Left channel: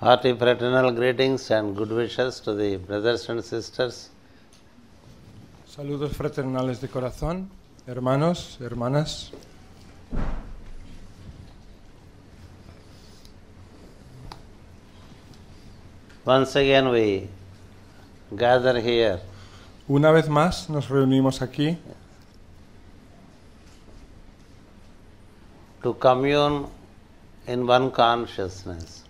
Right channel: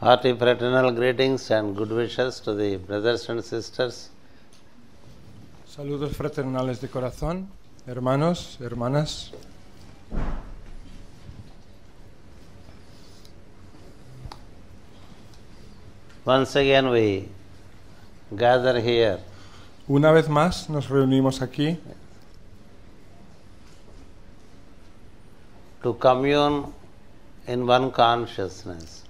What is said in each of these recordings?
Hearty fraternal greetings and good wishes to the brothers and sisters. Once again we gather here to commune in one consciousness.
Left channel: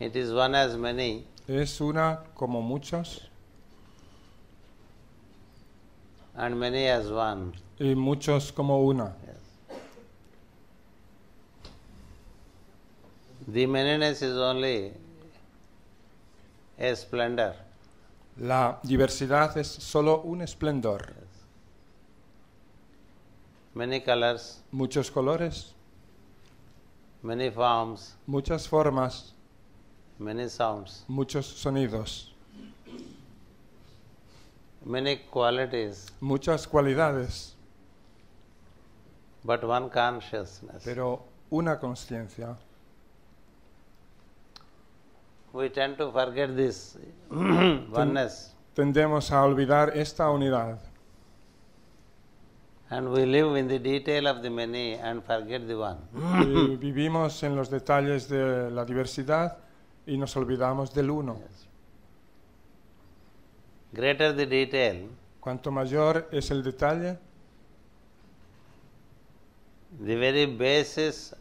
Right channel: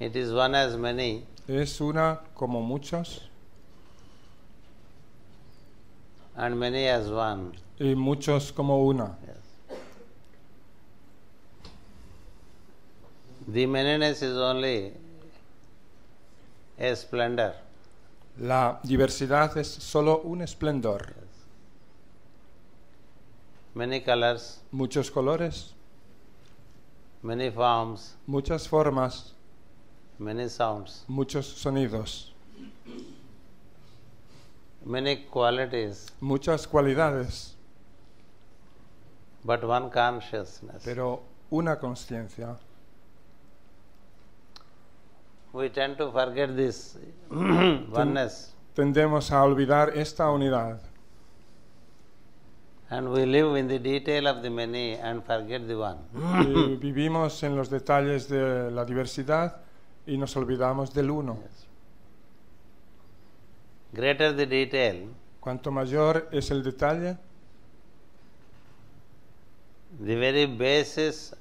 It is one as many, and many as one. Yes. The manyness is only a splendor. Yes. Many colors, many forms, many sounds, many qualities, yes, but one consciousness. We tend to forget this oneness. And we live in the detail of the many and forget the one. Yes. Greater the detail, the very basis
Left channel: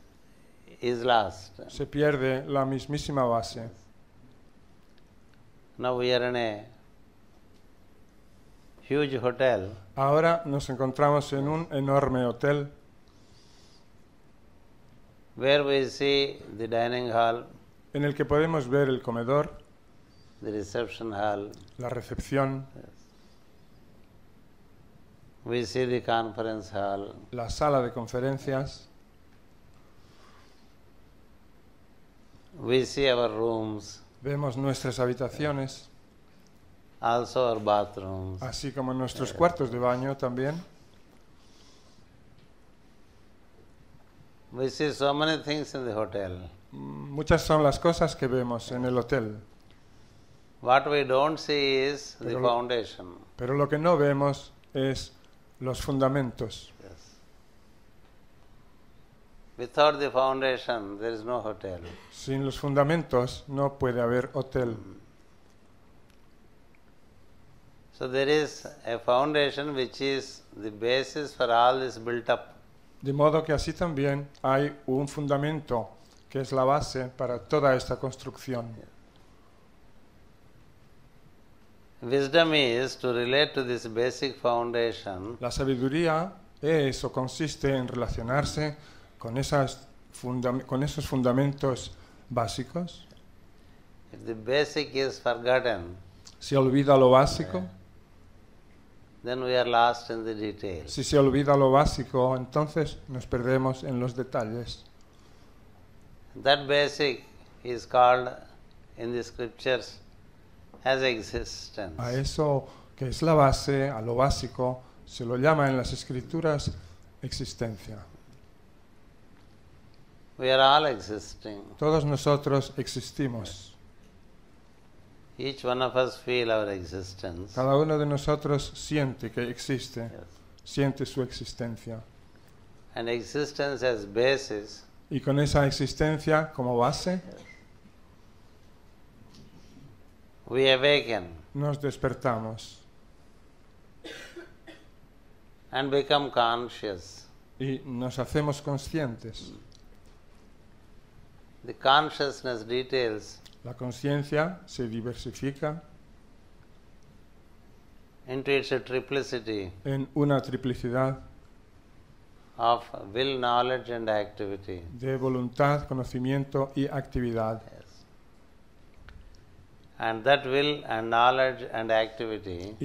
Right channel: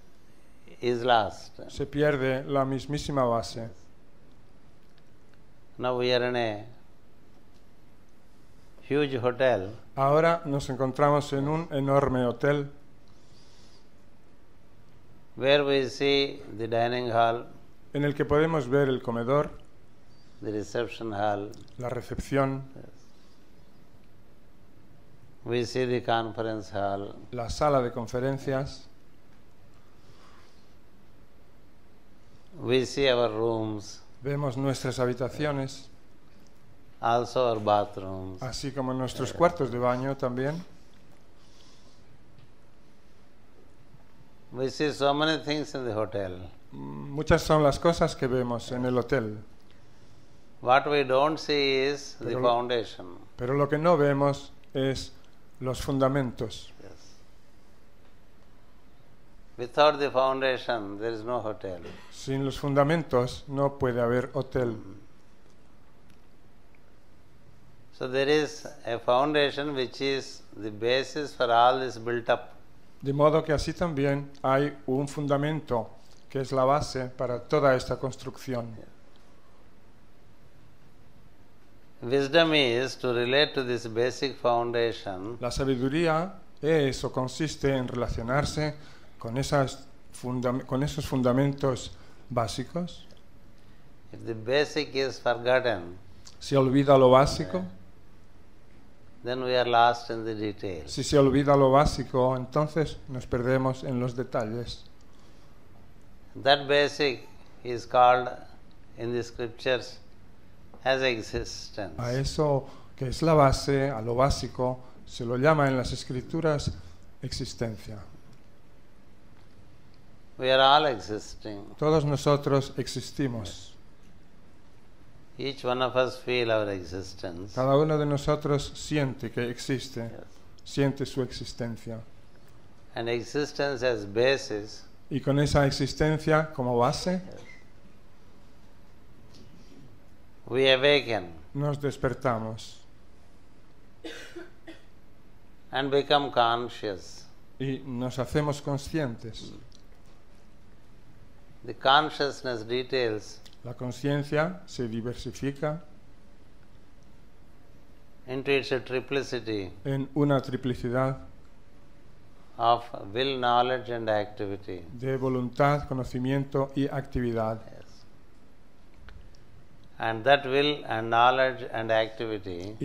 is lost. Yes. Now we are in a huge hotel. Yes. Where we see the dining hall, the reception hall, yes. We see the conference hall, yes. We see our rooms, yes. Also our bathrooms, yes. We see so many things in the hotel. Yes. What we don't see is the foundation. Yes. Without the foundation, there is no hotel. So there is a foundation which is the basis for all this built up. Wisdom is to relate to this basic foundation if the basic is forgotten, then we are lost in the details. That basic is called in the scriptures as existence. We are all existing. Yes. Each one of us feel our existence. Yes. And existence as basis. Yes. We awaken and become conscious. The consciousness details into its triplicity of will, knowledge and activity. Yes. And that will and knowledge and activity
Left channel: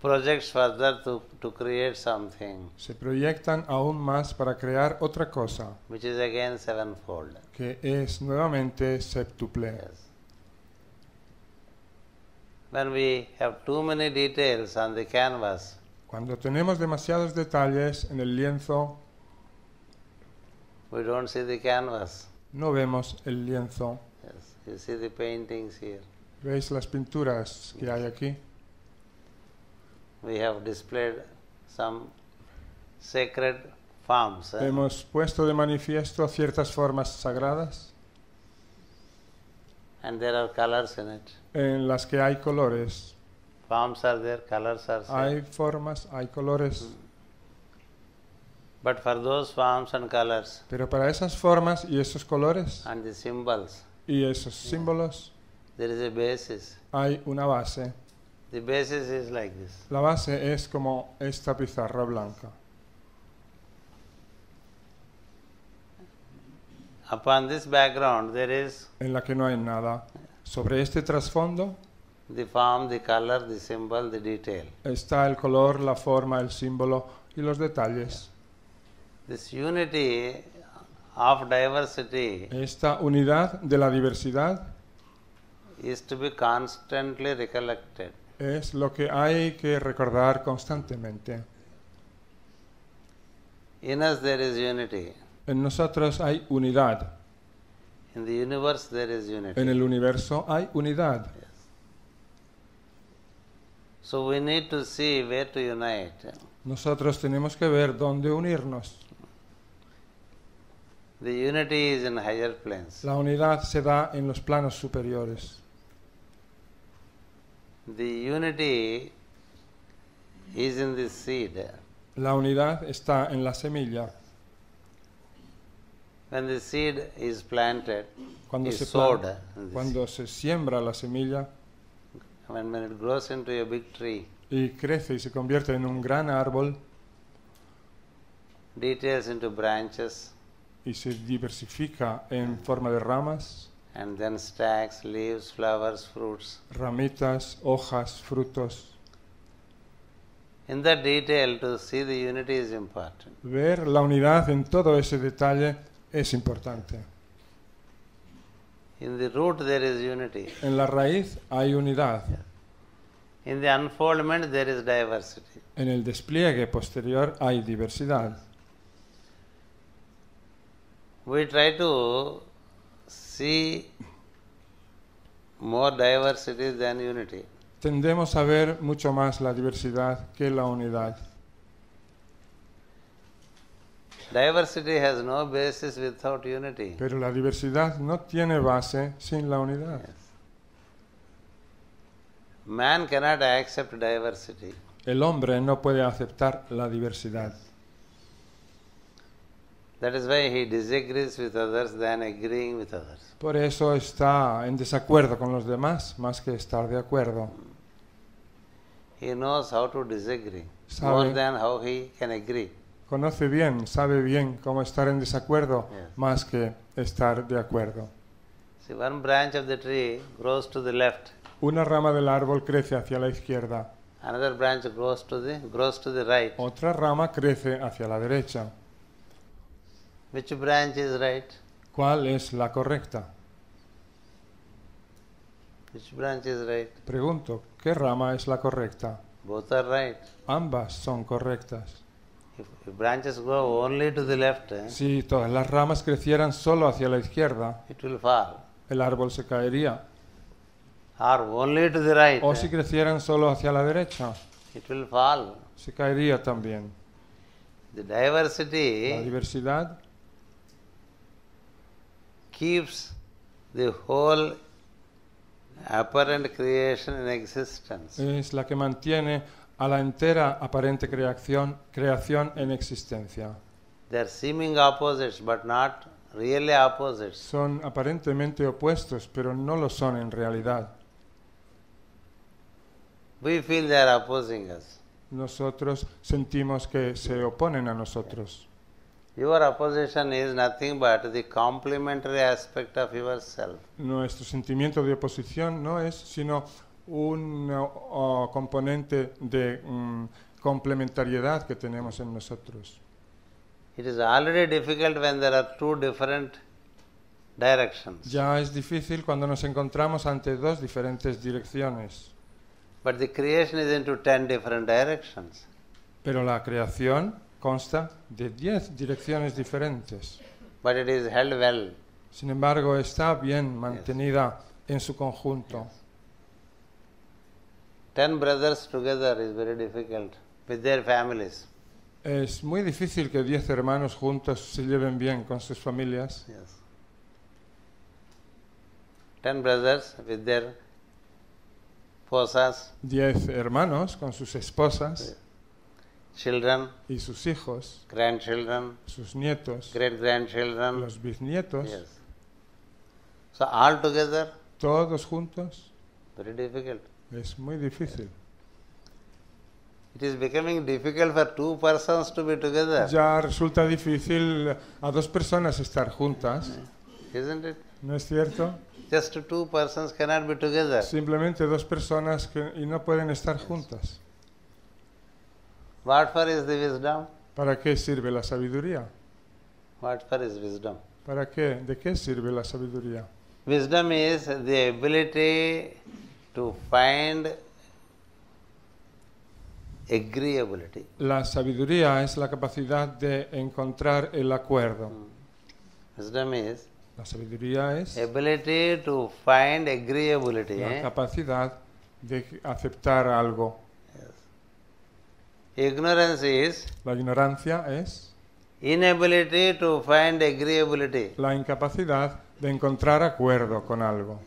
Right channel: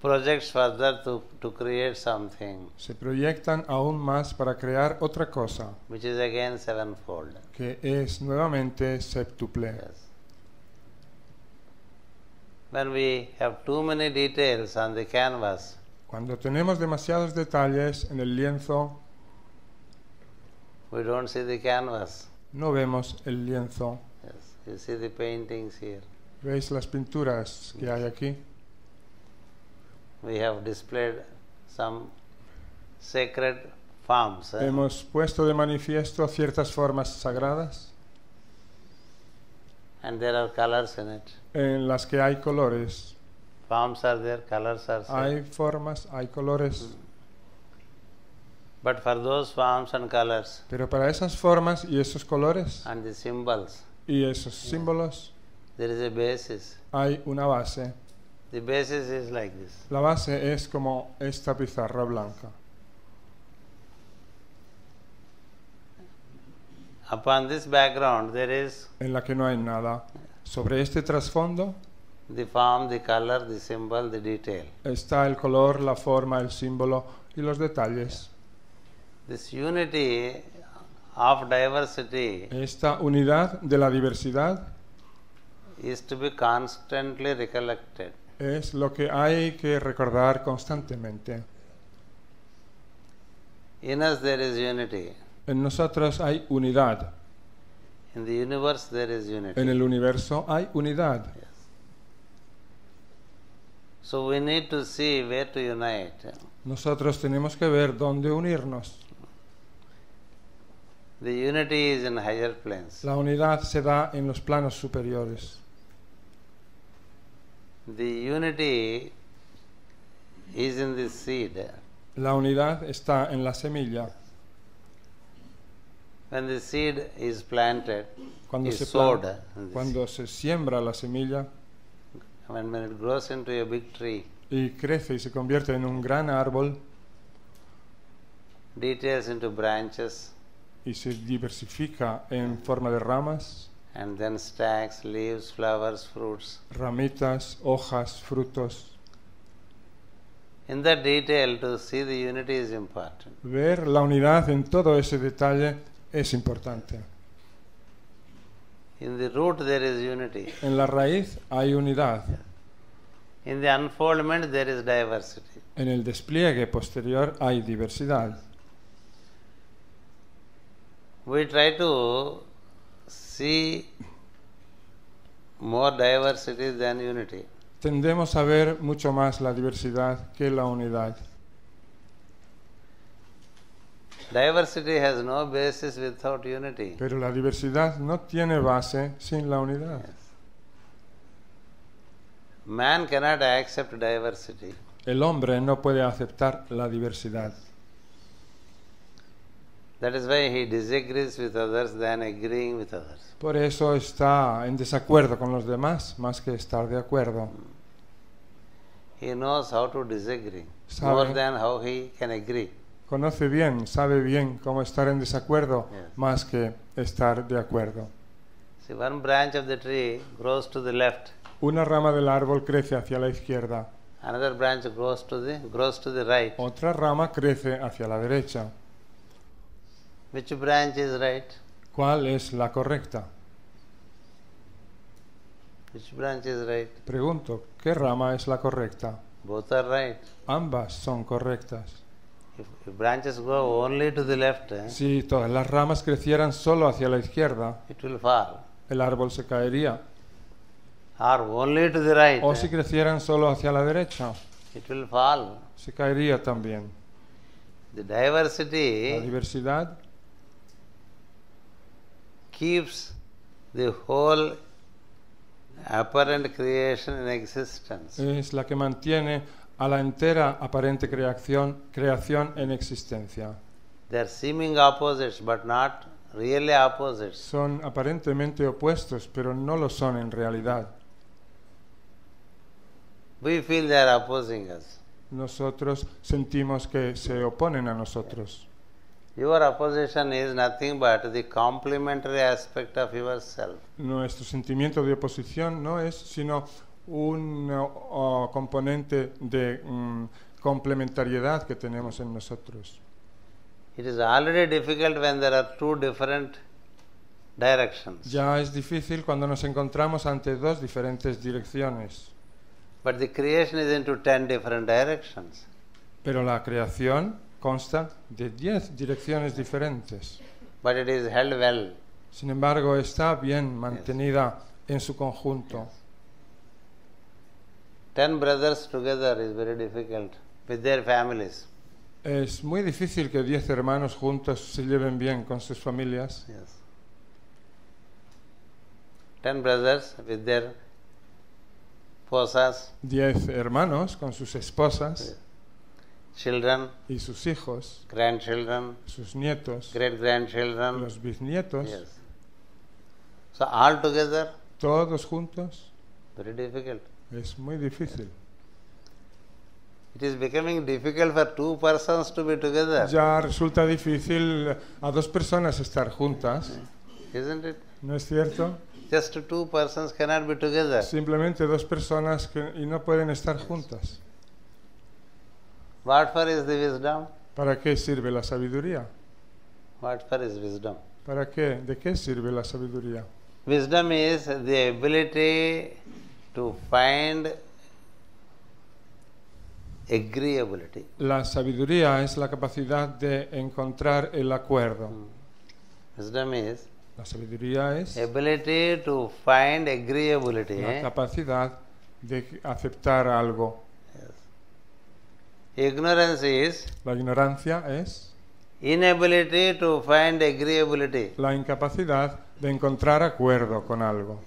projects further to create something which is again sevenfold. Yes. When we have too many details on the canvas, we don't see the canvas. Yes, you see the paintings here. Yes. We have displayed some sacred forms. Yes. And there are colors in it. Forms are there, colors are set. But for those forms and colors and the symbols, there is a basis. The basis is like this. Upon this background, there is the form, the color, the symbol, the detail. Yes. This unity of diversity is to be constantly recollected. In us there is unity. In the universe there is unity. Yes. So we need to see where to unite. The unity is in higher planes. Yes. The unity is in the seed. When the seed is planted, is sowed in the seed. When it grows into a big tree, details into branches, and then stacks, leaves, flowers, fruits. In that detail, to see the unity is important. Yes. In the root there is unity. Yes. In the unfoldment there is diversity. Yes. We try to see more diversity than unity. Yes. Diversity has no basis without unity. Yes. Man cannot accept diversity. Yes. That is why he disagrees with others than agreeing with others. He knows how to disagree more than how he can agree. Yes. See, one branch of the tree grows to the left. Another branch grows to the right. Which branch is right? Which branch is right? Both are right. If branches grow only to the left, it will fall. Or only to the right, it will fall. The diversity keeps the whole apparent creation in existence. They are seeming opposites, but not really opposites. We feel they are opposing us. Your opposition is nothing but the complementary aspect of yourself. It is already difficult when there are two different directions. But the creation is into 10 different directions. But it is held well. Yes. Yes. 10 brothers together is very difficult with their families. Yes. 10 brothers with their posas, children, grandchildren, great-grandchildren. Yes. So all together, very difficult. Yes. It is becoming difficult for two persons to be together. Isn't it? Just two persons cannot be together. Yes. What for is the wisdom? What for is wisdom? Wisdom is the ability to find agreeability. Wisdom is ability to find agreeability. Yes. Ignorance is inability to find agreeability.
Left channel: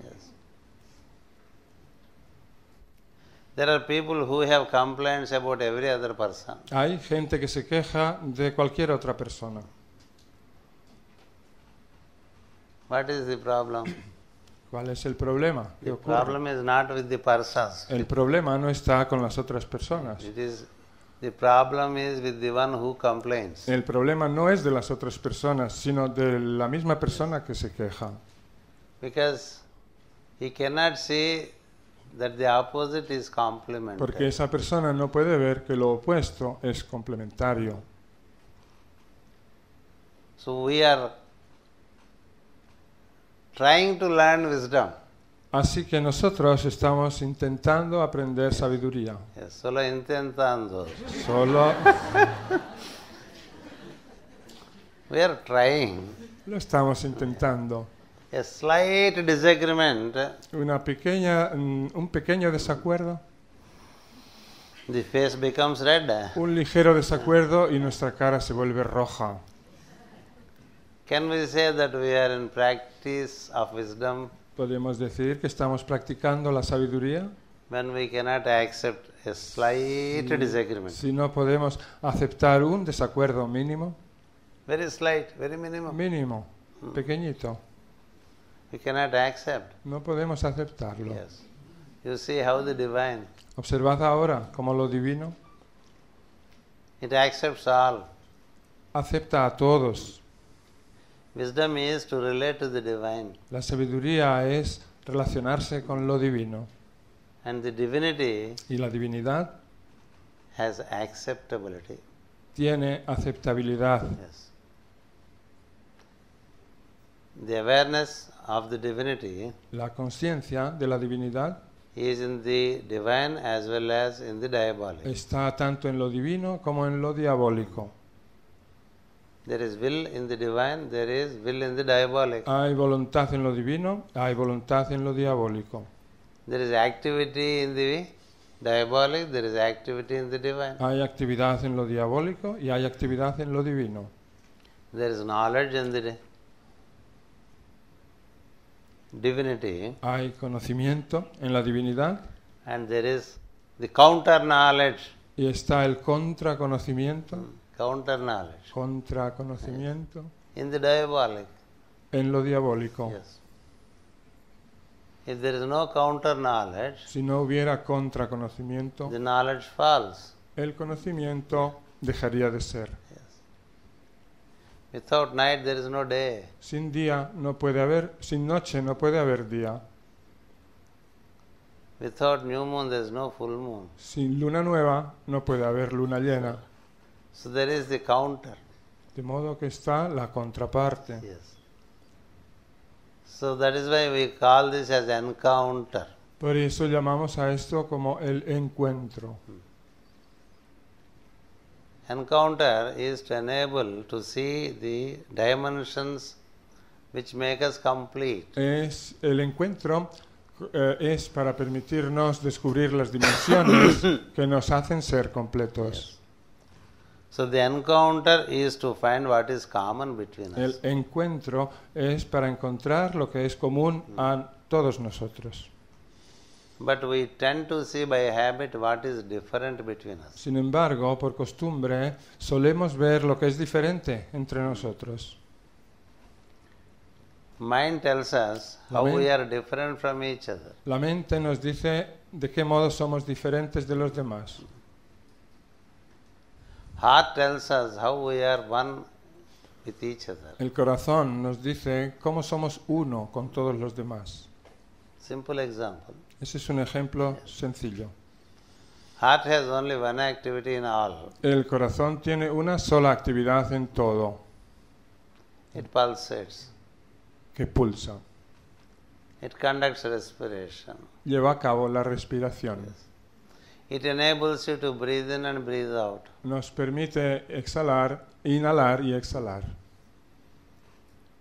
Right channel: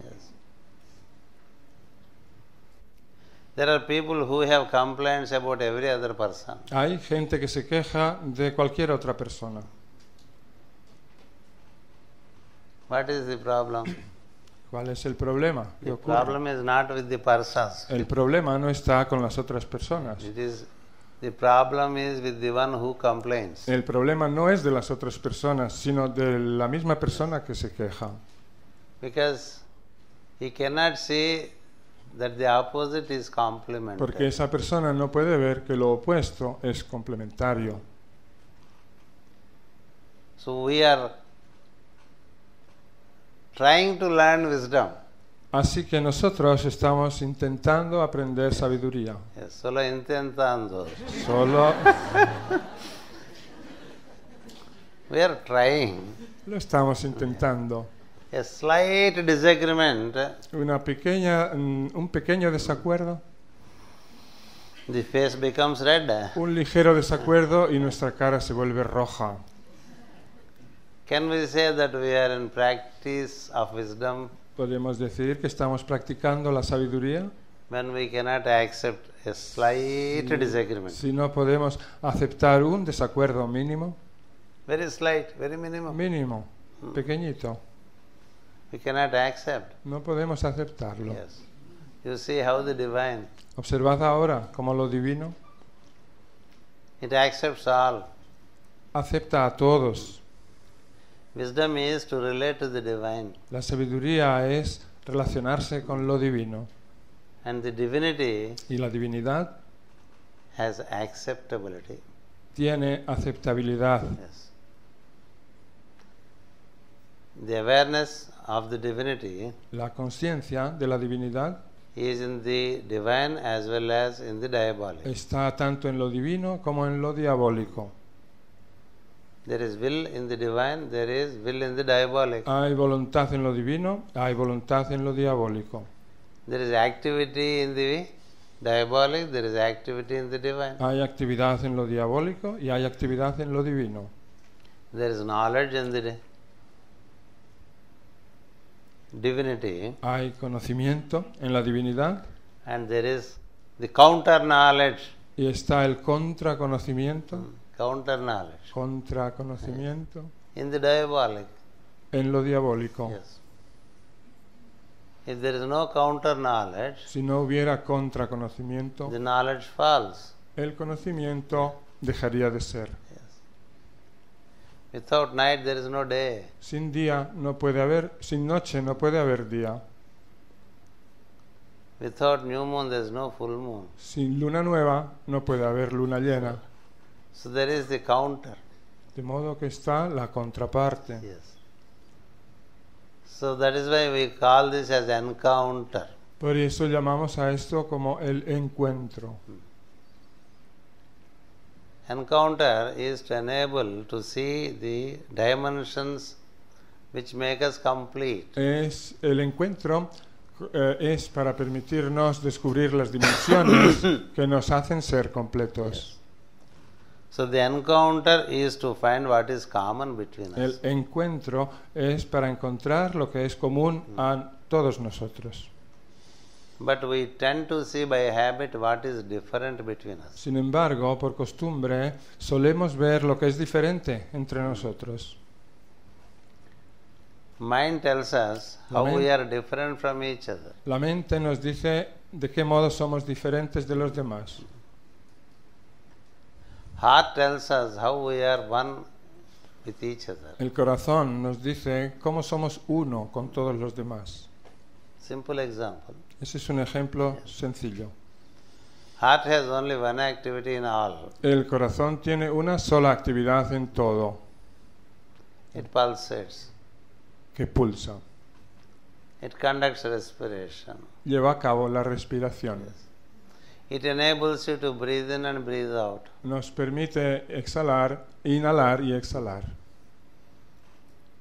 Yes. There are people who have complaints about every other person. What is the problem? The problem is not with the persons. It is the problem is with the one who complains. Yes. Because he cannot see that the opposite is complementary. So we are trying to learn wisdom. Yes. Yes, solo intentando. We are trying. A slight disagreement, the face becomes red. Can we say that we are in practice of wisdom when we cannot accept a slight disagreement? Very slight, very minimum. We cannot accept. Yes. You see how the divine, it accepts all. Wisdom is to relate to the divine. And the divinity has acceptability. Yes. The awareness of the divinity is in the divine as well as in the diabolic. There is will in the divine, there is will in the diabolic. There is activity in the diabolic, there is activity in the divine. There is knowledge in the divinity, and there is the counter knowledge. Counter knowledge. Yes. In the diabolic. Yes. If there is no counter knowledge, the knowledge falls. Yeah. Yes. Without night there is no day. Without new moon there is no full moon. So there is the counter. Yes. So that is why we call this as encounter. Encounter is to enable to see the dimensions which make us complete. El encuentro es para permitirnos descubrir los que nos hacen ser completos. Yes. So the encounter is to find what is common between us. El encuentro es para encontrar lo que es común a todos nosotros. But we tend to see by habit what is different between us. Sin embargo, por costumbre, solemos ver lo que es diferente entre nosotros. Mind tells us how we are different from each other. La mente nos dice de qué modo somos diferentes de los demás. Heart tells us how we are one with each other. El corazón nos dice cómo somos uno con todos los demás. Simple example. Ese es un ejemplo sencillo. Heart has only one activity in all. El corazón tiene una sola actividad en todo, It pulsates. que pulsa. It conducts respiration. Lleva a cabo la respiración. Yes. It enables you to breathe in and breathe out. Nos permite exhalar, inhalar y exhalar.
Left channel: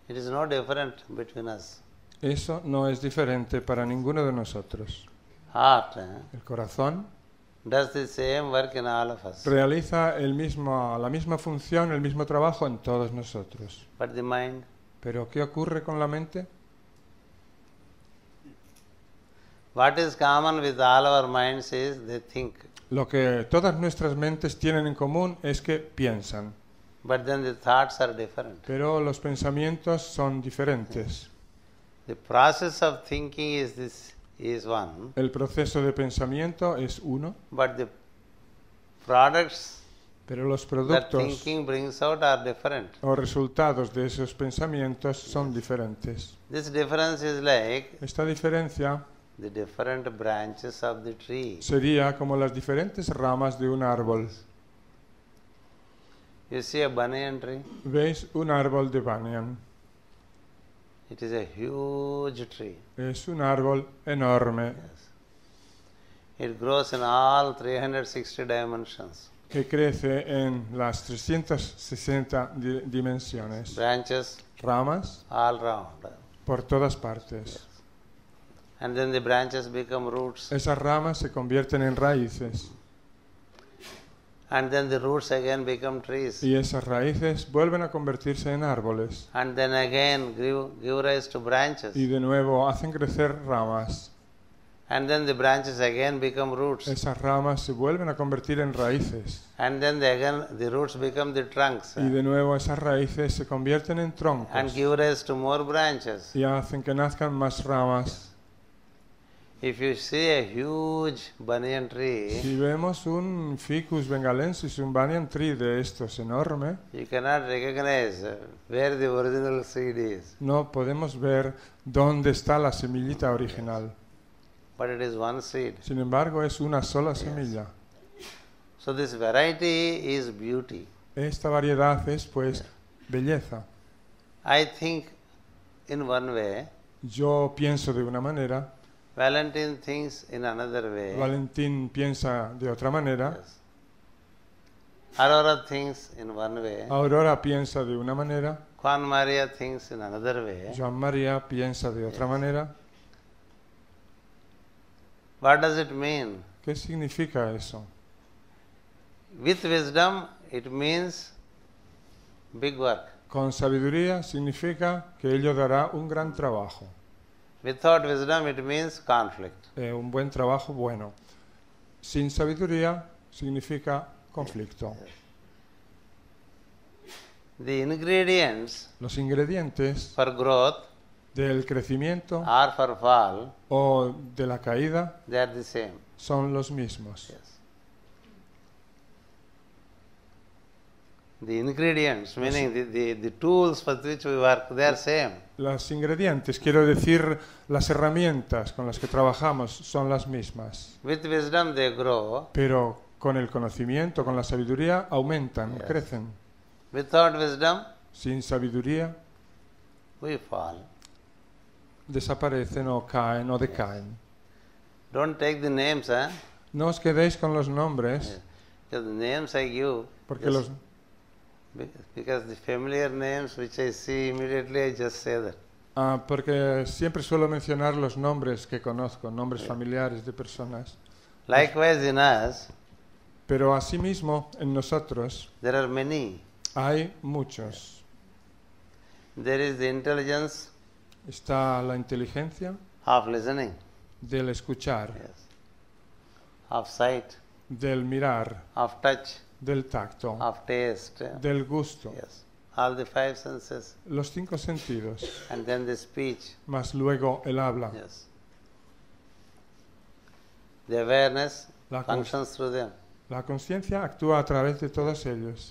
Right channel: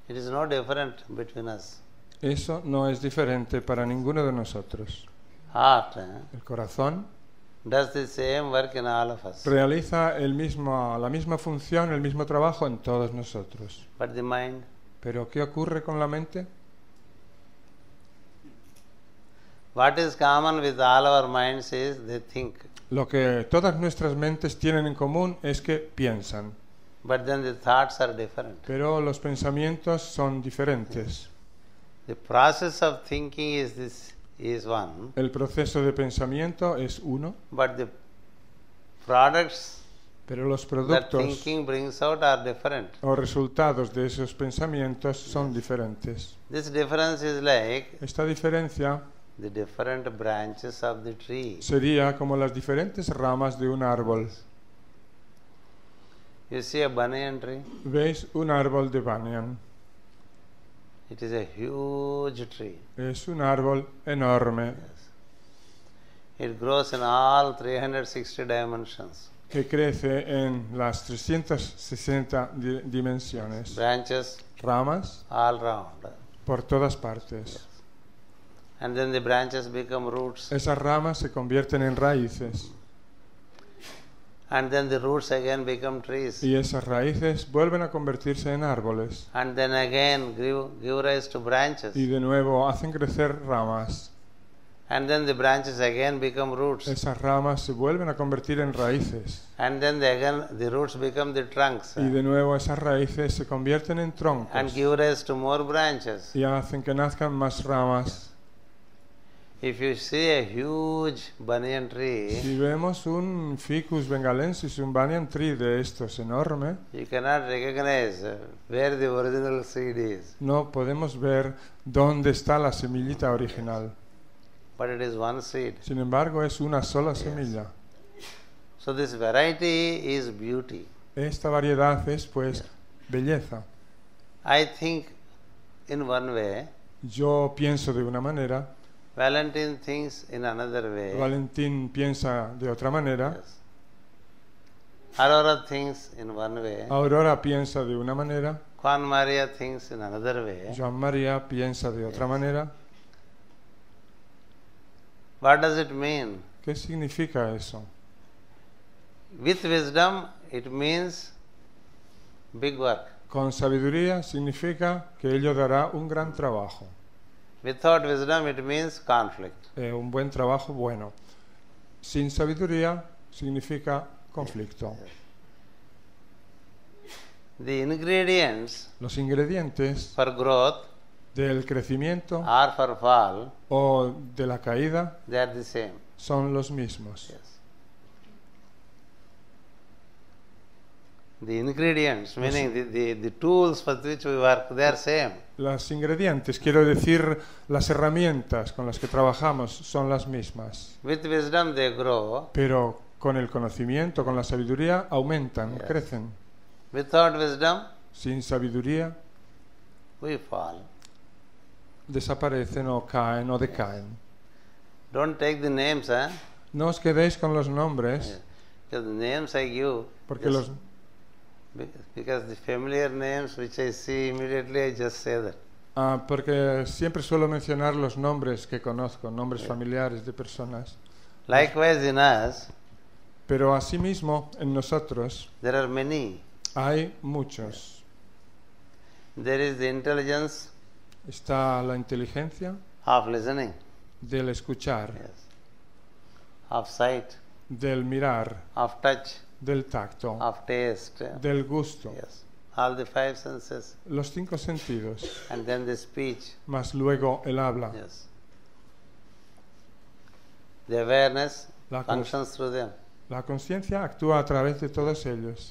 It is no different between us. Eso no es diferente para ninguno de nosotros. Heart Corazón does the same work in all of us. realiza la misma función, el mismo trabajo en todos nosotros. But the mind, Pero ¿qué ocurre con la mente? what is common with all our minds is they think. Lo que todas nuestras mentes tienen en común es que piensan, But then the thoughts are different. pero los pensamientos son diferentes. Yes. The process of thinking is one, El proceso de pensamiento es uno, but the products pero los that thinking brings out are different. los resultados de esos pensamientos son diferentes. This difference is like Esta diferencia the different branches of the tree. sería como las diferentes ramas de un árbol. You see a banyan tree? ¿Veis un árbol de banyan? It is a huge tree. Es un árbol enorme Yes. It grows in all 360 dimensions. que crece en las 360 dimensiones. Yes. Branches Ramas all round. por todas partes. Yes. And then the branches become roots. Esas ramas se convierten en raíces And then the roots again become trees. y esas raíces vuelven a convertirse en árboles And then again give rise to branches. y de nuevo hacen crecer ramas. And then the branches again become roots. Esas ramas se vuelven a convertir en raíces And then the roots become the trunks. y de nuevo esas raíces se convierten en troncos And give rise to more branches. y hacen que nazcan más ramas. Yes. If you see a huge banyan tree, Si vemos un ficus bengalensis, un banyan tree de estos enorme, you cannot recognize where the original seed is. no podemos ver dónde está la semillita original. But it is one seed. Sin embargo, es una sola Yes. semilla. So this variety is beauty. Esta variedad es pues belleza. I think in one way, Yo pienso de una manera, Valentine thinks in another way. Valentín piensa de otra manera, Yes. Aurora thinks in one way. Aurora piensa de una manera, Juan Maria thinks in another way. Juan María piensa de Yes. otra manera. What does it mean? ¿Qué significa eso? With wisdom, it means big work. Con sabiduría significa que ello dará un gran trabajo, Without wisdom, it means conflict. un buen trabajo bueno. Sin sabiduría significa conflicto. Yes. The ingredients Los ingredientes for growth del crecimiento or for fall, o de la caída they are the same. son los mismos. Yes. The ingredients, meaning the tools with which we work, they are same. Los ingredientes, quiero decir, las herramientas con las que trabajamos son las mismas, With wisdom, they grow. pero con el conocimiento, con la sabiduría, aumentan, Yes. crecen. Without wisdom, Sin sabiduría, we fall. desaparecen o caen o Yes. decaen. Don't take the names, huh? No os quedéis con los nombres, Yes. Because the names I give, Just because the familiar names which I see immediately, I just say that. Porque siempre suelo mencionar los nombres que conozco, nombres Yeah. familiares de personas. Likewise in us, Pero asimismo, en nosotros there are many. hay muchos. Yes. There is the intelligence Está la inteligencia of listening, del escuchar, yes, of sight, del mirar, of touch, del tacto, of taste, del gusto, yes, all the five senses, los 5 sentidos, and then the speech, más luego el habla. yes. The awareness functions through them. La conciencia actúa a través de todos ellos.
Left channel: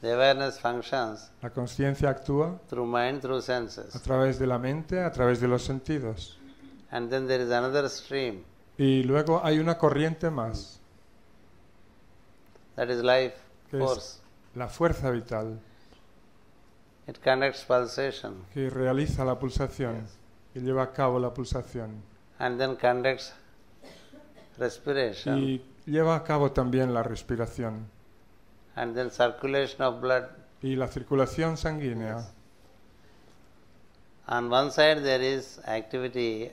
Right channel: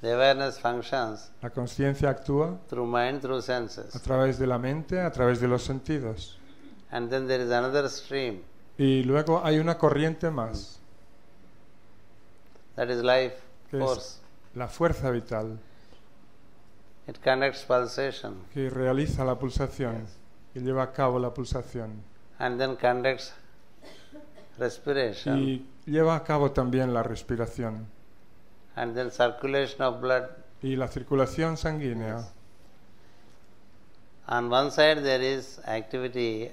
The awareness functions La conciencia actúa through mind, through senses. a través de la mente, a través de los sentidos. And then there is another stream, Y luego hay una corriente más, that is life force. la fuerza vital, It conducts pulsation, que realiza la pulsación, yes, que lleva a cabo la pulsación. and then conducts respiration, Y lleva a cabo también la respiración. and then circulation of blood. Y la circulación sanguínea. Yes. On one side there is activity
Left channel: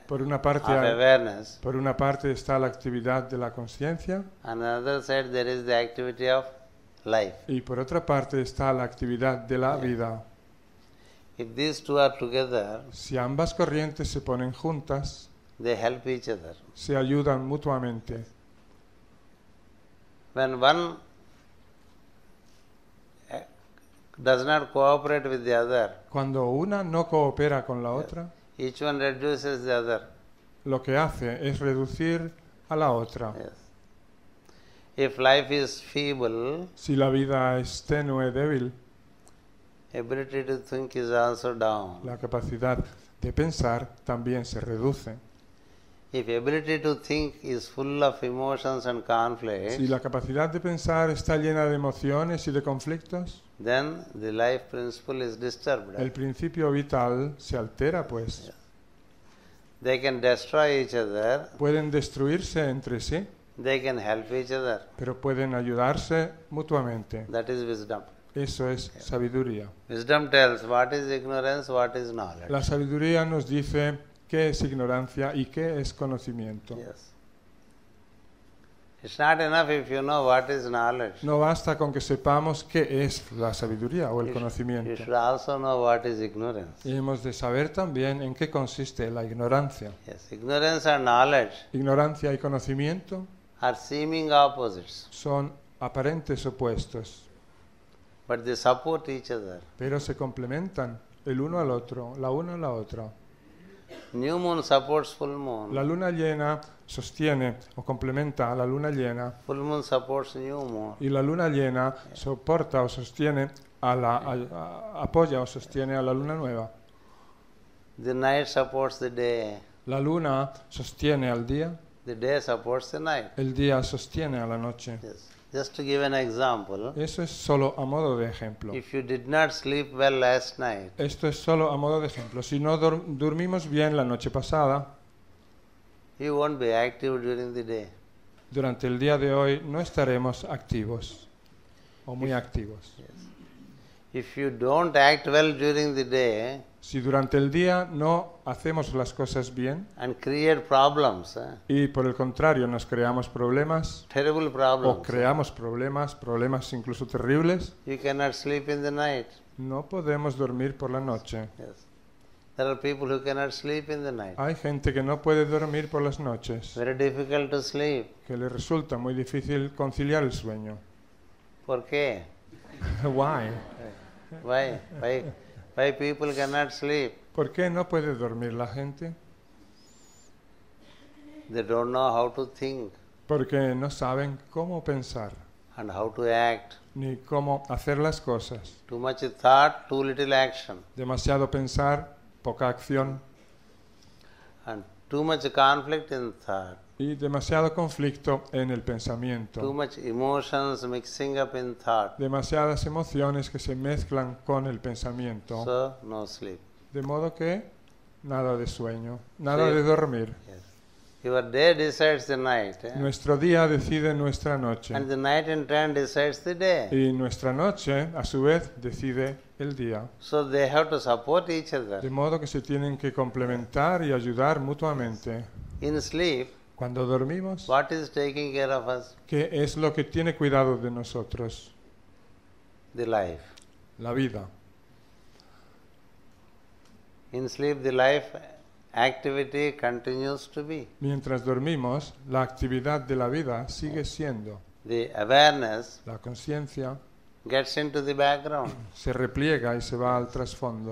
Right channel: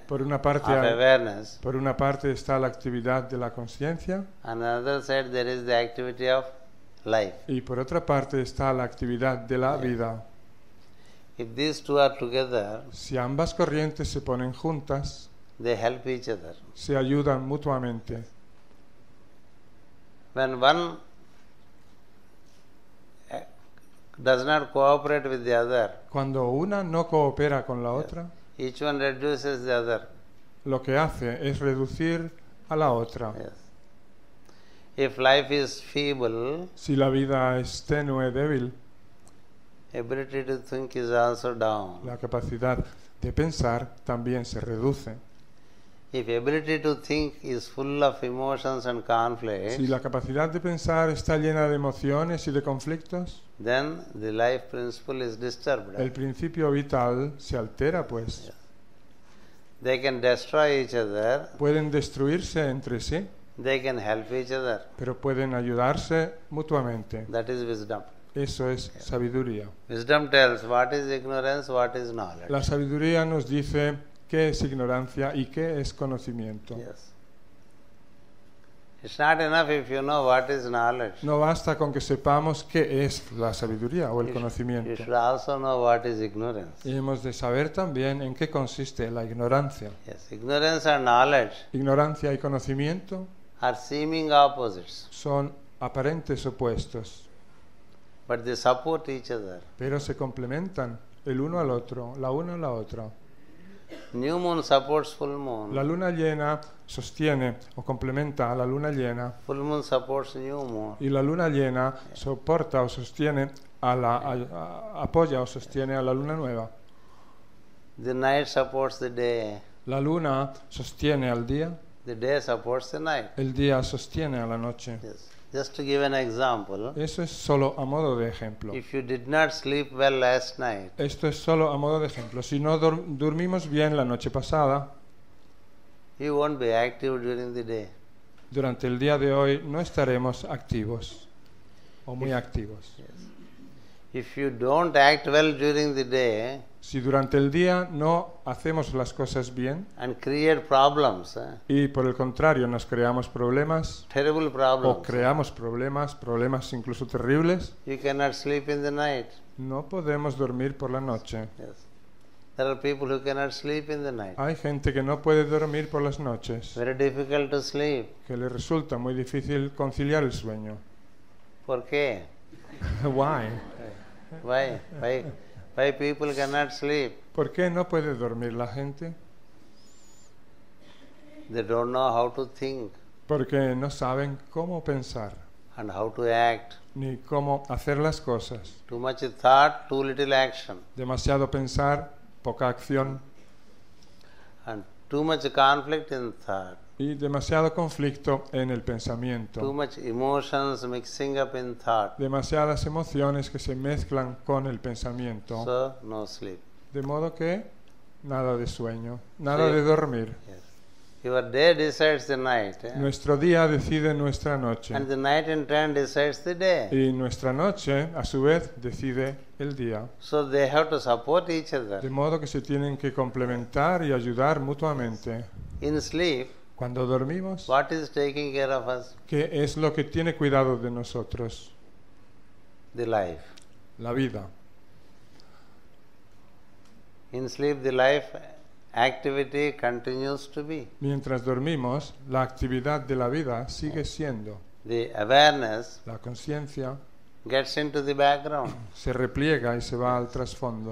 of awareness, Por una parte está la actividad de la conciencia on the other side there is the activity of life. y por otra parte está la actividad de la Yes. vida. If these two are together, Si ambas corrientes se ponen juntas, they help each other. se ayudan mutuamente. Yes. When one does not cooperate with the other, Cuando una no coopera con la yes, otra, each one reduces the other. lo que hace es reducir a la otra. Yes. If life is feeble, Si la vida es tenue, débil, ability to think is also down. la capacidad de pensar también se reduce. If ability to think is full of emotions and conflicts, Si la capacidad de pensar está llena de emociones y de conflictos, then the life principle is disturbed. el principio vital se altera. Pues. Yes. They can destroy each other, Pueden destruirse entre sí, they can help each other. pero pueden ayudarse mutuamente. That is wisdom. Eso es sabiduría. Wisdom tells what is ignorance, what is La knowledge. sabiduría nos dice qué es ignorancia y qué es conocimiento. Yes. It's not enough if you know what is knowledge. No basta con que sepamos qué es la sabiduría o You, el sh- conocimiento. you should also know what is ignorance. Tenemos que saber también en qué consiste la ignorancia. Yes, ignorance and knowledge Ignorancia y conocimiento are seeming opposites, son aparentes opuestos, but they support each other. pero se complementan el uno al otro, la una a la otra. New moon supports full moon, La luna llena sostiene o complementa a la luna llena full moon supports new moon. y la luna llena soporta o sostiene a la apoya o sostiene a la luna nueva. The night supports the day, La luna sostiene al día, the day supports the night. el día sostiene a la noche. Yes. Just to give an example, Esto es solo a modo de ejemplo. if you did not sleep well last night, Esto es solo a modo de ejemplo. Si no dormimos bien la noche pasada, you won't be active during the day. durante el día de hoy no estaremos activos. If, Muy activos. yes. If you don't act well during the day Si durante el día no hacemos las cosas bien and create problems, y por el contrario nos creamos problemas, terrible problems, problemas incluso terribles, you cannot sleep in the night. no podemos dormir por la noche. Yes. There are people who cannot sleep in the night. Hay gente que no puede dormir por las noches, Very difficult to sleep. pero resulta muy difícil conciliar el sueño. ¿Por qué? Why? Why people cannot sleep? ¿Por qué no puede dormir la gente? They don't know how to think Porque no saben cómo pensar and how to act. ni cómo hacer las cosas. Too much thought, too little action. Demasiado pensar, poca acción And too much conflict in thought. y demasiado conflicto en el pensamiento. Too much emotions mixing up in thought. Demasiadas emociones que se mezclan con el pensamiento. So, no sleep. De modo que nada de sueño, So nada you- de dormir. Yes. Your day decides the night, Nuestro día decide nuestra noche and the night in turn decides the day. y nuestra noche, a su vez, decide el día. So they have to support each other. De modo que se tienen que complementar y ayudar mutuamente. Yes. In sleep, Cuando dormimos, what is taking care of us? ¿qué es lo que tiene cuidado de nosotros? The life. La vida. In sleep, the life activity continues to be. Mientras dormimos, la actividad de la vida sigue siendo. The awareness La conciencia gets into the background. se repliega en su lado, se responde.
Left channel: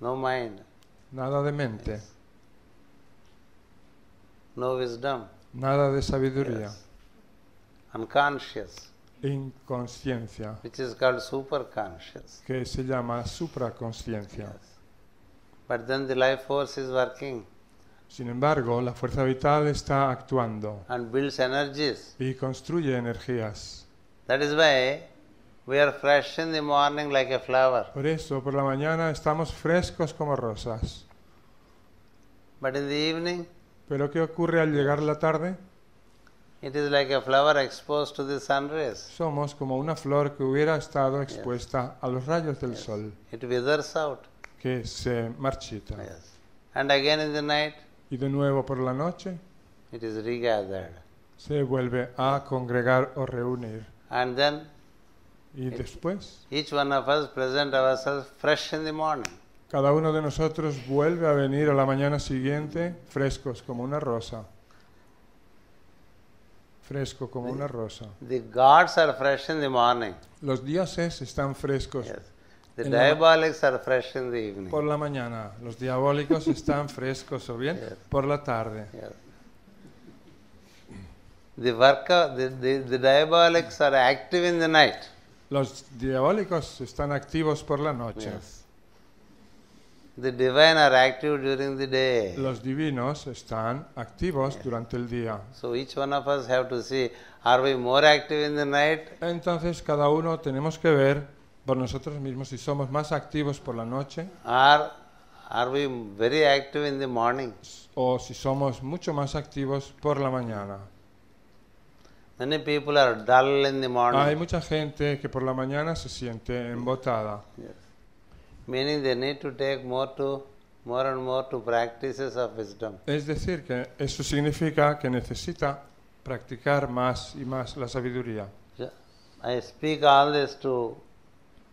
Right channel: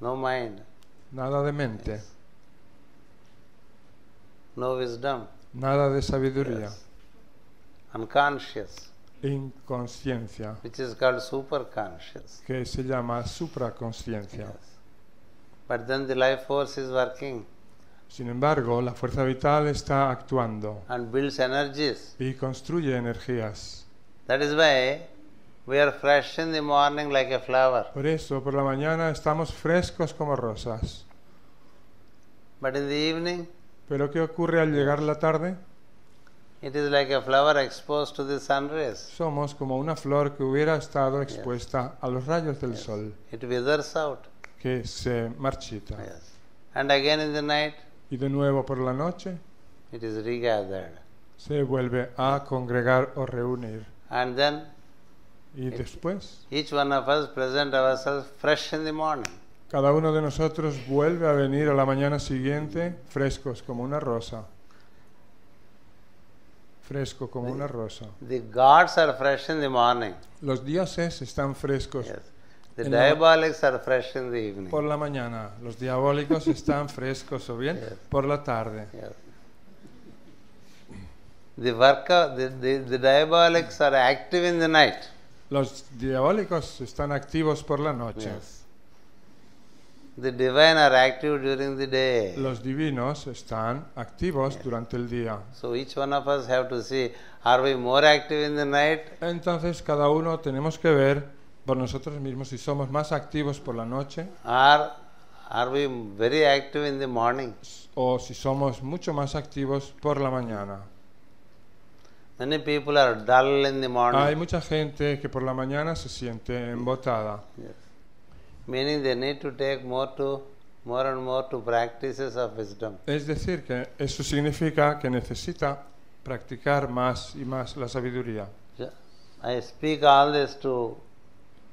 No mind. Nada de mente, Yes. No wisdom. nada de sabiduría, Yes. Unconscious, inconsciencia, which is called superconscious. que se llama supraconsciencia. Yes. But then the life force is working Sin embargo, la fuerza vital está actuando and builds energies. y construye energías. That is why we are fresh in the morning like a flower. Por eso, por la mañana estamos frescos como rosas. But in the evening, Pero ¿qué ocurre al Yes. llegar la tarde? it is like a flower exposed to the sun rays. Somos como una flor que hubiera estado Yes. expuesta a los rayos del Yes. sol, It withers out. que se marchita. Yes. And again in the night, Y de nuevo por la noche it is regathered. se vuelve a congregar o reunir. And then Y It- después, each one of us present ourselves fresh in the morning. cada uno de nosotros vuelve a venir a la mañana siguiente frescos como una rosa. Fresco como The- una rosa. The gods are fresh in the morning. Los dioses están frescos Yes. The diabolics are fresh in the evening. por la mañana. Los diabólicos están frescos Yes. por la tarde. Yes. The diabolics are active in the night. Los diabólicos están activos por la noche. Yes. The divine are active during the day. Los divinos están activos Yes. durante el día. So each one of us have to see, are we more active in the night Entonces cada uno tenemos que ver por nosotros mismos si somos más activos por la noche or are we very active in the morning? o si somos mucho más activos por la mañana. Many people are dull in the morning. Hay mucha gente que por la mañana se siente agotada. Yes. Meaning they need to take more and more to practices of wisdom. Es decir, que eso significa que necesita practicar más y más la sabiduría. I speak all this to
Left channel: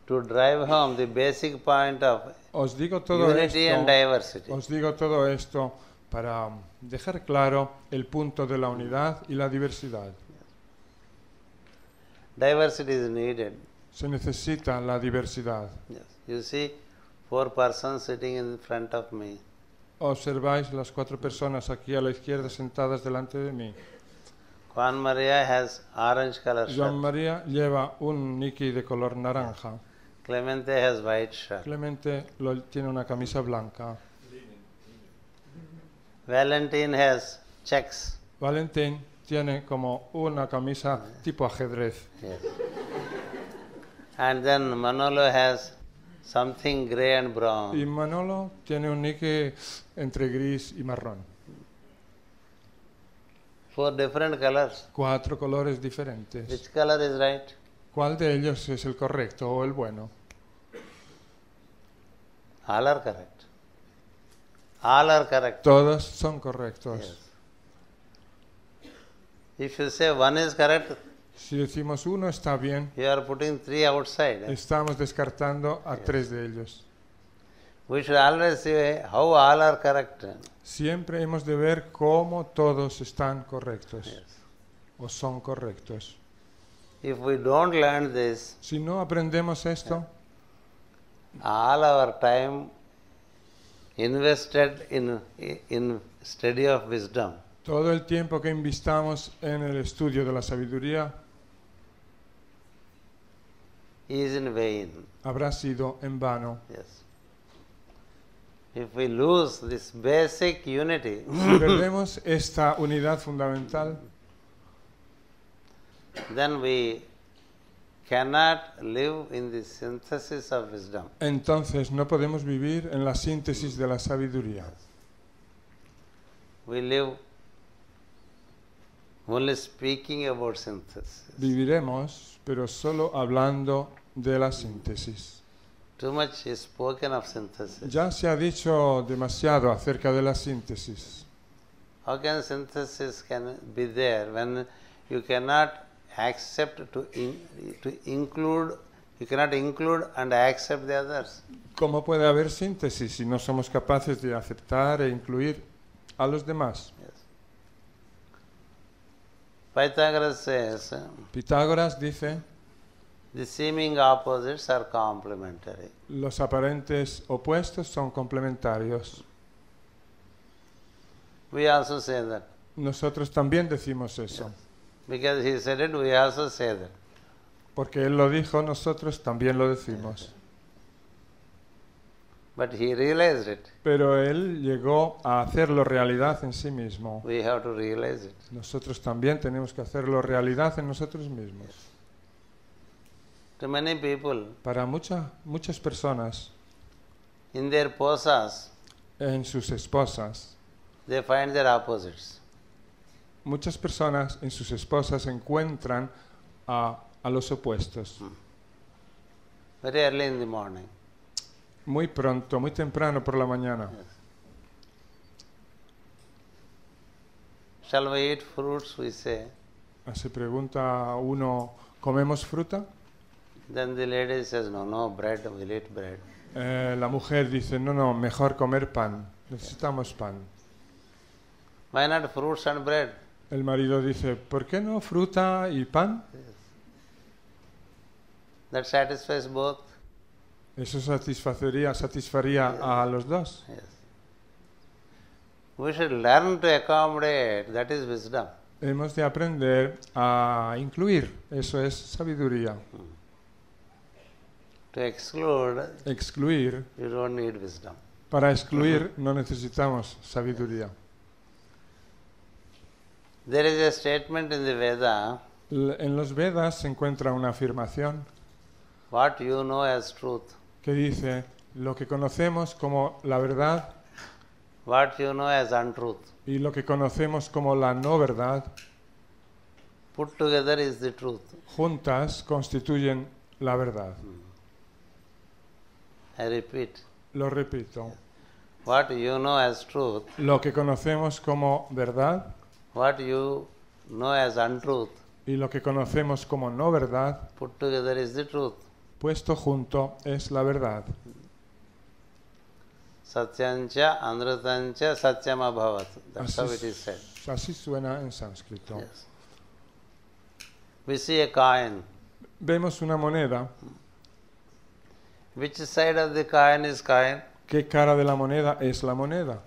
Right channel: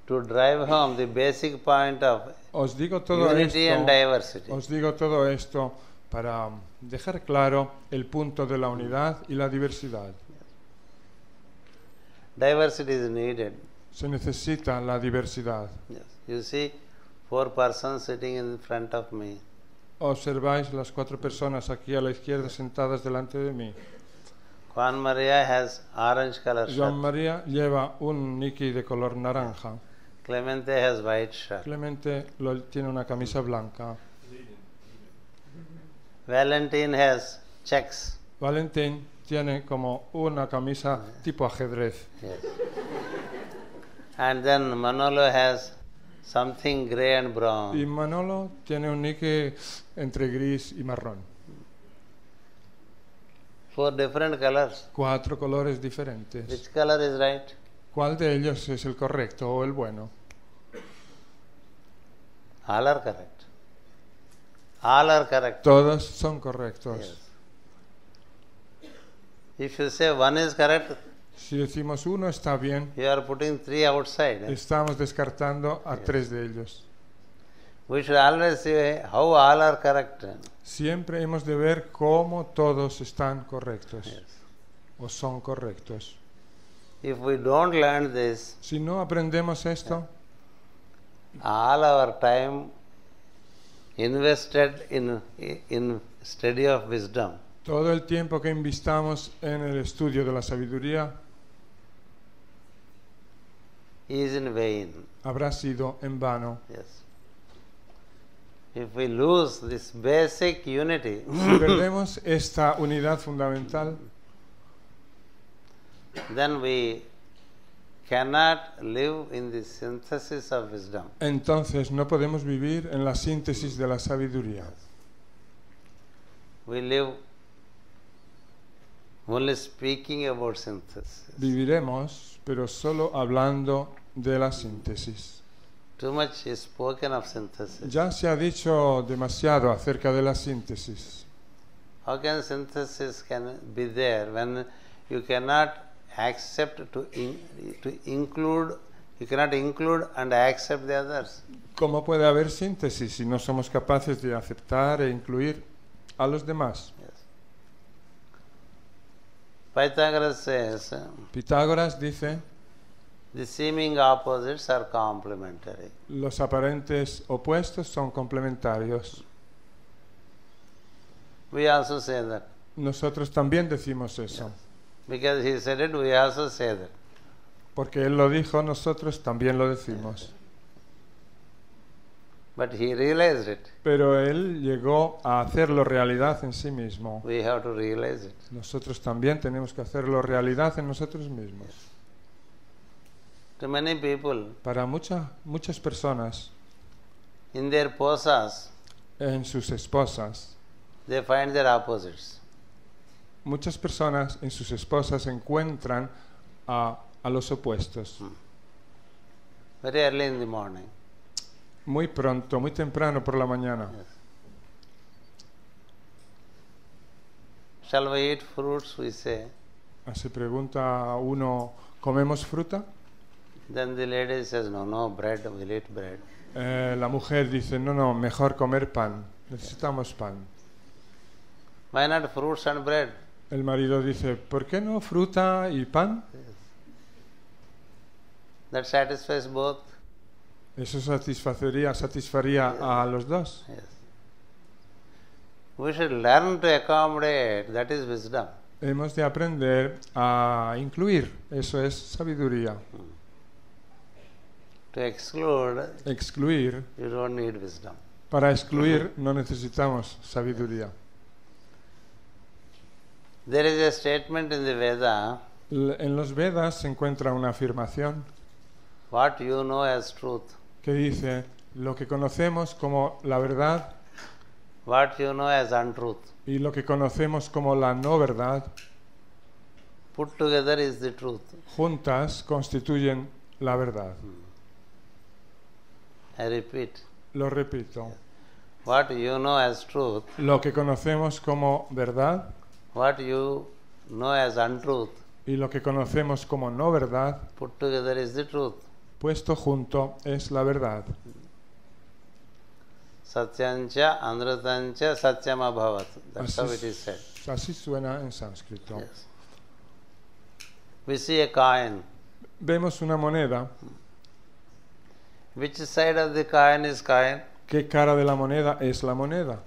drive home the basic point of Os digo todo unity and diversity. Os digo todo esto para dejar claro el punto de la unidad y la diversidad. Diversity is needed. Se necesita la diversidad. Yes. You see 4 persons sitting in front of me. Observáis unas 4 personas aquí a la izquierda sentadas delante de mí. Juan Maria has orange color shirt. Juan María lleva un Mickey de color naranja. Clemente has white shirt. Realmente tiene una camisa blanca. Valentine has checks. Valentín tiene como una camisa tipo ajedrez. Yes. And then Manolo has something grey and brown. Y Manolo tiene un Mickey entre gris y marrón. 4 different colors. 4 colores diferentes. Which color is right? ¿Cuál de ellos es el correcto o el bueno? All are correct. All are correct. Todos son correctos. Yes. If you say one is correct, Si decimos uno está bien, you are putting 3 outside. estamos descartando a 3 de ellos. We should always say how all are correct. Siempre hemos de ver cómo todos están correctos. Yes. O son correctos. If we don't learn this, Si no aprendemos esto, all our time invested in study of wisdom todo el tiempo que investamos en el estudio de la sabiduría is in vain. habrá sido en vano. Yes. If we lose this basic unity, Tenemos esta unidad fundamental, then we cannot live in the synthesis of wisdom. entonces no podemos vivir en la síntesis de la sabiduría. Yes. We live only speaking about synthesis. Viviremos, pero solo hablando de Too much is spoken of synthesis. Ya se ha dicho demasiado acerca de la síntesis. How can synthesis can be there when you cannot accept to include, you cannot include and accept the others? ¿Cómo puede haber síntesis si no somos capaces de aceptar e incluir a los demás? Yes. Pythagoras says Pitágoras dice, the seeming opposites are complementary. los aparentes opuestos son complementarios. We also say that. Nosotros también decimos eso. Yes. Because he said it, we also say that. Porque él lo dijo, nosotros también lo decimos. Yes. But he realized it. Pero él llegó a hacerlo realidad en sí mismo. We have to realize it. Nosotros también tenemos que hacerlo realidad en nosotros mismos. Yes. To many people, Para muchas personas, in their posas, en sus esposas, they find their opposites. muchas personas en sus esposas encuentran a los opuestos. Very early in the morning. Muy pronto, muy temprano por la mañana. Yes. Shall we eat fruits? We say. Se pregunta a uno, ¿comemos fruta? Then the lady says, no, bread, we'll eat bread. La mujer dice, no, mejor comer pan. Yes. Necesitamos pan. Why not fruits and bread? El marido dice, ¿por qué no fruta y pan? Yes. That satisfies both. Eso satisfaría Yes. a los dos. Yes. We should learn to accommodate. That is wisdom. Tenemos que aprender a incluir. Eso es sabiduría. To exclude, Excluir. you don't need wisdom. Para excluir no necesitamos sabiduría. There is a statement in the Veda, En los Vedas se encuentra una afirmación what you know as truth. que dice, lo que conocemos como la verdad What you know as untruth. y lo que conocemos como la no verdad, Put together is the truth. juntas constituyen la verdad. I repeat, Lo repito. what you know as truth, Lo que conocemos como verdad what you know as untruth, y lo que conocemos como no verdad, put together is the truth. puesto junto es la verdad. Satyancha, Anrutancha, Satyam Abhavat. That's how it is said. Así suena exacto. Yes. We see a coin. Vemos una moneda. Which side of the coin is coin? ¿Qué cara de la moneda es la moneda?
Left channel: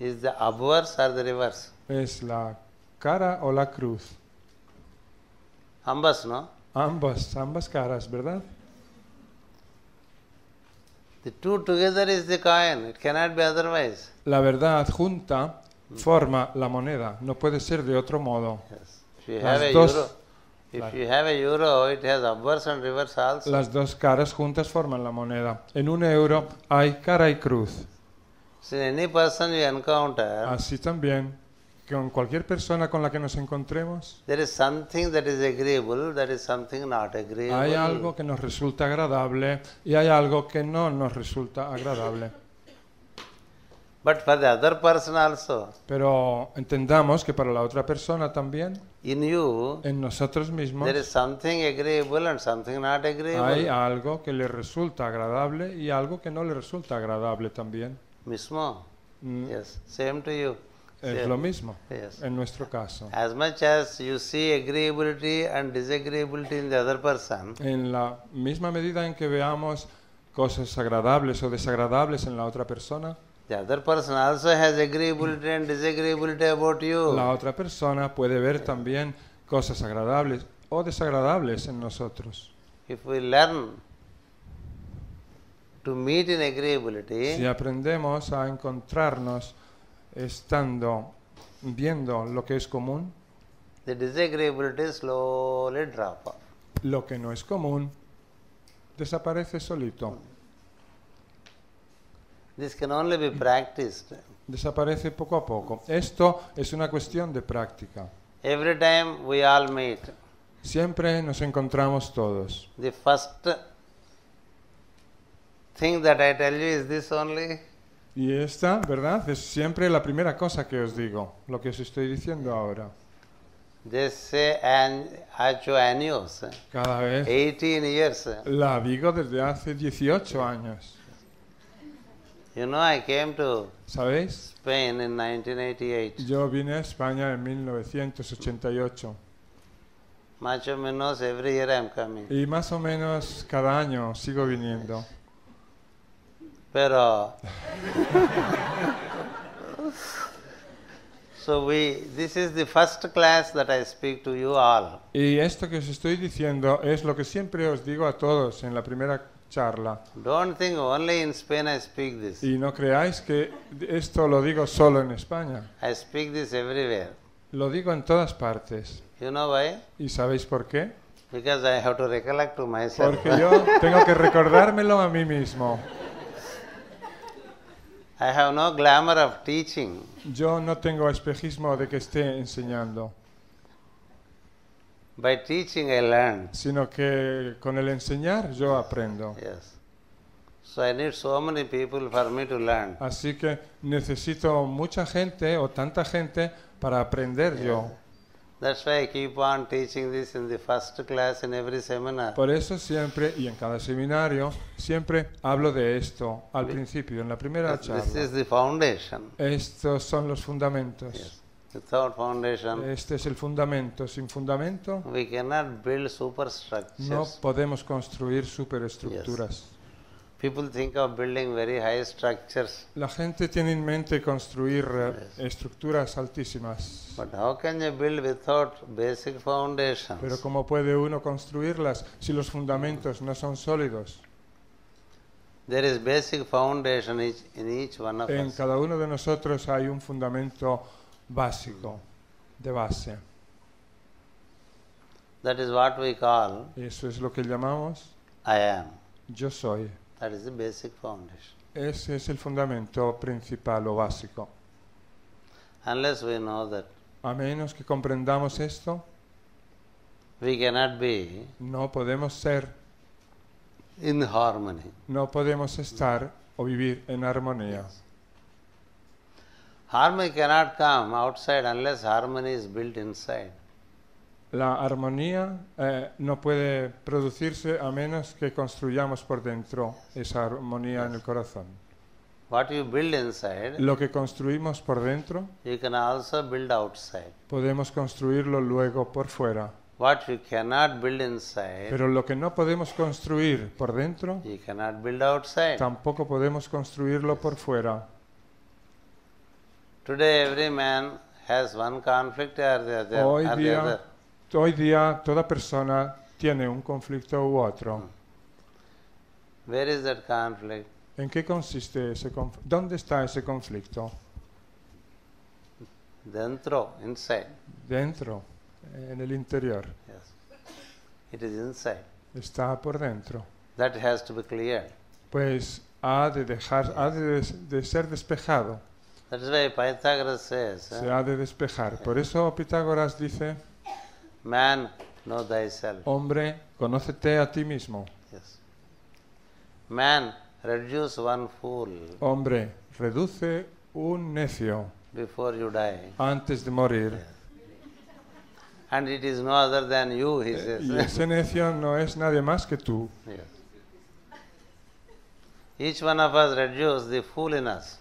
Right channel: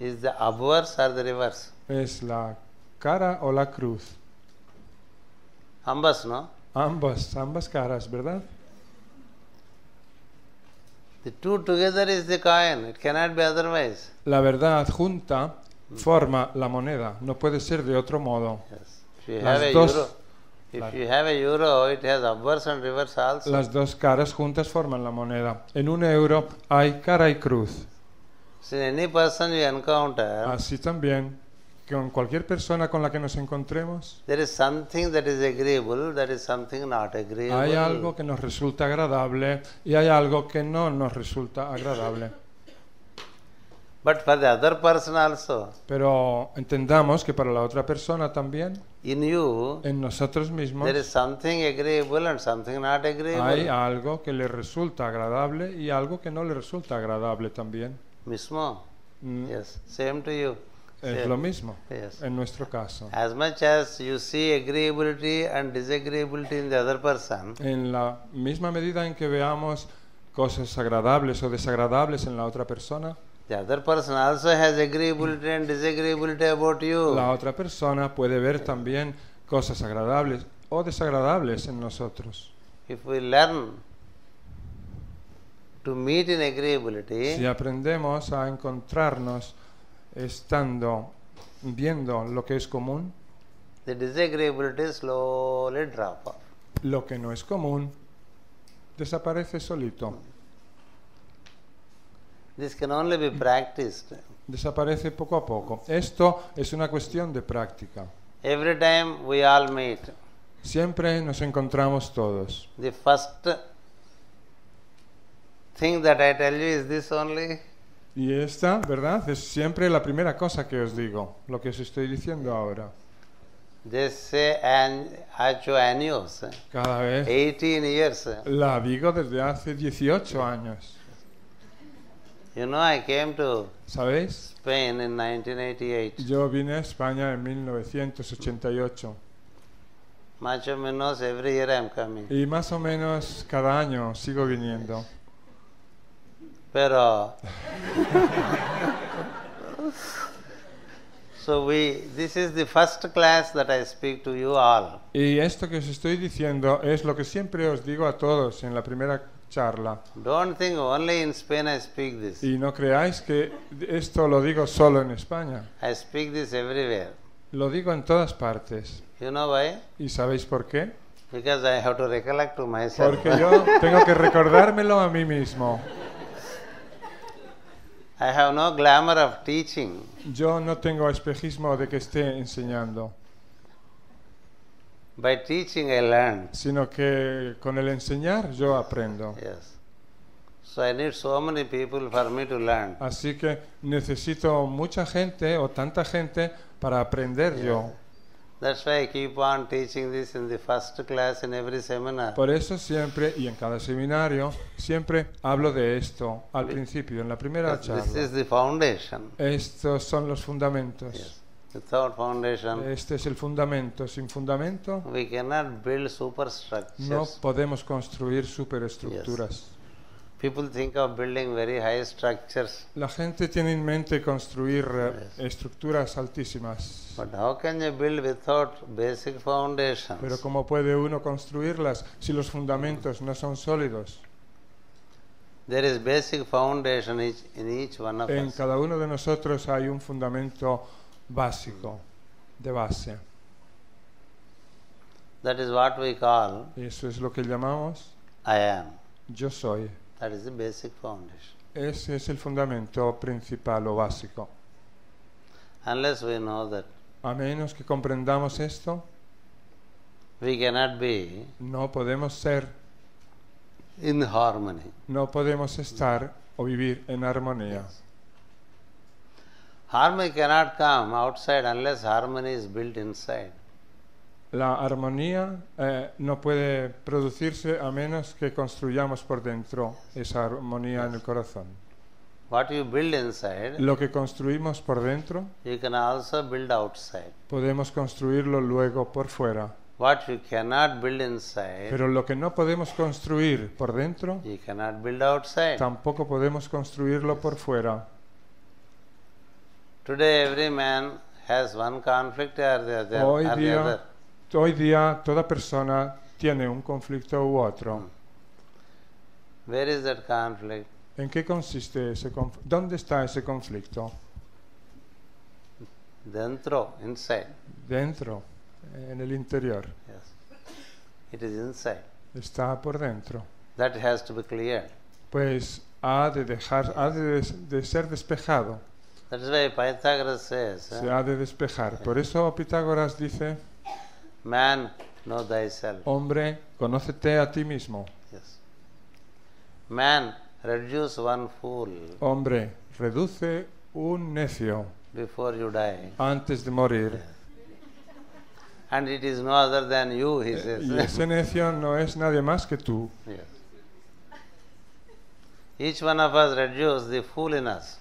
Is the obverse or the reverse? ¿Es la cara o la cruz? Ambas, no? Ambas caras, ¿verdad? The two together is the coin. It cannot be otherwise. La verdad junta forma la moneda. No puede ser de otro modo. Yes. If you have a euro, it has obverse and reverse also. Las dos caras juntas forman la moneda. En un euro hay cara y cruz. So any person you encounter, Así también, con cualquier persona con la que nos encontremos, there is something that is agreeable, there is something not agreeable. algo que nos resulta agradable y hay algo que no nos resulta agradable. But for the other person also, Pero entendamos que para la otra persona también, in you, en nosotros mismos, there is something agreeable and something not agreeable. hay algo que le resulta agradable y algo que no le resulta agradable también. Mismo? Yes. Same to you. Say, Lo mismo yes. en nuestro caso. As much as you see agreeability and disagreeability in the other person, En la misma medida en que veamos cosas agradables o desagradables en la otra persona, the other person also has agreeability and disagreeability about you. la otra persona puede ver también cosas agradables o desagradables en nosotros. If we learn to meet in agreeability, Si aprendemos a encontrarnos estando, viendo lo que es común, the disagreeability slowly drop off. lo que no es común desaparece solito. This can only be practiced. Desaparece poco a poco. Esto es una cuestión de práctica. Every time we all meet, Siempre nos encontramos todos. the first thing that I tell you is this only? Y esta, ¿verdad? Es siempre la primera cosa que os digo, lo que os estoy diciendo ahora. They say 8 años, 18 years. La digo desde hace 18 años. You know, I came to ¿Sabéis? Spain in 1988. Yo vine a España en 1968. Más o menos every year I am coming. Y más o menos cada año sigo viniendo. Pero so this is the first class that I speak to you all. Y esto que os estoy diciendo es lo que siempre os digo a todos en la primera charla. Don't think only in Spain I speak this. Y no creáis que esto lo digo solo en España. I speak this everywhere. Lo digo en todas partes. You know why? ¿Y sabéis por qué? Because I have to recollect to myself. Recordármelo a mí mismo. I have no glamour of teaching. Yo no tengo especismo de que esté enseñando, By teaching I learn. sino que con el enseñar yo aprendo. Yes. So I need so many people for me to learn. Así que necesito mucha gente o tanta gente para aprender. Yeah. That's why I keep on teaching this in the first class in every seminar. Por eso siempre, y para el seminario, siempre hablo de esto al principio, en la primera. Because this is the foundation. Estos son los fundamentos. Yes. Without foundation, Este es el fundamento. Sin fundamento we cannot build superstructures. no podemos construir superestructuras. Yes. People think of building very high structures. La gente tiene en mente construir estructuras altísimas. But how can you build without basic foundations? ¿Cómo puede uno construirlas si los fundamentos no son sólidos? There is basic foundation in each one of us. Cada uno de nosotros hay un fundamento básico, de base. That is what we call Y eso es lo que llamamos I am. yo soy. That is the basic foundation. Ese es el fundamento principal o básico. Unless we know that, A menos que comprendamos esto, we cannot be no podemos ser, in harmony. no podemos estar o vivir en armonía. Yes. Harmony cannot come outside unless harmony is built inside. La armonía no puede producirse a menos que construyamos por dentro esa armonía en Yes. el corazón. What you build inside, Lo que construimos por dentro, you can also build outside. podemos construirlo luego por fuera. What you cannot build inside, Pero lo que no podemos construir por dentro, you cannot build outside. tampoco podemos construirlo por fuera. Today every man has one conflict or the other. Hoy día toda persona tiene un conflicto u otro. Where is that conflict? ¿En qué consiste ese conflicto? ¿Dónde está ese conflicto? Dentro, inside. Dentro, en el interior. Yes. It is inside. Está por dentro. That has to be cleared. Pues ha de ser despejado. That is why Pythagoras says, Se ha de despejar. Por eso Pitágoras dice, man, know thyself. hombre, conócete a ti mismo. Yes. Man, reduce one fool Hombre, reduce un necio before you die. antes de morir. Yes. And it is no other than you, he says. Este necio no es nadie más que tú. Yes. Each one of us reduce the fool in us.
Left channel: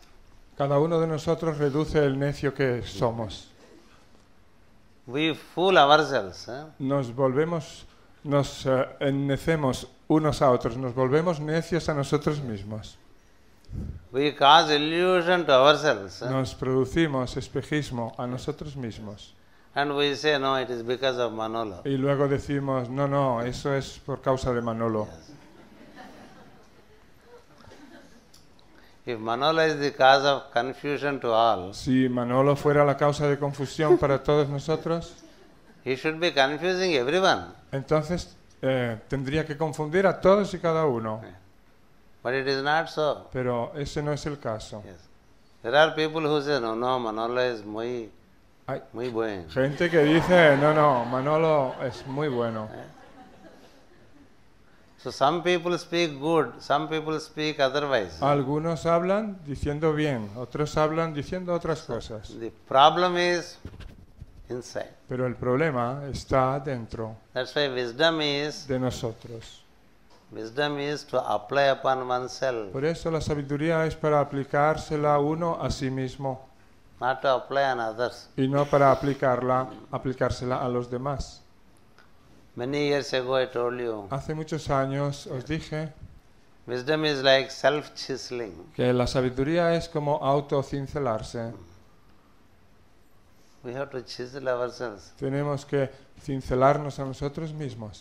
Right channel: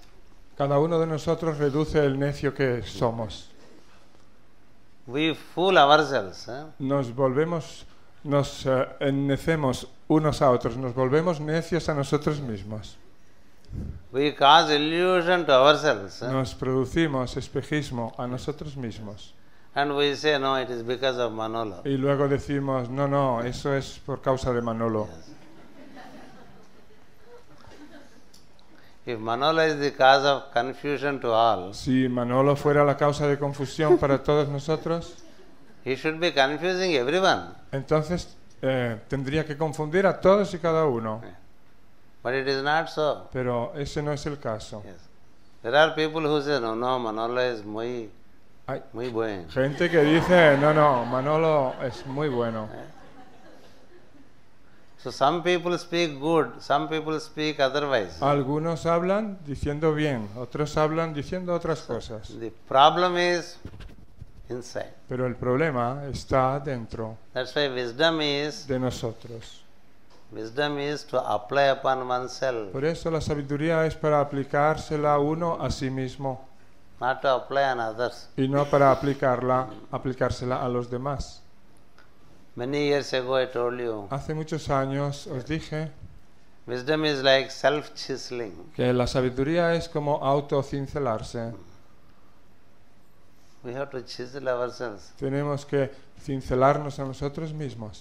Cada uno de nosotros reduce el necio que somos. We fool ourselves. Nos ennecemos unos a otros, nos volvemos necios a nosotros mismos. We cause illusion to ourselves. Nos producimos espejismo a nosotros mismos. And we say, no, it is because of Manolo. Y luego decimos, no, eso es por causa de Manolo. Yes. If Manolo is the cause of confusion to all, Si Manolo fuera la causa de confusión para todos nosotros, he should be confusing everyone. entonces tendría que confundir a todos y cada uno. But it is not so. Pero ese no es el caso. Yes. There are people who say, no, Manolo is muy bueno. So some people speak good, some people speak otherwise. Algunos hablan diciendo bien, otros hablan diciendo otra So cosa. the problem is inside. Pero el problema está dentro That's why wisdom is de nosotros. to apply upon oneself, Por eso la sabiduría es para aplicársela uno a sí mismo not to apply on others. y no para aplicársela a los demás. Many years ago I told you, Hace muchos años dije wisdom is like self-chiseling. que la sabiduría es como autocincelarse. We have to chisel ourselves. Tenemos que cincelarnos a nosotros mismos.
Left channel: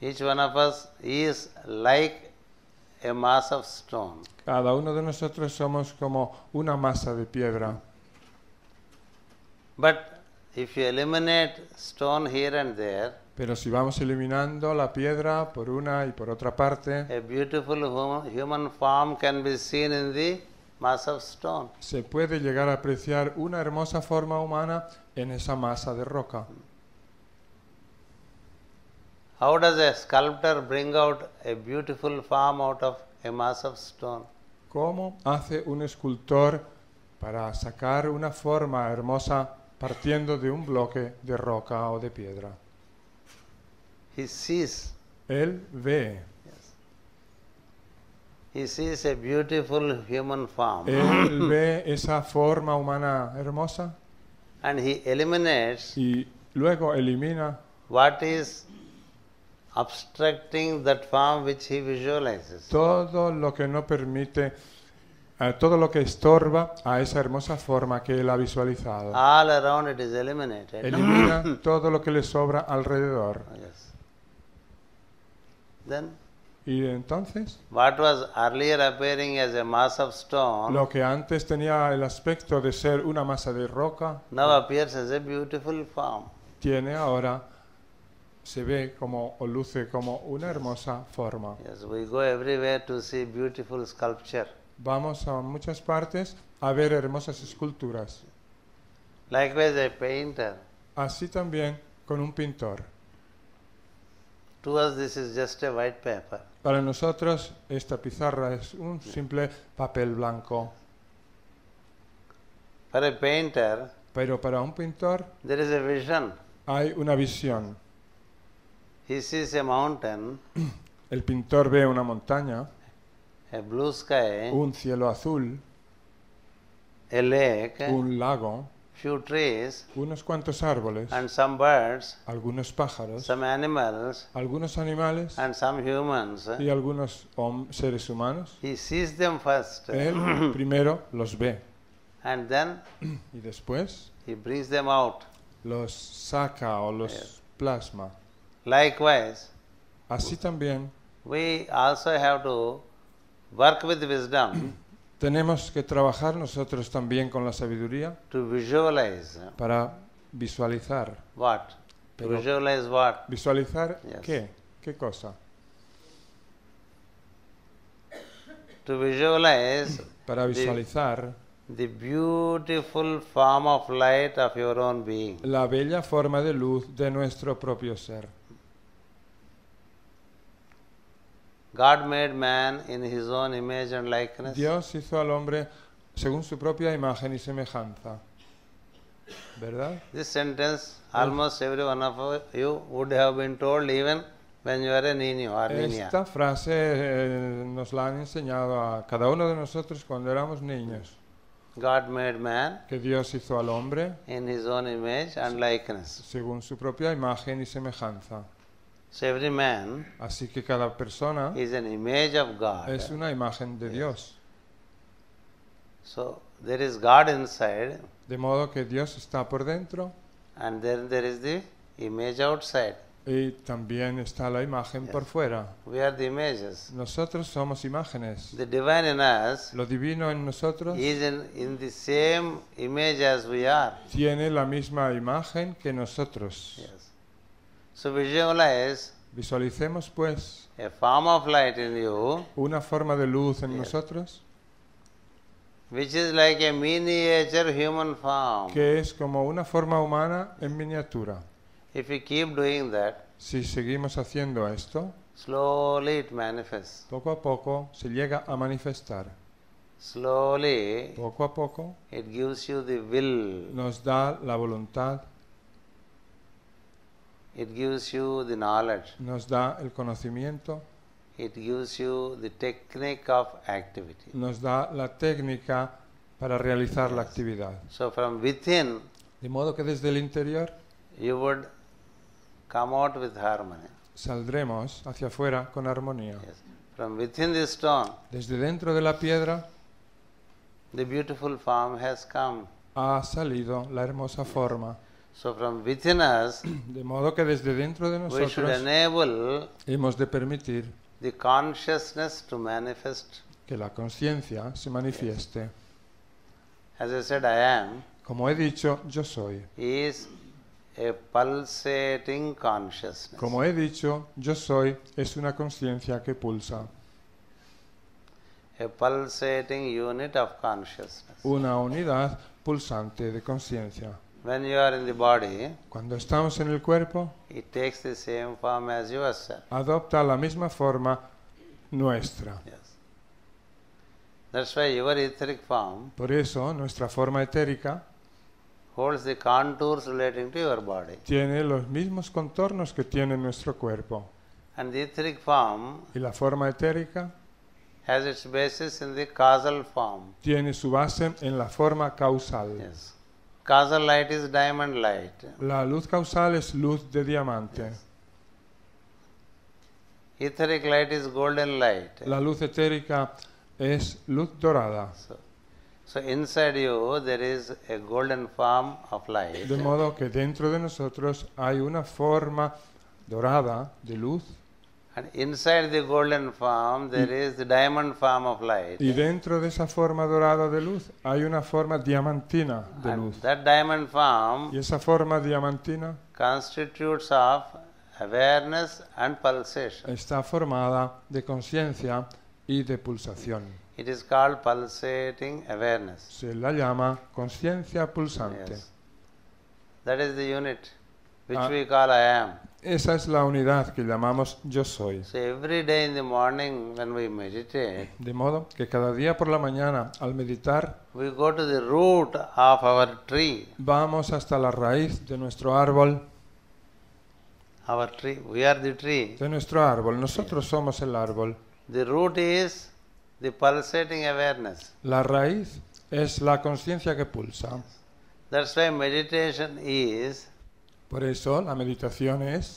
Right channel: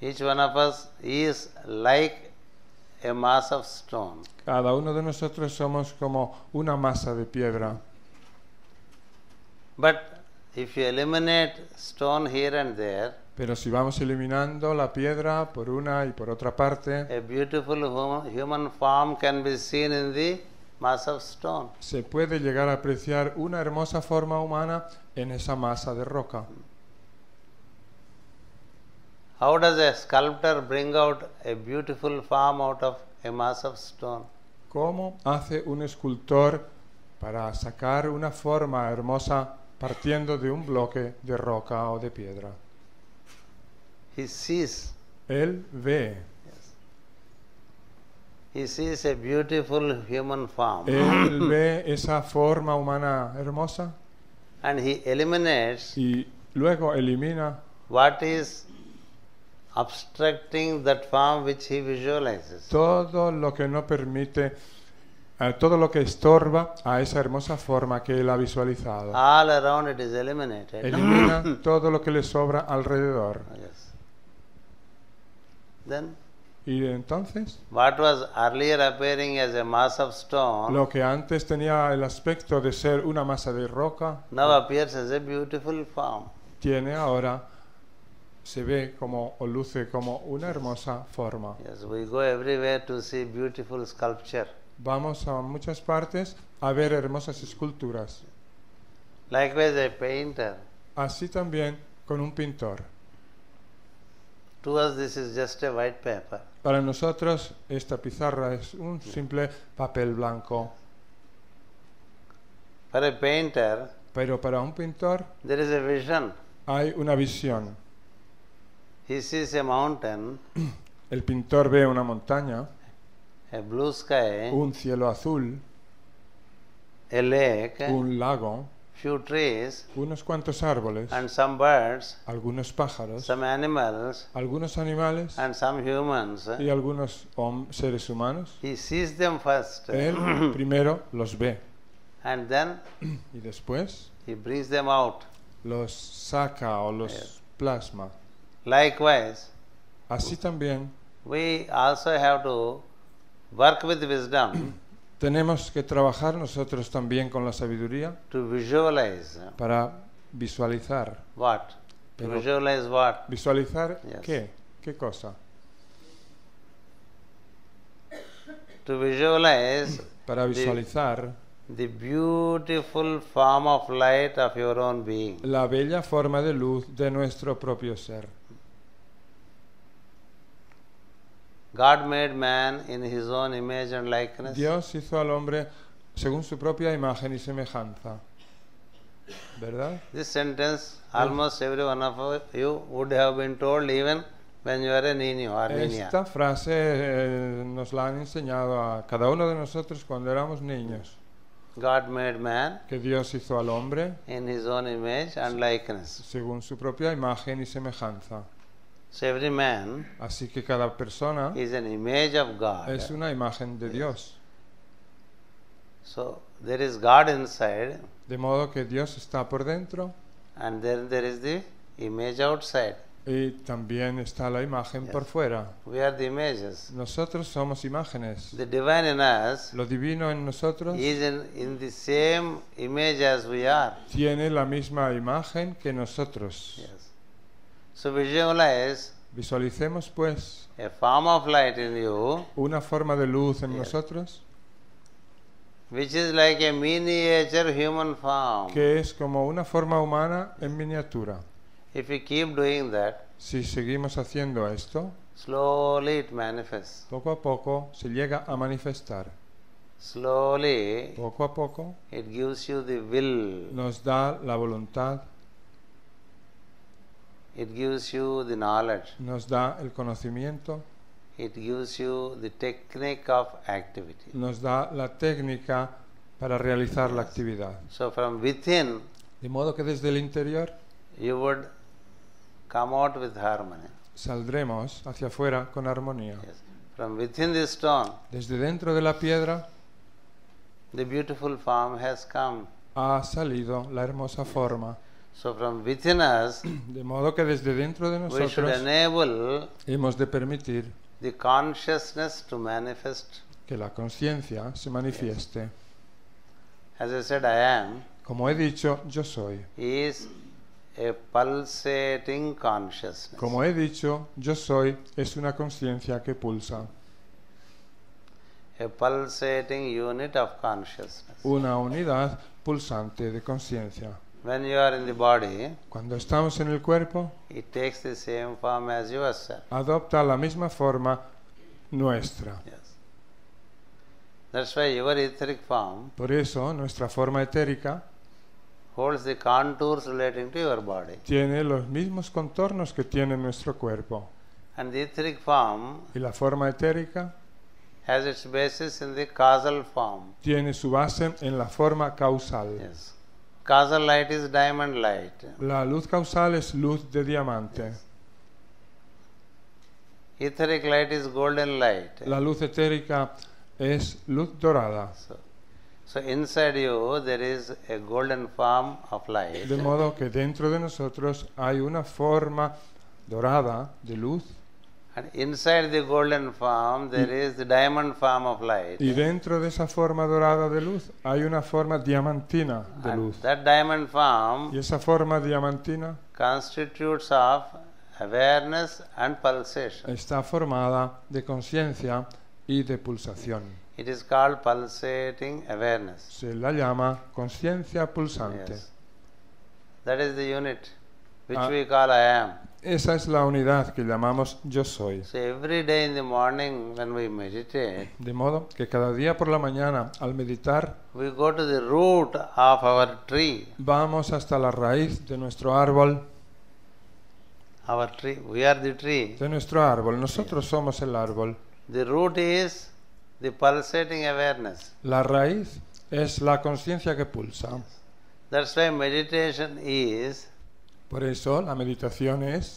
Each one of us is like a mass of stone. Cada uno de nosotros somos como una masa de tierra. But if you eliminate stone here and there, Pero si vamos eliminando la piedra por una y por otra parte, a beautiful human form can be seen in the mass of stone. se puede llegar a apreciar una hermosa forma humana en esa masa de roca. How does a sculptor bring out a beautiful form out of a mass of stone? ¿Cómo hace un escultor para sacar una forma hermosa partiendo de un bloque de roca o de piedra? He sees. Él ve, He sees a beautiful human form ve esa forma humana hermosa and he eliminates y luego elimina what is obstructing that form which he visualizes. todo lo que no permite, todo lo que estorba a esa hermosa forma que él ha visualizado. All around it is eliminated. Todo lo que le sobra alrededor. Yes. Then, Y entonces, what was earlier appearing as a mass of stone lo que antes tenía el aspecto de ser una masa de roca, now appears as a beautiful form. tiene ahora, se ve como, o luce como una Yes. hermosa forma. Yes, we go everywhere to see beautiful sculpture. Vamos a muchas partes a ver hermosas esculturas. Likewise, a painter. Así también con un pintor. To us, this is just a white paper. Para nosotros, esta pizarra es un simple papel blanco. For a painter, Pero para un pintor there is a vision. hay una visión. He sees a mountain, El pintor ve una montaña, a blue sky, un cielo azul, a lake, un lago, few trees, unos cuantos árboles, and some birds, algunos pájaros, some animals, algunos animales and some humans. y algunos seres humanos. He sees them first Primero los ve, and then y después he brings them out. los saca o los Yes. plasma. Likewise, Así también we also have to work with wisdom tenemos que trabajar nosotros también con la sabiduría to visualize para visualizar. what? To visualize what? ¿Visualizar Yes. qué? ¿Qué cosa? To visualize Para the, visualizar the beautiful form of light of your own being. la bella forma de luz de nuestro propio ser. God made man in his own image and likeness. Dios hizo al hombre según su propia imagen y semejanza. ¿Verdad? This sentence almost every one of you would have been told even when you were a niño or niña. Esta frase nos la han enseñado a cada uno de nosotros cuando éramos niños. God made man Que Dios hizo al hombre in his own image and likeness. según su propia imagen y semejanza. So every man Así que cada persona is an image of God. es una imagen de Yes. Dios. So there is God inside De modo que Dios está por dentro and then there is the image outside. y también está la imagen Yes. por fuera. We are the images. Nosotros somos imágenes. The divine in us Lo divino en nosotros is in the same image as we are. tiene la misma imagen que nosotros. Yes. So visualize Visualicemos pues a form of light in you una forma de luz en Yes. nosotros which is like a miniature human form. que es como una forma humana en miniatura. If you keep doing that, Si seguimos haciendo esto, Slowly it manifests. Poco a poco se llega a manifestar. Slowly Poco a poco it gives you the will. nos da la voluntad, It gives you the knowledge. nos da el conocimiento, It gives you the technique of activity. nos da la técnica para realizar la Yes. actividad. So from within, De modo que desde el interior you would come out with harmony. saldremos hacia afuera con armonía. Yes. From within the stone, Desde dentro de la piedra the beautiful form has come. ha salido la hermosa Yes. forma. So from within us, De modo que desde dentro de we should enable hemos de permitir the consciousness to manifest. que la conciencia se Yes. manifieste. As I said, I am Como he dicho, yo soy. is a pulsating consciousness. Como he dicho, yo soy es una conciencia que pulsa. A pulsating unit of consciousness. Una unidad pulsante de conciencia. When you are in the body, Cuando estamos en el cuerpo, it takes the same form as yourself. adopta la misma forma nuestra. Yes. That's why your etheric form Por eso, nuestra forma etérica holds the contours relating to your body. tiene los mismos contornos que tiene nuestro cuerpo. And the etheric form Y la forma etérica has its basis in the causal form. tiene su base en la forma causal. Yes. Causal light is diamond light. La luz causal es luz de diamante. Yes. Etheric light is golden light. La luz etérica es luz dorada. So inside you there is a golden form of light, De modo que dentro de nosotros hay una forma dorada de luz. and inside the golden form there is the diamond form of light, Y dentro de esa forma dorada de luz hay una forma diamantina. and that diamond form Y esa forma diamantina constitutes of awareness and pulsation. está formada de conciencia y de pulsación. It is called pulsating awareness. Se la llama conciencia pulsante. Yes. That is the unit which we call I am. Esa es la unidad que llamamos yo soy. So every day in the morning when we meditate, De modo que cada día por la mañana al meditar we go to the root of our tree. vamos hasta la raíz de nuestro árbol, Our tree, we are the tree. de nuestro árbol. Nosotros Yes. somos el árbol. The root is the pulsating awareness. La raíz es la conciencia que pulsa. Yes. That's why meditation is Por eso la meditación es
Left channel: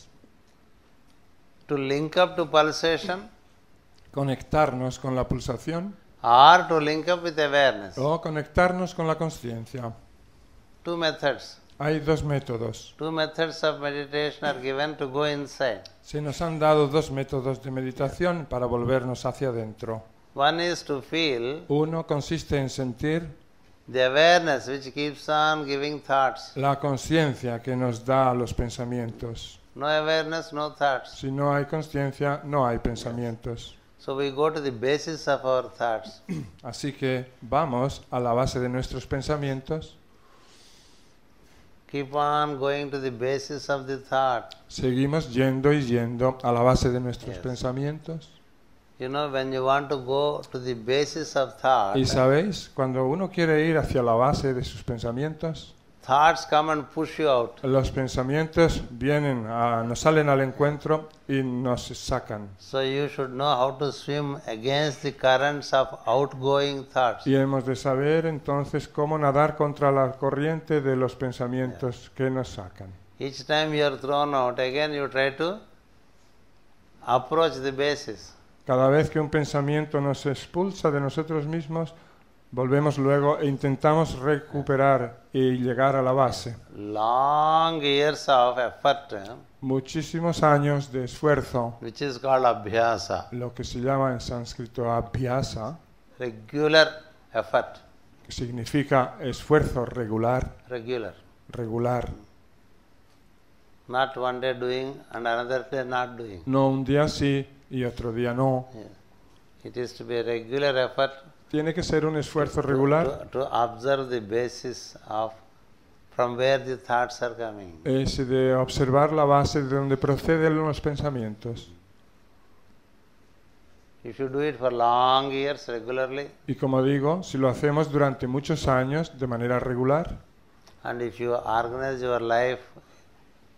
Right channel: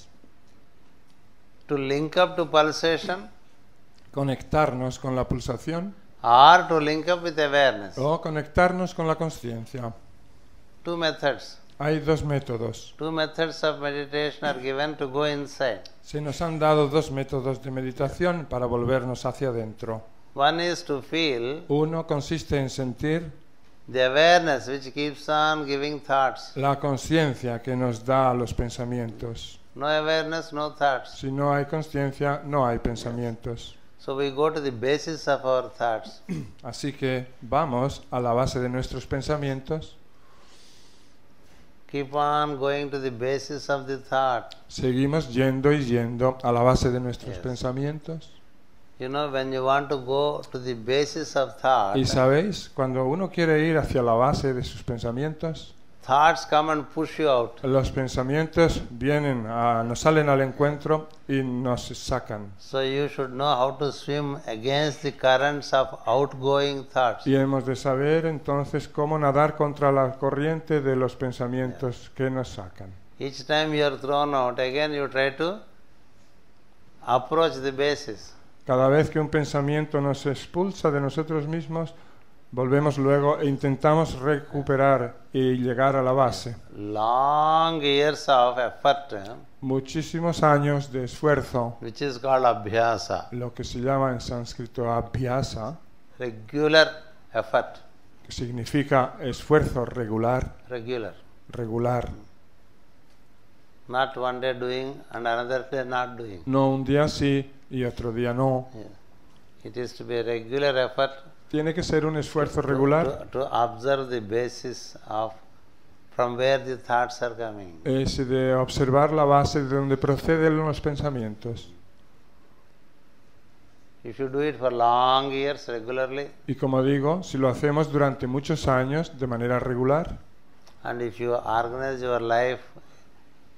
to link up to pulsation conectarnos con la pulsación or to link up with awareness. o conectarnos con la conciencia. Two methods. Hay dos métodos. Two methods of meditation are given to go inside. Se nos han dado dos métodos de meditación para volvernos hacia adentro. One is to feel Uno consiste en sentir the awareness which keeps on giving thoughts. la conciencia que nos da los pensamientos. No awareness, no thoughts. Si no hay conciencia, no hay pensamientos. So we go to the basis of our thoughts. Así que vamos a la base de nuestros pensamientos, Keep on going to the basis of the thought. seguimos yendo y yendo a la base de nuestros Yes. pensamientos. You know, when you want to go to the basis of thought, Y sabéis, cuando uno quiere ir hacia la base de sus pensamientos, thoughts come and push you out. los pensamientos salen al encuentro y nos sacan. So you should know how to swim against the currents of outgoing thoughts. Y hemos de saber entonces cómo nadar contra la corriente de los pensamientos que nos sacan. Each time you are thrown out, again you try to approach the basis. Cada vez que un pensamiento nos expulsa de nosotros mismos, volvemos luego, intentamos recuperar y llegar a la base. Long years of effort, Muchísimos años de esfuerzo, which is called abhyasa, lo que se llama en sánscrito abhyasa, regular effort, significa esfuerzo regular. regular. Not one day doing and another day not doing. No un día sí y otro día no. Yeah. It is to be a regular effort Tiene que ser un esfuerzo regular to observe the basis of from where the thoughts are coming. de observar la base de donde proceden los pensamientos. If you do it for long years regularly, Y como digo, si lo hacemos durante muchos años de manera regular, and if you organize your life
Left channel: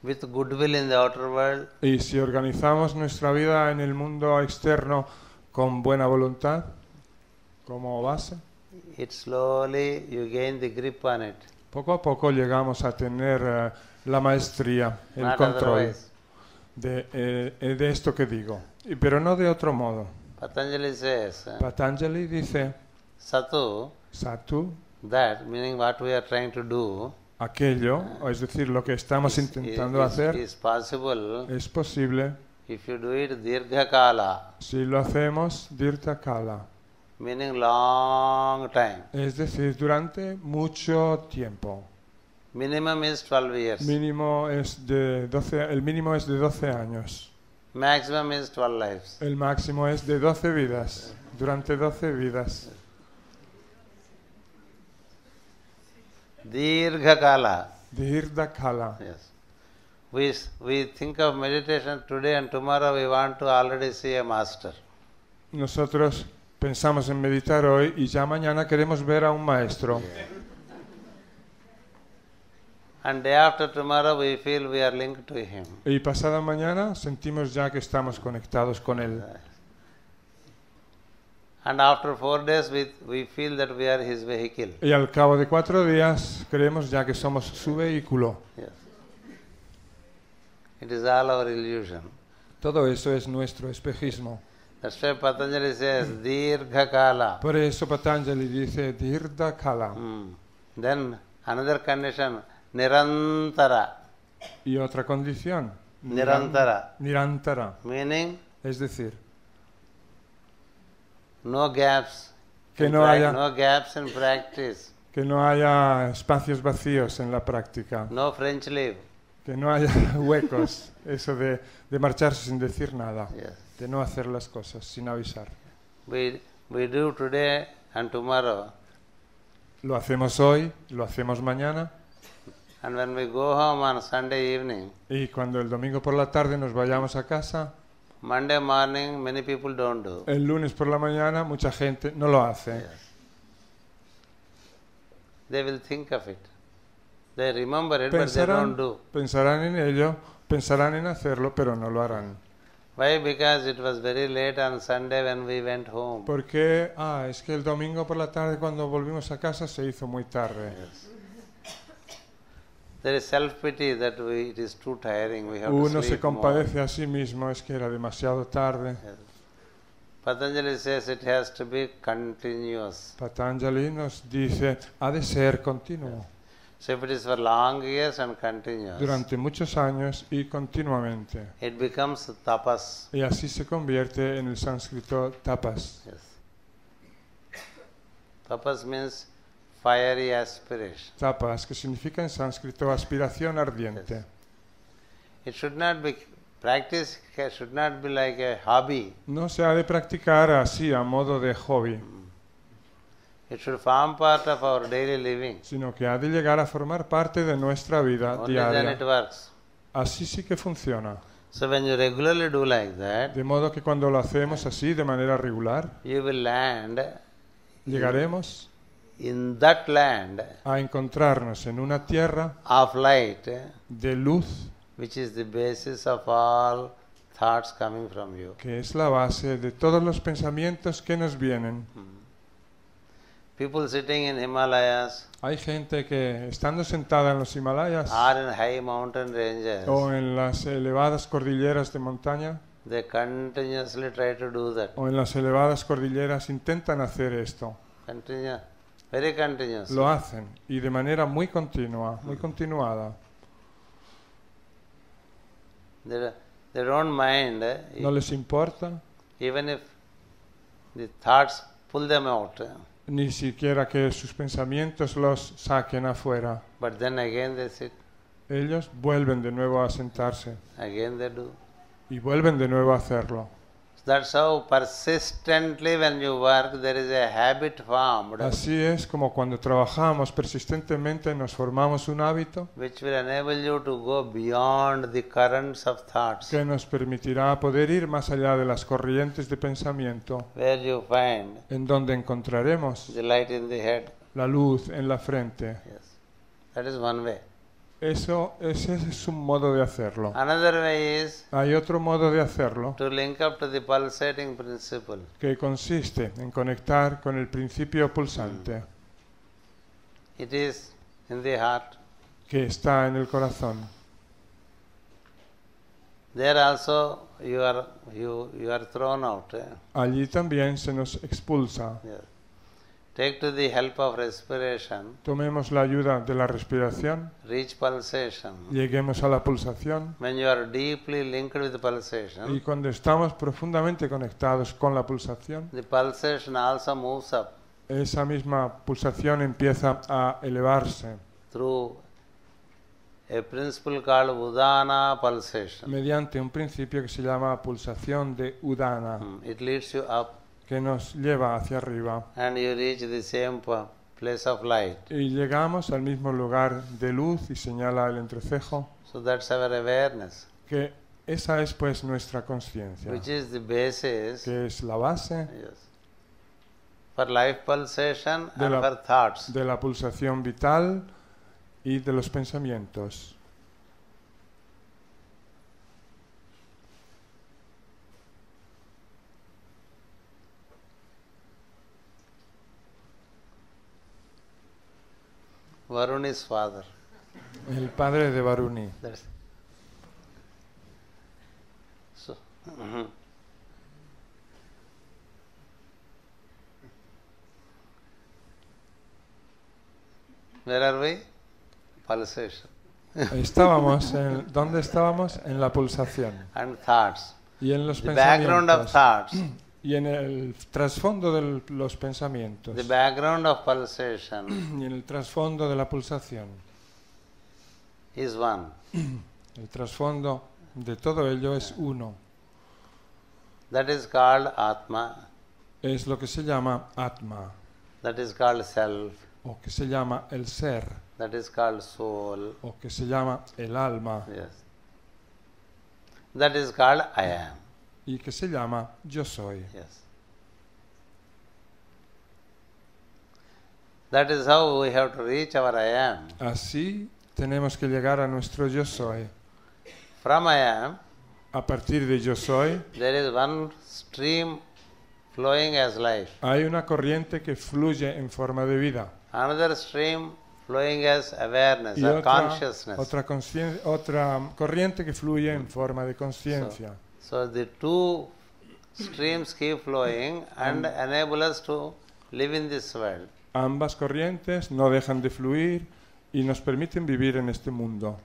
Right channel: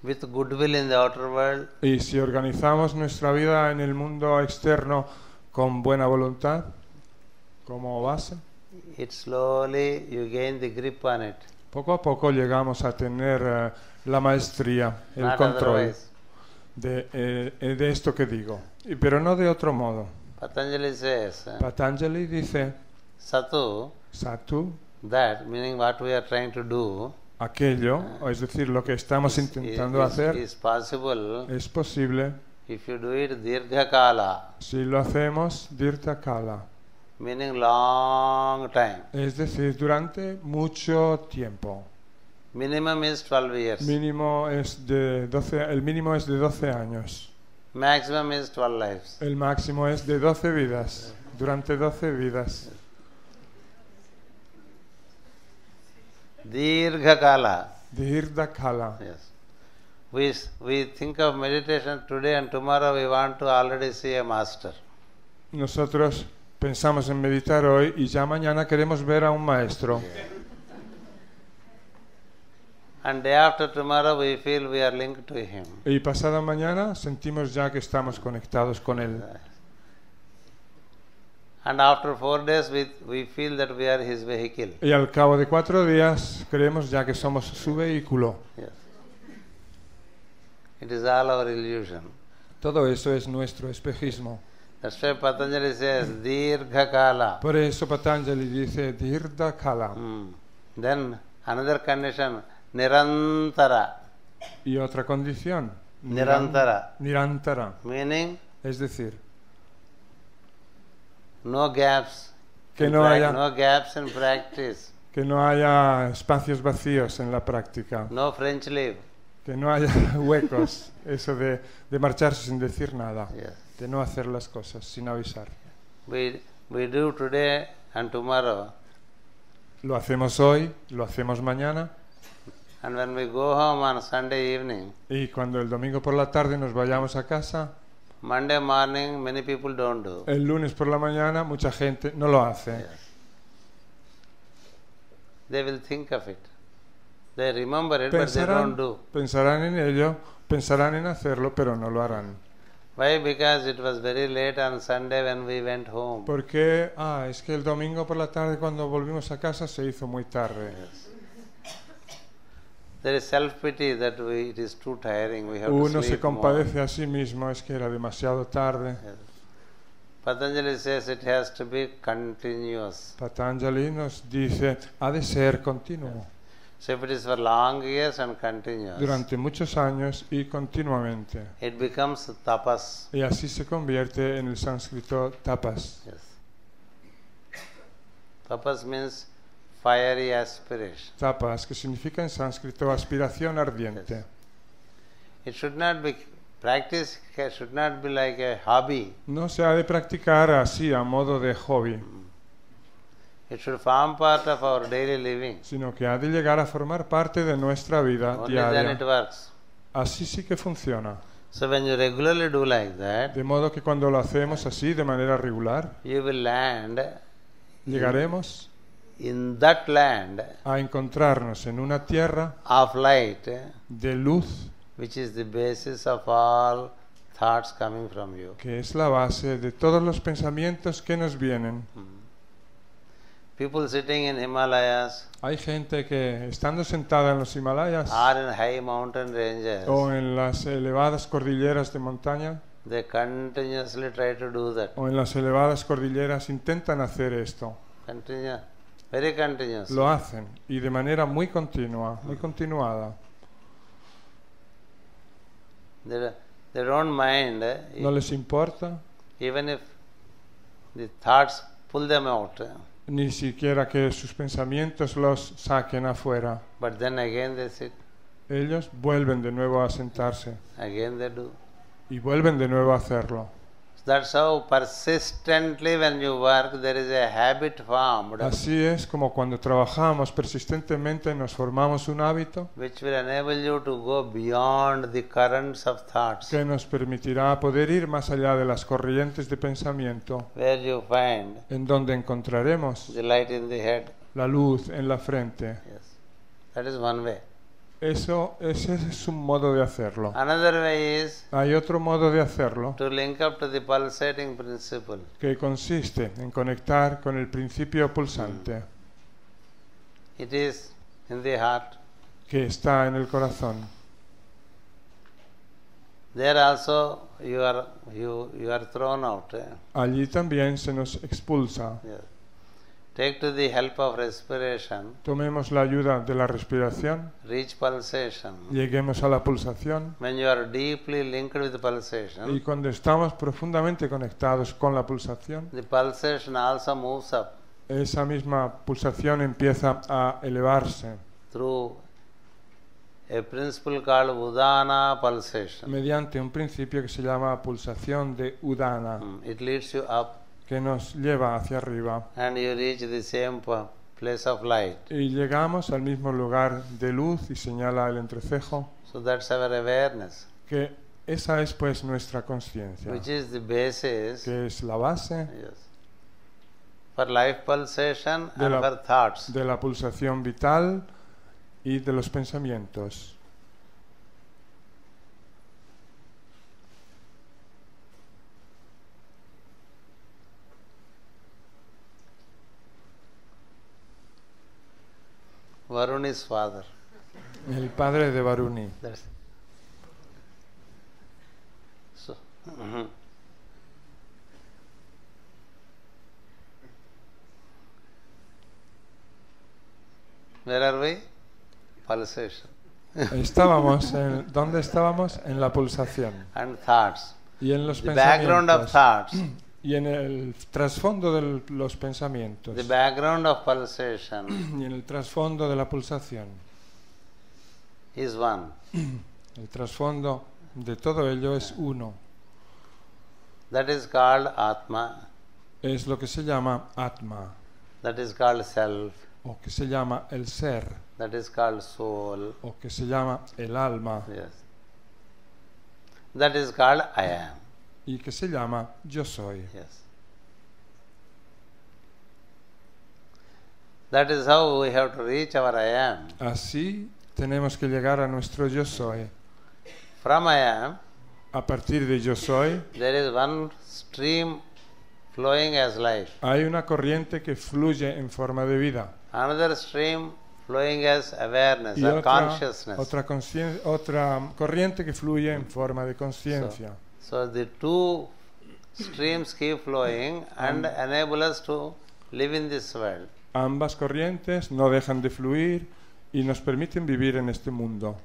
with goodwill in the outer world, y si organizamos nuestra vida en el mundo externo con buena voluntad, como más, it slowly you gain the grip on it. poco a poco llegamos a tener la maestría Not otherwise. de esto que digo. Pero no de otro modo. Patanjali says, Patanjali dice, Satu, Satu, that meaning what we are trying to do aquello, es decir, lo que estamos is possible es posible if you do it dirghakala, si lo hacemos dentro cada, meaning long time. es decir, durante mucho tiempo. Minimum is 12 years. Mínimo es de 12, el mínimo es de 12 años. Maximum is 12 lives. El máximo es de 12 vidas. Durante 12 vidas. Dirghakala. Dirta kala. Yes. We think of meditation today and tomorrow we want to already see a master. Nosotros pensamos en meditar hoy y ya mañana queremos ver a un maestro. And day after tomorrow we feel we are linked to him. Y pasado mañana sentimos ya que estamos conectados con él. Yes. And after 4 days we feel that we are his vehicle. Y al cabo de 4 días creemos ya que somos su vehículo. Yes. It is all our illusion. Todo eso es nuestro espejismo. That's why Patanjali says Dirghakala. Por eso Patanjali dice Dirta kala. Then another condition, Nirantara. Y otra condición, Nirantara. Nirantara. Meaning Es decir, no gaps in practice. que no haya espacios vacíos en la práctica. No French leave. Que no haya huellas, eso de marcharse sin decir nada. Yes. De no hacer las cosas sin avisar. We do today and tomorrow. Lo hacemos hoy, lo hacemos mañana. And when we go home on Sunday evening, Y cuando el domingo por la tarde nos vayamos a casa, Monday morning many people don't do. el lunes por la mañana mucha gente no lo hace. Yes. They will think of it. They remember it, but they don't do. Pensarán en ello, pensarán en hacerlo, pero no lo harán. Why? Because it was very late on Sunday when we went home. Porque el domingo por la tarde cuando volvimos a casa se hizo muy tarde. Yes. There is self-pity that it is too tiring, we have to sleep more. Yes. Patanjali says it has to be continuous. Yes. So if it is for long years and continuous, it becomes tapas. Yes. Tapas means fiery aspiration. Yes. It should not be, practice should not be like a hobby. It should form part of our daily living. Only then it works. So when you regularly do like that, you will land in that land of light, which is the basis of all thoughts coming from you. People sitting in Himalayas or in high mountain ranges, they continuously try to do that. Very continuously. They don't mind even if the thoughts pull them out. But then again they sit. Again they do. That's how persistently when you work there is a habit formed which will enable you to go beyond the currents of thoughts. where you find en donde encontraremos the light in the head. la luz en la frente. Yes. That is one way. Eso es un modo de hacerlo. Another way is Hay otro modo de hacerlo to link up to the pulsating principle. que consiste en conectar con el principio pulsante It is in the heart. que está en el corazón. There also you are thrown out. Allí también se nos expulsa. Yes. Take to the help of respiration, Tomemos la ayuda de la respiración, reach pulsation. lleguemos a la pulsación When you are deeply linked with the pulsation, y cuando estamos profundamente conectados con la pulsación, the pulsation also moves up esa misma pulsación empieza a elevarse through a principle called Udana pulsation. mediante un principio que se llama pulsación de Udana, It leads you up que nos lleva hacia arriba and you reach the same place of light. y llegamos al mismo lugar de luz que señala el reflejo, So that's our awareness, que esa es pues nuestra conciencia, which is the basis, que es la base yes, for life pulsation and for thoughts. de la pulsación vital y de los pensamientos. Varun is father. El padre de Varun. That's so. Where are we? Pulsation and thoughts. The background of thoughts, Y en el trasfondo de los pensamientos, the background of pulsation y en el trasfondo de la pulsación, is one. el trasfondo de todo ello es uno. That is called Atma. Es lo que se llama Atma, That is called self. lo que se llama el ser, That is called soul. lo que se llama el alma, Yes. That is called I am. y que se llama yo soy. Yes. That is how we have to reach our I am. Así tenemos que llegar a nuestro yo soy. From I am, A partir de yo soy, there is one stream flowing as life, hay una corriente que fluye en forma de vida, another stream flowing as awareness or consciousness. otra corriente que fluye en forma de conciencia. So the two streams keep flowing and enable us to live in this world. Ambas corrientes no dejan de fluir y nos permiten vivir en este mundo.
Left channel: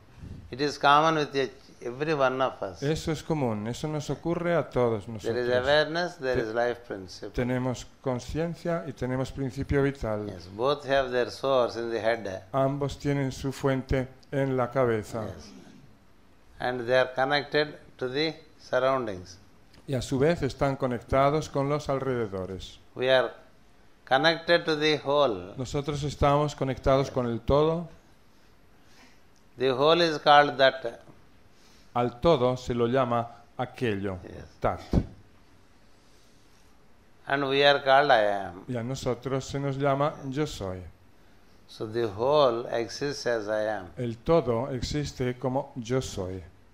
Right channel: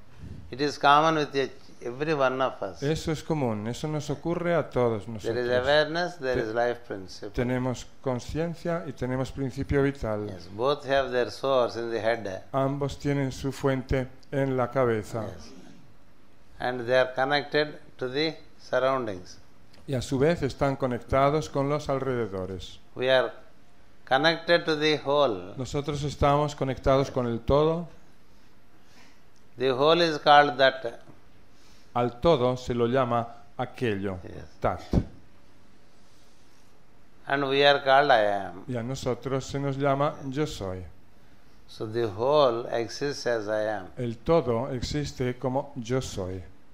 It is common with every one of us. Esto es común, eso nos ocurre a todos. There is awareness, there is life principle. Tenemos conciencia y tenemos principio vital. Yes, both have their source in the head. Ambos tienen su fuente en la cabeza. Yes. And they are connected to the surroundings. Y a su vez están conectados con los alrededores. We are connected to the whole. Nosotros estamos conectados con el todo. The whole is called that. Al todo se lo llama aquello. Yes. Tal. And we are called I am. Y a nosotros se nos llama yo soy. So the whole exists as I am. El todo existe como yo soy.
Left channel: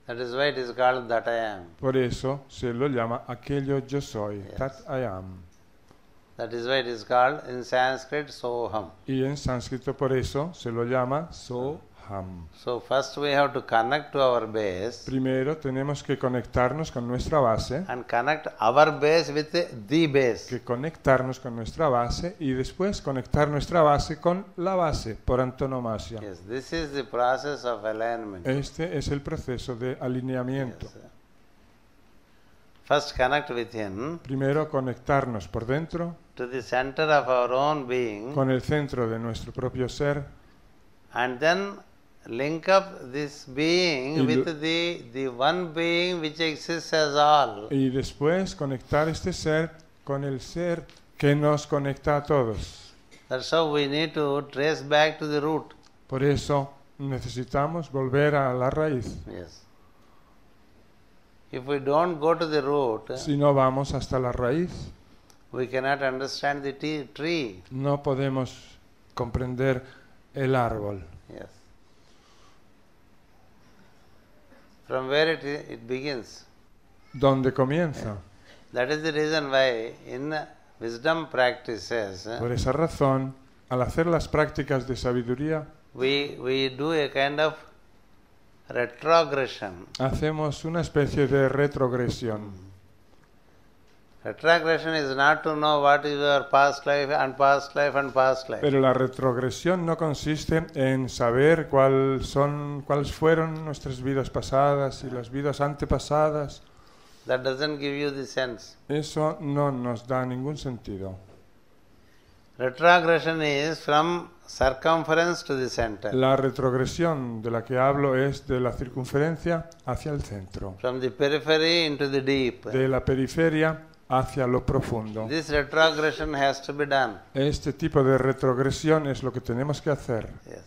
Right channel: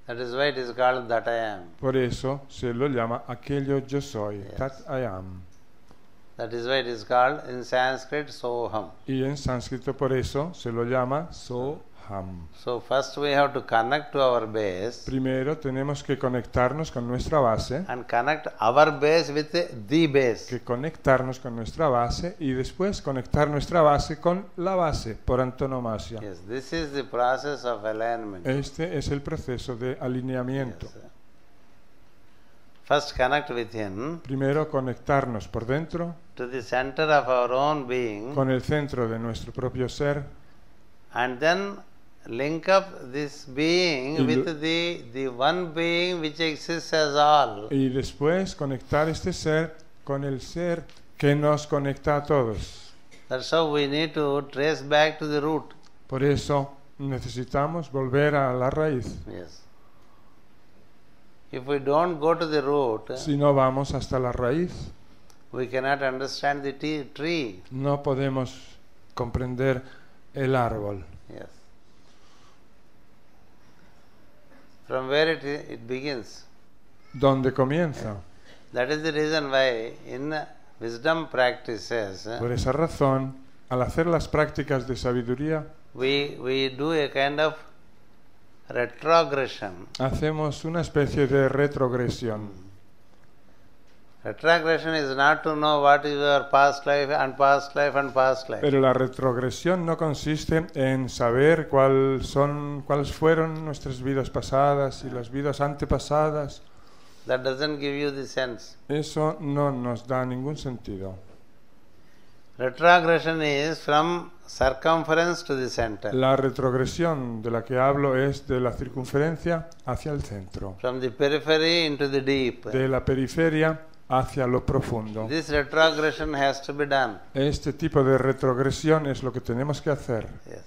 That is why it is called that I am. Por eso se lo llama aquello yo soy. Yes. I am. That is why it is called in Sanskrit Soham. Y en sánscrito por eso se lo llama Soham. So first we have to connect to our base Primero tenemos que conectarnos con nuestra base, and connect our base with the base. conectarnos con nuestra base y después conectar nuestra base con la base por antonomasia. Yes, this is the process of alignment. Este es el proceso de alineamiento. Yes. First connect within Primero conectarnos por dentro, to the center of our own being, con el centro de nuestro propio ser, and then link up this being with the one being which exists as all. y después conectar este ser con el ser que nos conecta a todos. That's how we need to trace back to the root. Por eso necesitamos volver a la raíz. Yes. If we don't go to the root, Si no vamos hasta la raíz, we cannot understand the tree. no podemos comprender el árbol. Yes. From where it begins. ¿Dónde comienza? Yeah. That is the reason why in wisdom practices Por esa razón, al hacer las prácticas de sabiduría, we do a kind of retrogression. hacemos una especie de retrogresión. Retrogression is not to know what is your past life and past life and past life. Pero la retrogresión no consiste en saber cuáles fueron nuestras vidas pasadas, las vidas antepasadas. That doesn't give you the sense. Eso no nos da ningún sentido. Retrogression is from circumference to the center. La retrogresión de la que hablo es de la circunferencia hacia el centro, From the periphery into the deep. de la periferia hacia lo profundo. This retrogression has to be done. Este tipo de retrogresión es lo que tenemos que hacer. Yes.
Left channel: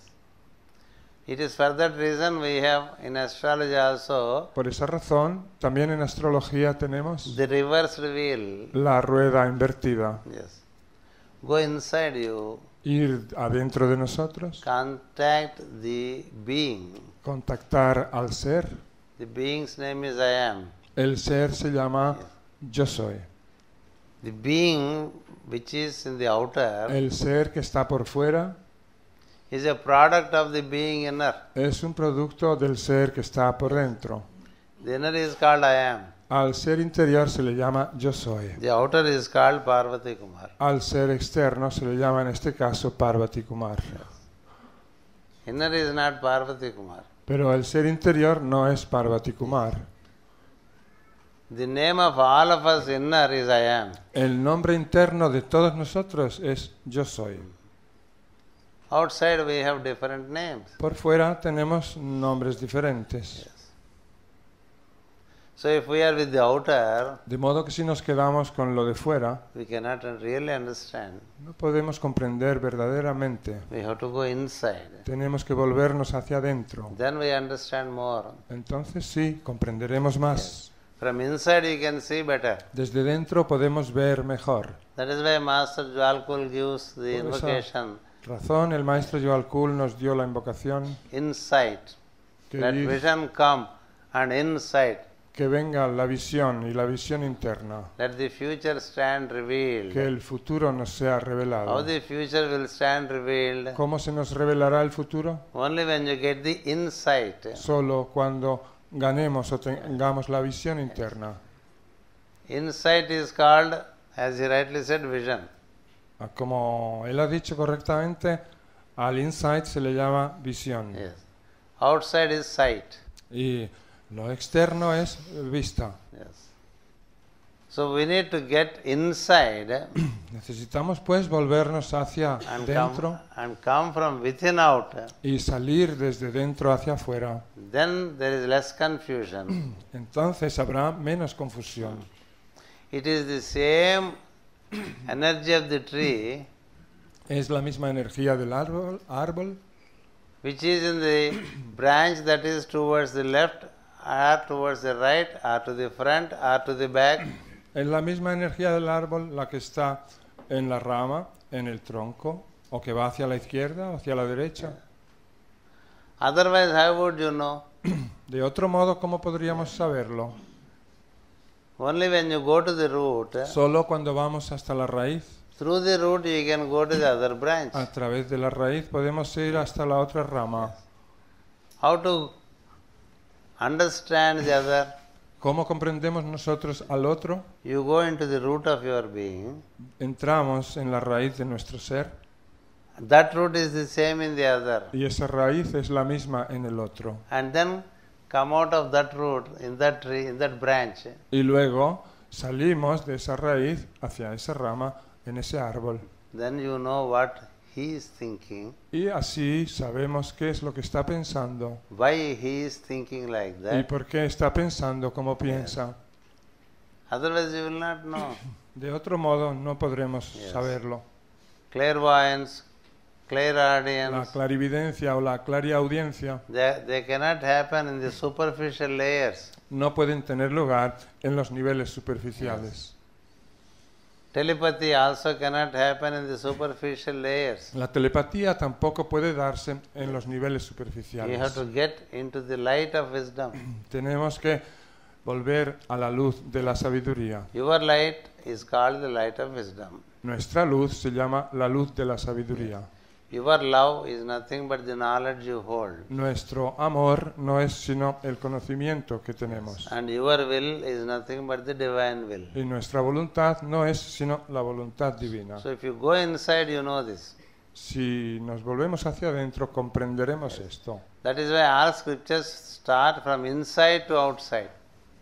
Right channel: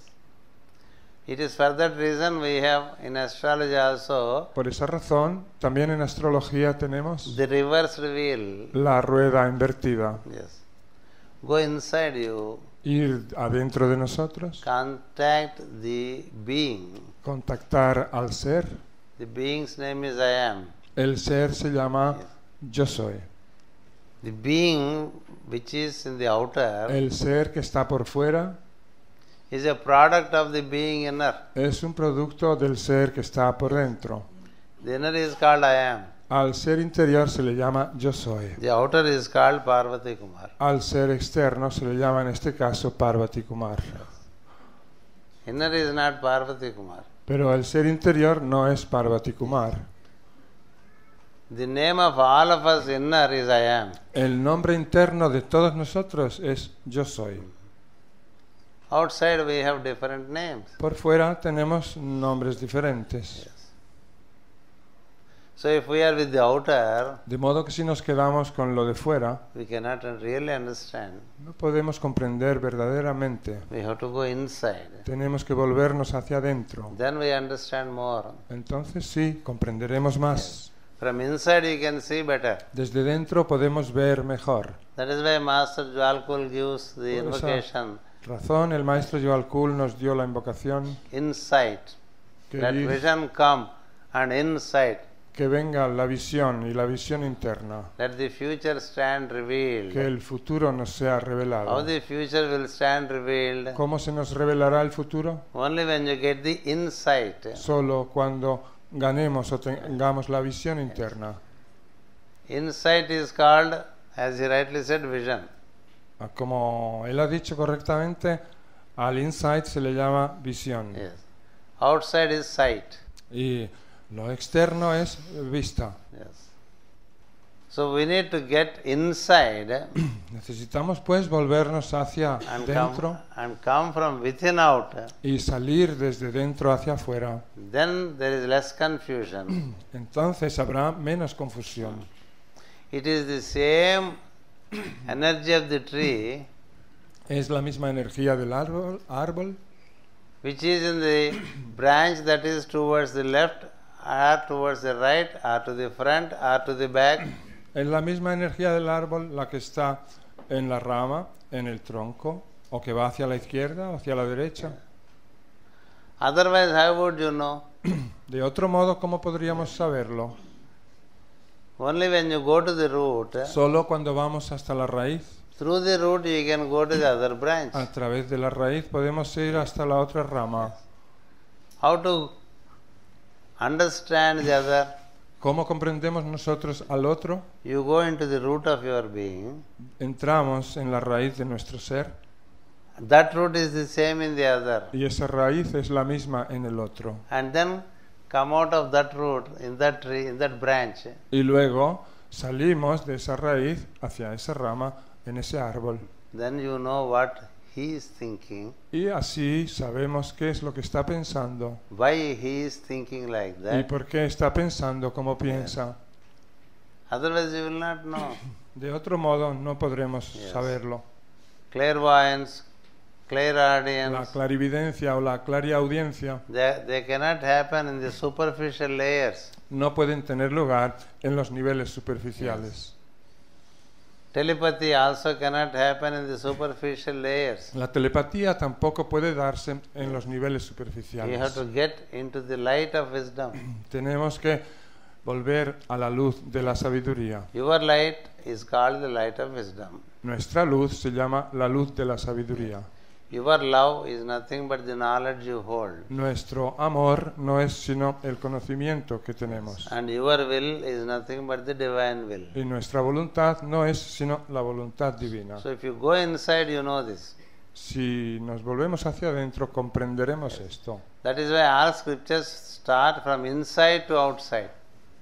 It is for that reason we have in astrology also Por esa razón, también en astrología tenemos the reverse reveal. la rueda invertida. Yes. Go inside you, Ir adentro de nosotros, contact the being. contactar al ser. The being's name is I am. El ser se llama Yes. yo soy. The being which is in the outer El ser que está por fuera is a product of the being inner. es un producto del ser que está por Yes. dentro. The inner is called I am. Al ser interior se le llama yo soy. The outer is called Parvati Kumar. Al ser externo se le llama en este caso Parvati Kumar. Yes. Inner is not Parvati Kumar. Pero el ser interior no es Parvati Kumar. The name of all of us inner is I am. El nombre interno de todos nosotros es yo soy. Outside we have different names. Por fuera tenemos nombres diferentes. Yes. So if we are with the outer, De modo que si nos quedamos con lo de fuera, we cannot really understand. podemos comprender verdaderamente. We have to go inside. Tenemos que volvernos hacia adentro. Then we understand more. Entonces sí, comprenderemos más. Yes. From inside you can see better. Desde dentro podemos ver mejor. That is why Master Jwalkul gives the invocation, Razón, el maestro Joalkul nos dio la invocación insight. Let vision come and insight. que venga la visión y la visión interna. Let the future stand revealed. El futuro nos sea revelado. How the future will stand revealed? ¿Cómo se nos revelará el futuro? Only when you get the insight. Solo cuando daremos o tengamos la visión interna. Insight is called, as he rightly said, vision. Como él ha dicho correctamente, al insight se le llama visión. Yes. Outside is sight. Y lo externo es vista. Yes. So we need to get inside Necesitamos pues volvernos hacia and come from within out. y salir desde dentro hacia afuera. Then there is less confusion. Entonces habrá menos confusión. It is the same energy of the tree Es la misma energía del árbol, which is in the branch that is towards the left or towards the right or to the front or to the back. es la misma energía del árbol la que está en la rama, en el tronco, o que va hacia la izquierda, hacia la derecha. Yeah. Otherwise, how would you know? De otro modo, ¿cómo podríamos saberlo? Only when you go to the root, Solo cuando vamos hasta la raíz, through the root you can go to the other branch. a través de la raíz podemos ir hasta la otra rama. Yes. How to understand the other? ¿Cómo comprendemos nosotros al otro? You go into the root of your being. Entramos en la raíz de nuestro ser That root is the same in the other. y esa raíz es la misma en el otro. And then come out of that root, in that tree, in that branch. Y luego salimos de esa raíz hacia esa rama, en ese árbol. Then you know what he is thinking, Y así sabemos qué es lo que está pensando. why he is thinking like that. ¿Por qué está pensando como Yes. piensa? Otherwise you will not know. De otro modo no podremos Yes. saberlo. Clairvoyance, clairaudience, La clarividencia, la clariaudiencia they cannot happen in the superficial layers. no pueden tener lugar en los niveles superficiales. Yes. Telepathy also cannot happen in the superficial layers. La telepatía tampoco puede darse en Yes. los niveles superficiales. You have to get into the light of wisdom. Tenemos que volver a la luz de la sabiduría. Your light is called the light of wisdom. Nuestra luz se llama la luz de la sabiduría. Yes. Your love is nothing but the knowledge you hold. Nuestro amor no es sino el conocimiento que tenemos. Yes. And your will is nothing but the divine will. Y nuestra voluntad no es sino la voluntad divina. So if you go inside, you know this. Si nos volvemos hacia adentro, comprenderemos Yes. esto. That is why all scriptures start from inside to outside.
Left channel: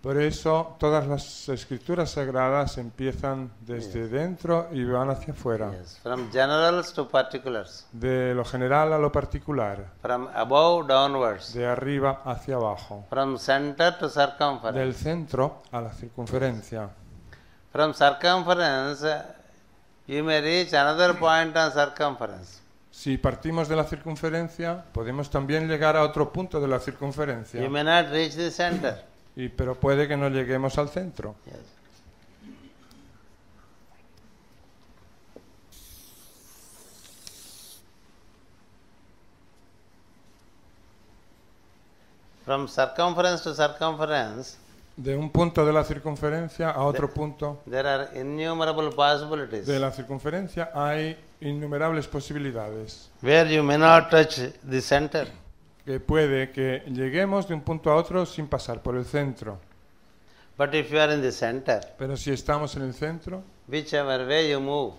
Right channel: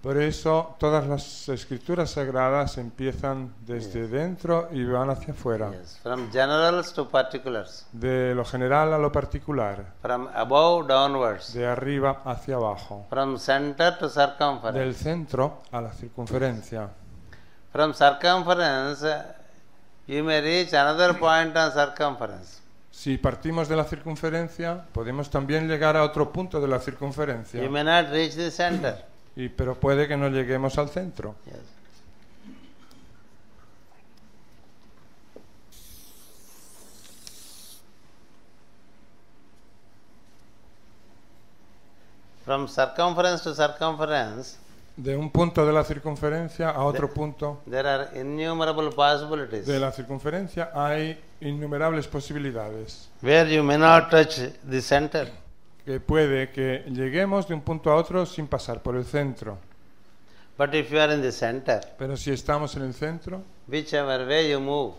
Por eso todas las escrituras sagradas empiezan desde Yes. dentro y van hacia fuera. Yes. From generals to particulars. De lo general a lo particular, From above downwards. de arriba hacia abajo, From center to del circumference. centro a la circunferencia. From circumference, you may reach another point on circumference. Si partimos de la circunferencia, podemos también llegar a otro punto de la circunferencia, You may not reach the center. pero puede que no lleguemos al centro. Yes. From circumference to circumference, De un punto de la circunferencia a The- otro punto there are innumerable possibilities de la circunferencia hay innumerables posibilidades. where you may not touch the center. Que puede que lleguemos de un punto a otro sin pasar por el centro. But if you are in the center, Si estamos en el centro, whichever way you move,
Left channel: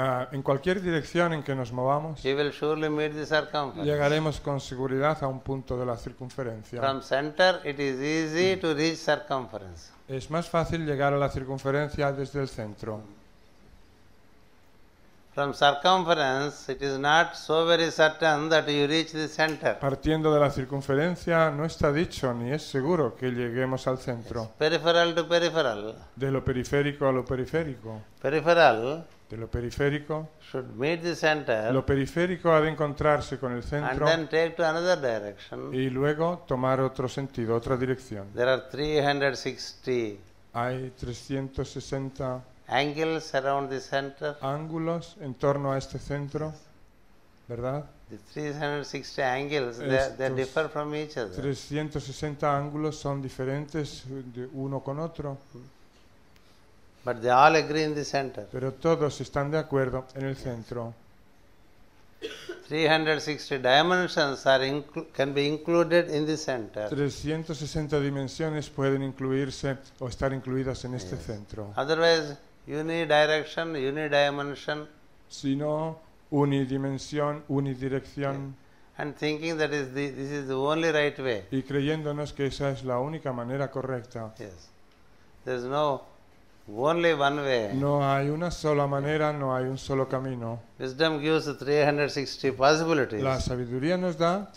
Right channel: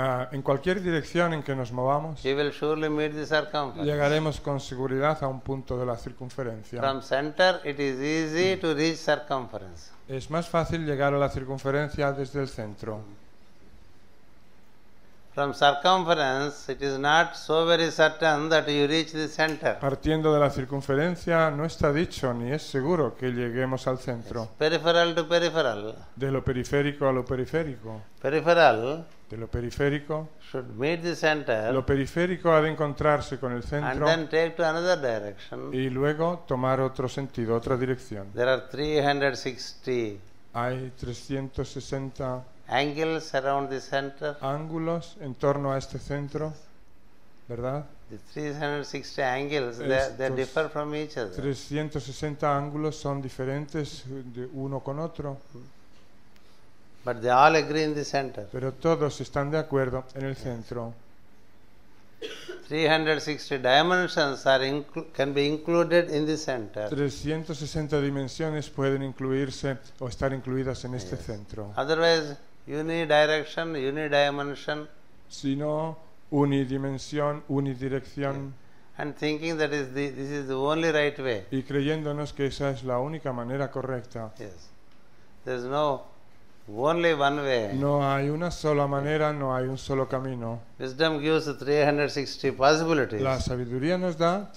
en cualquier dirección en que nos movamos, you will surely meet the circumference. llegaremos con seguridad a un punto de la circunferencia. From center, it is easy to reach circumference. Es más fácil llegar a la circunferencia desde el centro. From circumference, it is not so very certain that you reach the center. Partiendo de la circunferencia no está dicho ni es seguro que lleguemos al centro. Yes. Peripheral to peripheral. De lo periférico a lo periférico. Peripheral De lo periférico. should meet the center Lo periférico al encontrarse con el centro. and then take to another direction. Y luego tomar otro sentido, otra dirección. There are 360 Hay 360 angles around the center. ángulos en torno a este centro. Yes. ¿Verdad? The 360 angles, they differ from each other. 360 ángulos son diferentes de uno con otro. But they all agree in the center. Pero todos están de acuerdo en el Yes. centro. 360 dimensions can be included in the center. 360 dimensiones pueden incluirse o estar incluidas en el Yes. centro. Otherwise, unidirection, unidimension, Si no, unidimensión, unidirección, yeah. And thinking that this is the only right way. y creyéndonos que esa es la única manera correcta. Yes. There is no only one way. No hay una sola manera, no hay un solo camino. Wisdom gives 360 possibilities. La sabiduría nos da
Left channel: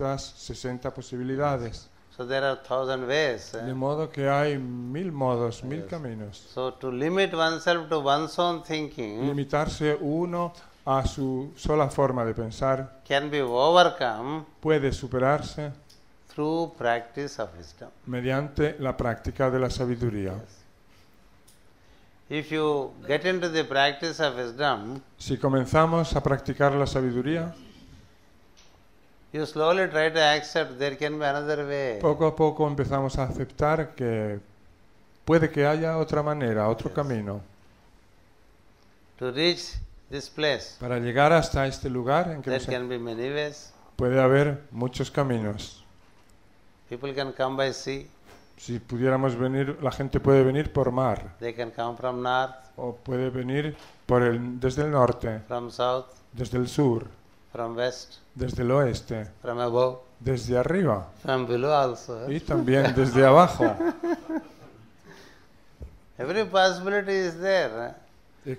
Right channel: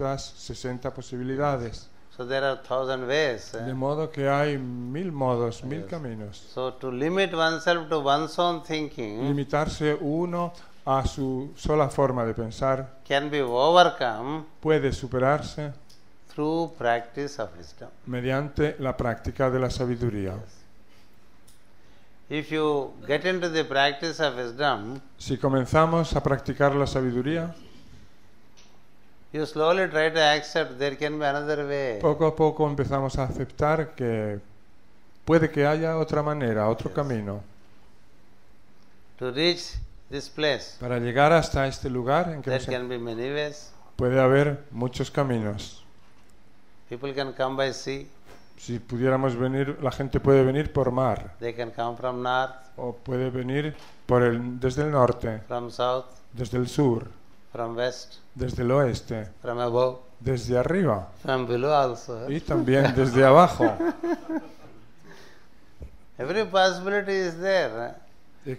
360 posibilidades. So there are 1,000 ways. De modo que hay 1000 modos de Yes. caminos. So to limit oneself to one's own thinking Limitarse uno a su sola forma de pensar can be overcome puede superarse through practice of wisdom. mediante la práctica de la sabiduría. Yes. If you get into the practice of wisdom, Si comenzamos a practicar la sabiduría, you slowly try to accept there can be another way. poco a poco empezamos a aceptar que puede que haya otra manera, otro Yes. camino. To reach this place, Para llegar hasta este lugar there can be many ways. debe haber muchos caminos. People can come by sea, Si pudiéramos venir, la gente puede venir por mar, they can come from north, o puede venir desde el norte, from south, desde el sur, from west, desde el oeste, from above, desde arriba, from below also. desde abajo. Every possibility is there.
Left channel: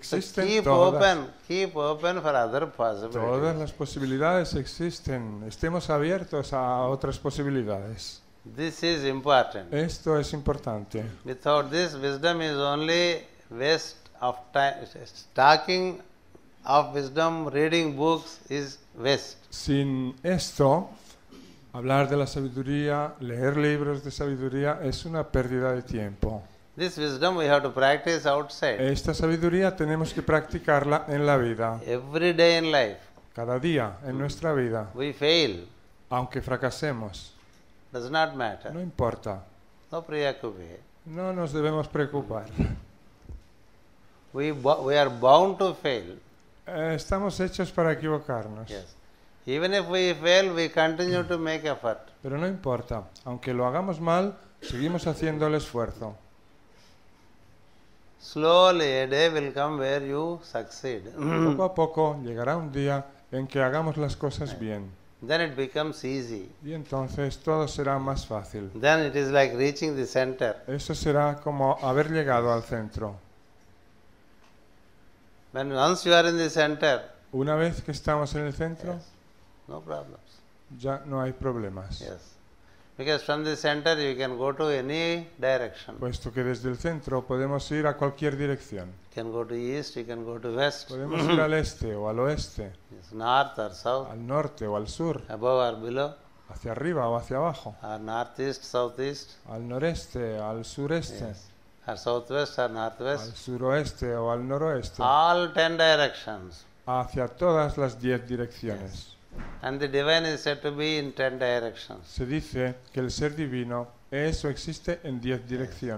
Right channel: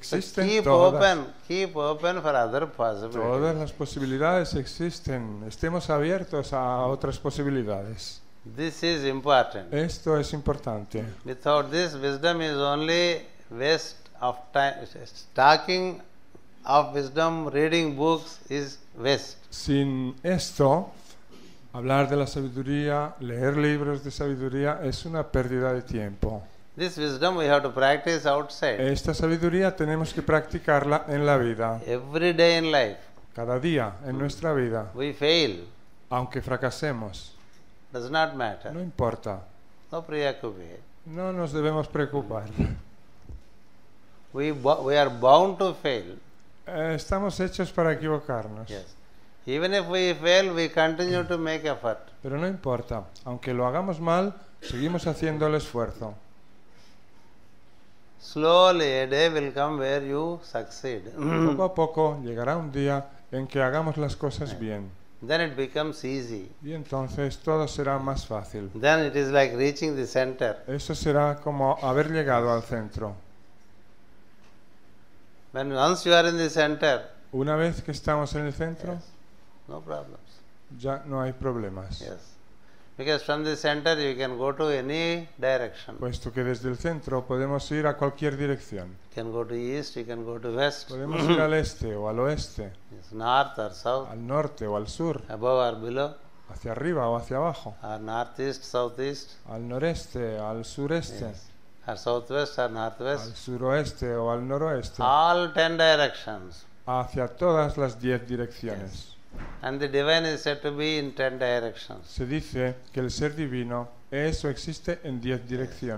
So keep open for other possibilities. Todas las posibilidades existen. Estemos abiertos a otras posibilidades. This is important. Esto es importante. Without this, wisdom is only waste of time. Talking of wisdom, reading books is waste. Sin esto, hablar de la sabiduría, leer libros de sabiduría es una pérdida de tiempo. This wisdom we have to practice outside. Esta sabiduría tenemos que practicarla en la vida, Every day in life. cada día de nuestra vida. We fail. Aunque fracasemos, Does not matter. no importa. No preoccupy. No nos debemos preocupar. We are bound to fail. Estamos hechos para equivocar. Yes. Even if we fail, we continue to make effort. Pero no importa. Aunque lo hagamos mal, seguimos haciendo el esfuerzo. Slowly a day will come where you succeed. Poco a poco llegará un día en que hagamos las cosas bien. Then it becomes easy. Y entonces todo será más fácil. Then it is like reaching the center. Eso será como haber llegado al centro. When once you are in the center, Una vez que estamos en el centro, yes, no problems. ya no hay problemas. Yes. Because from the center you can go to any direction. Puesto que desde el centro podemos ir a cualquier dirección. You can go to east, you can go to west, Al este o al oeste, yes, north or south, al norte o al sur, above or below, hacia arriba o hacia abajo, or northeast, southeast, al noreste, al sureste, yes, or southwest or northwest. al oeste o al noroeste, All 10 directions. hacia todas las 10 direcciones. Yes. And the divine is said to be in 10 directions. Se dice que el ser divino eso existe en 10 direcciones.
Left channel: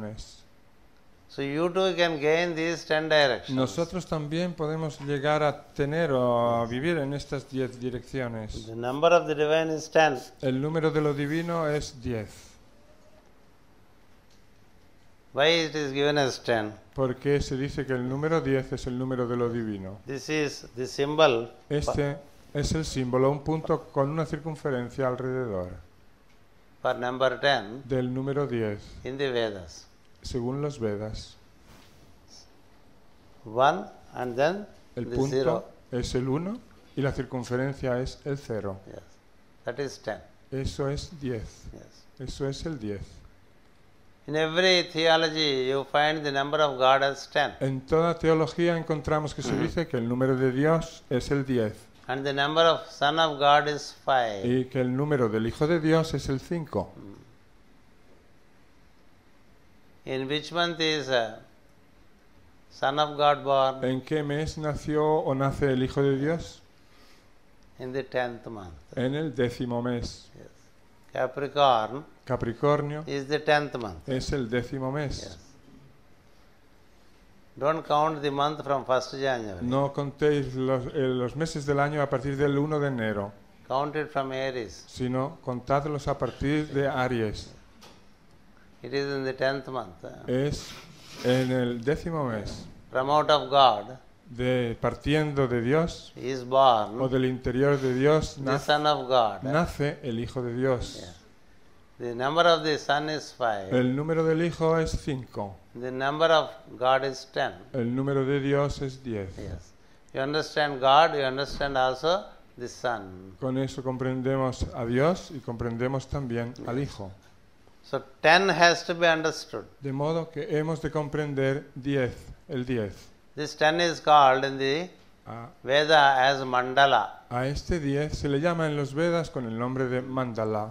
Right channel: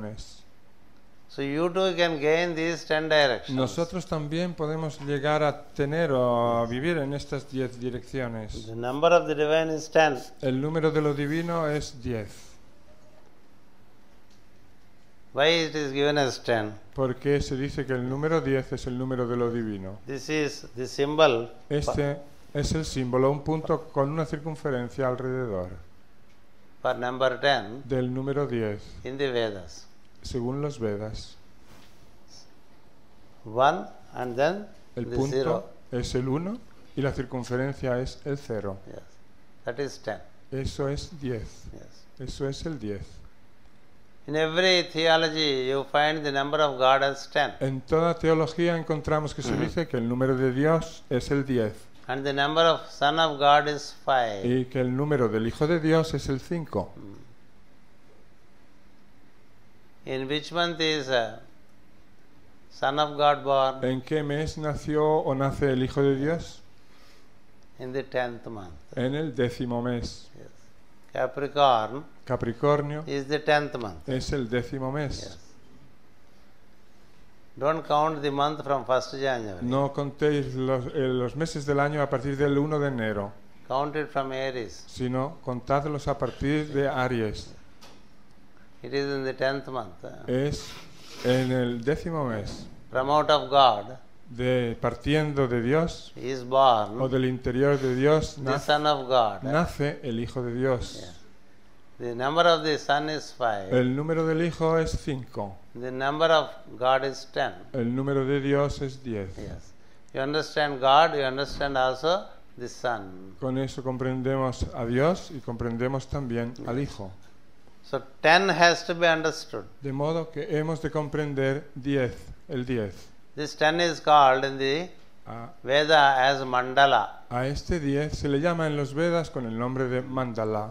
So you too can gain these 10 directions. Nosotros también podemos llegar a tener o a vivir en estas 10 direcciones. The number of the divine is 10. El número de lo divino es 10. Why it is given as 10? Porque se dice que el número 10 es el número de lo divino. This is the symbol Es el símbolo, un punto con una circunferencia alrededor for number 10 del número 10, in the Vedas. según los Vedas. 1 and then the 0. Es el 1 y la circunferencia es de 0. Yes. That is 10. Eso es 10. Yes. Eso es el 10. In every theology you find the number of God as 10. En toda teología encontramos que dice que el número de Dios es el 10 And the number of Son of God is 5. y que el número del Hijo de Dios es el 5. In which month is Son of God born? ¿En qué mes nació o nace el Hijo de Dios? In the 10th month. En el 10º mes. Yes. Capricorn Capricornio is the 10th month. es el 10º mes. Yes. Don't count the month from 1st January. No contéis los meses del año a partir del 1 de enero, Count it from Aries. sino contadlos a partir de Aries. It is in the 10th month. Es en el 10º mes. From out of God Partiendo de Dios, is born del interior de Dios, the Son of God. nace el Hijo de Dios. Yes. The number of the Son is 5. El número del Hijo es 5. The number of God is 10. El número de Dios es 10. Yes. You understand God, you understand also the Son. Con eso comprendemos a Dios y comprendemos también al Yes. Hijo. So 10 has to be understood. De modo que hemos de comprender 10, el 10. This 10 is called in the Veda as Mandala. A este 10 se le llama en los Vedas con el nombre de Mandala.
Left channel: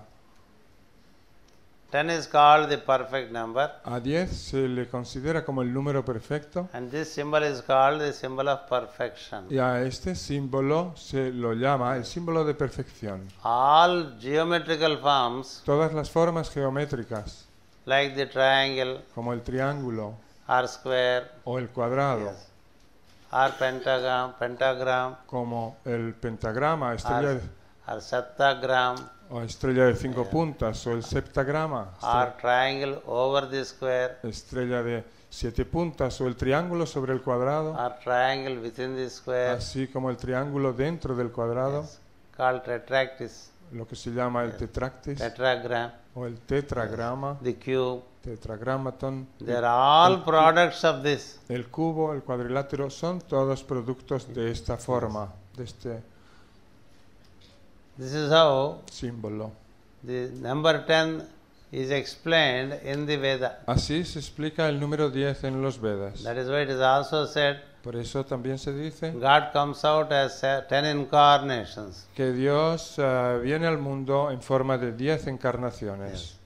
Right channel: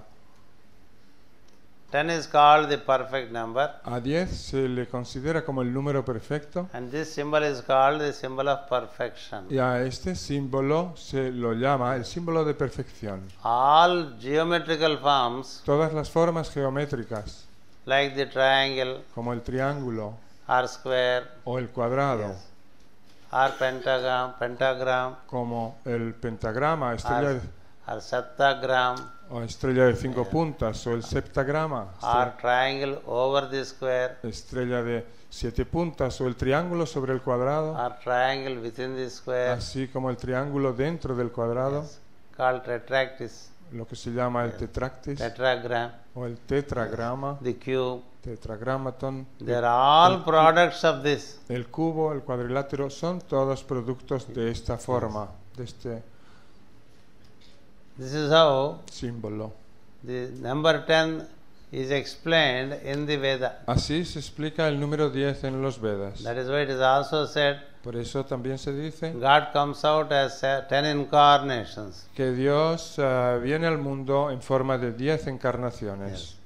10 is called the perfect number. A 10 se le considera como el número perfecto. And this symbol is called the symbol of perfection. Y a este símbolo se lo llama el símbolo de perfección. All geometrical forms Todas las formas geométricas, like the triangle como el triángulo or square, o el cuadrado, yes, or pentagram como el pentagrama, or estrellas septagram o estrellas de Yeah. puntas, o el septagrama, or triangle over the square o estrella de 7 puntas, o el triángulo sobre el cuadrado, or triangle within the square, así como el triángulo dentro del cuadrado, yes, called tetractys, lo que se llama Yes. el tetragram, o el yes, tetragrama, the cube. el tetragrama, They are all products of this. el cubo, el cuadrilátero son todos productos de esta Yes. forma, este This is how símbolo. the number 10 is explained in the Veda. Así se explica el número 10 en los Vedas. That is why it is also said Por eso también se dice God comes out as 10 incarnations. que Dios viene al mundo en forma de 10 encarnaciones. Yes.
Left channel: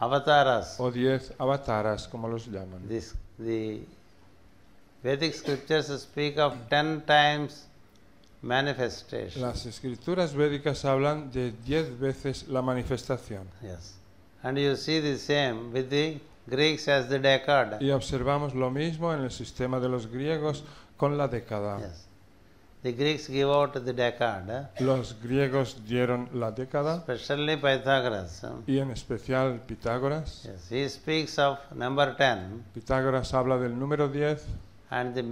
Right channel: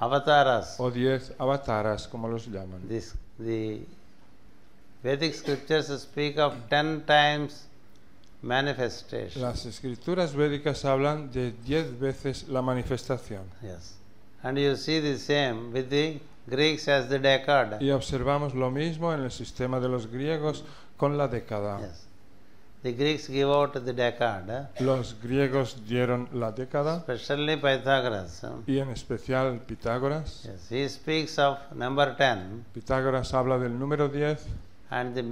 Avataras. O 10 avataras, como the Vedic scriptures speak of 10 times manifestation. Las escrituras védicas hablan de 10 veces la manifestación. Yes. And you see the same with the Greeks as the decad. Y observamos lo mismo en el sistema de los griegos con la década. Yes. The Greeks give out the decad, Los griegos dieron la década, especially Pythagoras. y en especial Pitágoras. Yes. He speaks of number 10 Pitágoras habla del número 10 and the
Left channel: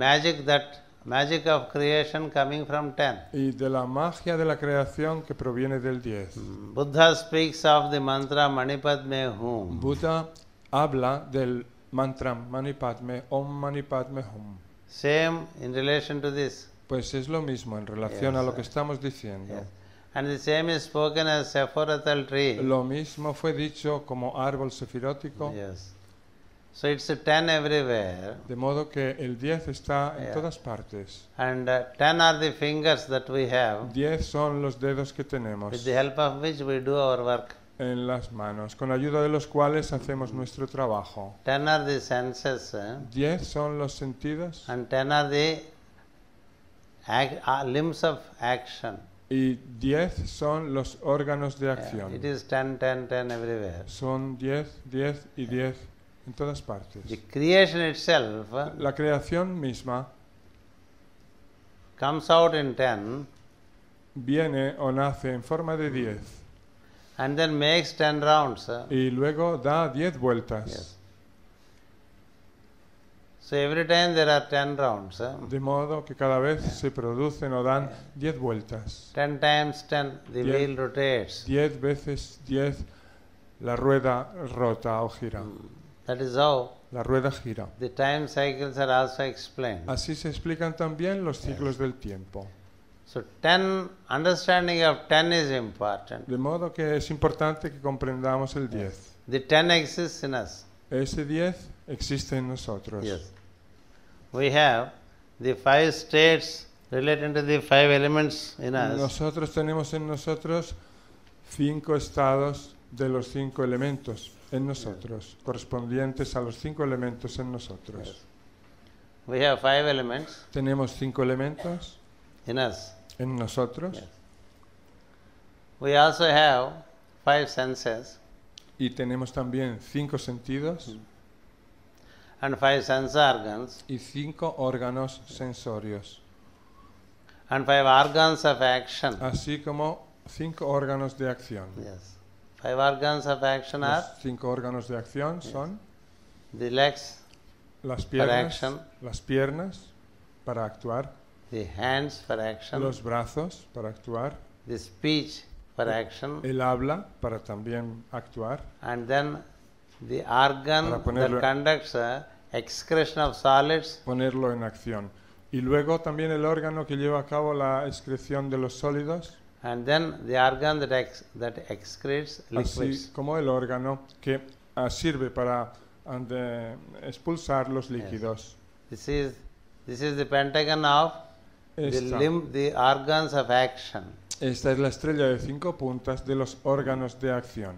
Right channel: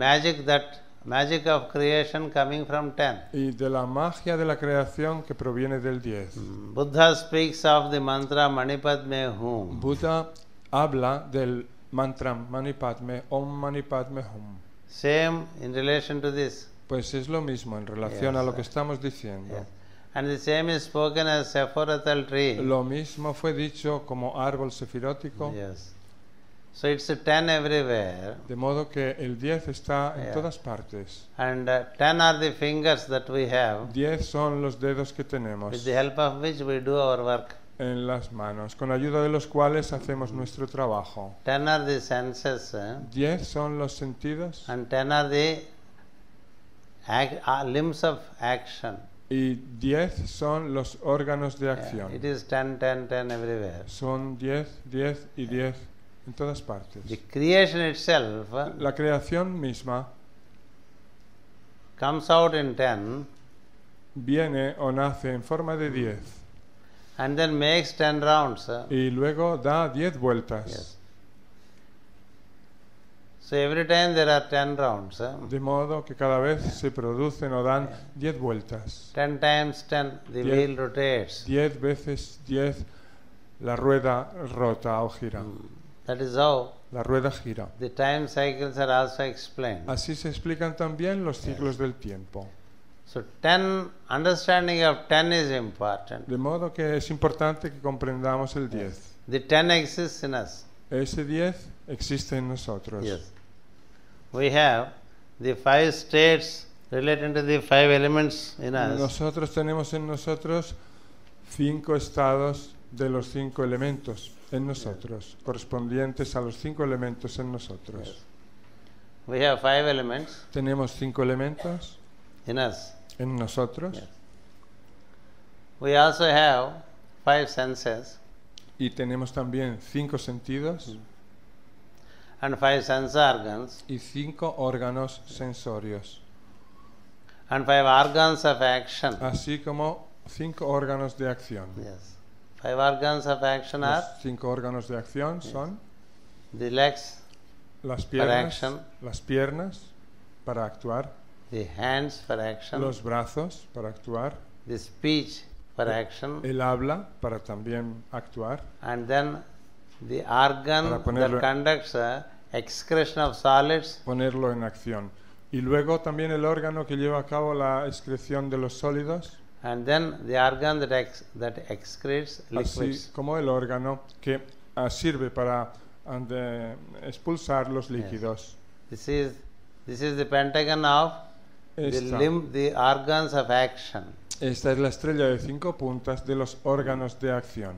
magic of creation coming from 10. y de la magia de la creación que proviene del 10. Buddha speaks of the mantra Manipadme Hum. Buda habla del mantra Manipadme, Om Manipadme. Same in relation to this. Pues es lo mismo, Yes, lo que estamos diciendo. Yes. And the same is spoken as Sephorathal tree. Lo mismo fue dicho como árbol sefilótico. Yes. So it's a 10 everywhere. De modo que el 10 está Yeah. en todas partes. And 10 are the fingers that we have, 10 son los dedos que tenemos with the help of which we do our work. en las manos, con la ayuda de los cuales hacemos nuestro trabajo. 10 are the senses, 10 son los sentidos and 10 are the limbs of action. y 10 son los órganos de Yeah, acción. it is 10, 10, 10 everywhere. Son 10, 10 y 10 en todas partes. The creation itself La creación misma comes out in 10 viene o nace en forma de 10 and then makes 10 rounds. y luego da 10 vueltas. Yes. So every time there are 10 rounds. De modo que cada vez que se producen o dan 10 vueltas. 10 times 10, the wheel rotates. 10 veces 10 la rueda rota o gira. That is how La rueda gira. the time cycles are also explained. Así se explican también los Yes. ciclos del tiempo. So 10, understanding of 10 is important. De modo que es importante que comprendamos el 10. Yes. The 10 exists in us. Ese 10 existe en nosotros. Yes. We have the 5 states relating to the 5 elements in us. Nosotros tenemos en nosotros 5 estados de los 5 elementos en nosotros, correspondientes a los 5 elementos en nosotros. Yes. We have 5 elements Tenemos 5 elementos in us. en nosotros. Yes. We also have 5 senses Y tenemos también 5 sentidos and 5 sense organs y 5 órganos sensorios, and 5 organs of action. así como 5 órganos de acción. Yes. 5 organs of action are 5 órganos de acción Yes. son the legs las for piernas, action, las piernas para actuar, the hands for action, los brazos para actuar, the speech for action, el habla para también actuar, and then the organ that conducts excretion of solids, ponerlo en acción. Y luego también el órgano que lleva a cabo la excreción de los sólidos, and then the organ that excretes liquids. así como el órgano que sirve para expulsar los Yes. líquidos. This is the pentagon of the organs of action. Esta es la estrella de 5 puntas de los órganos de acción,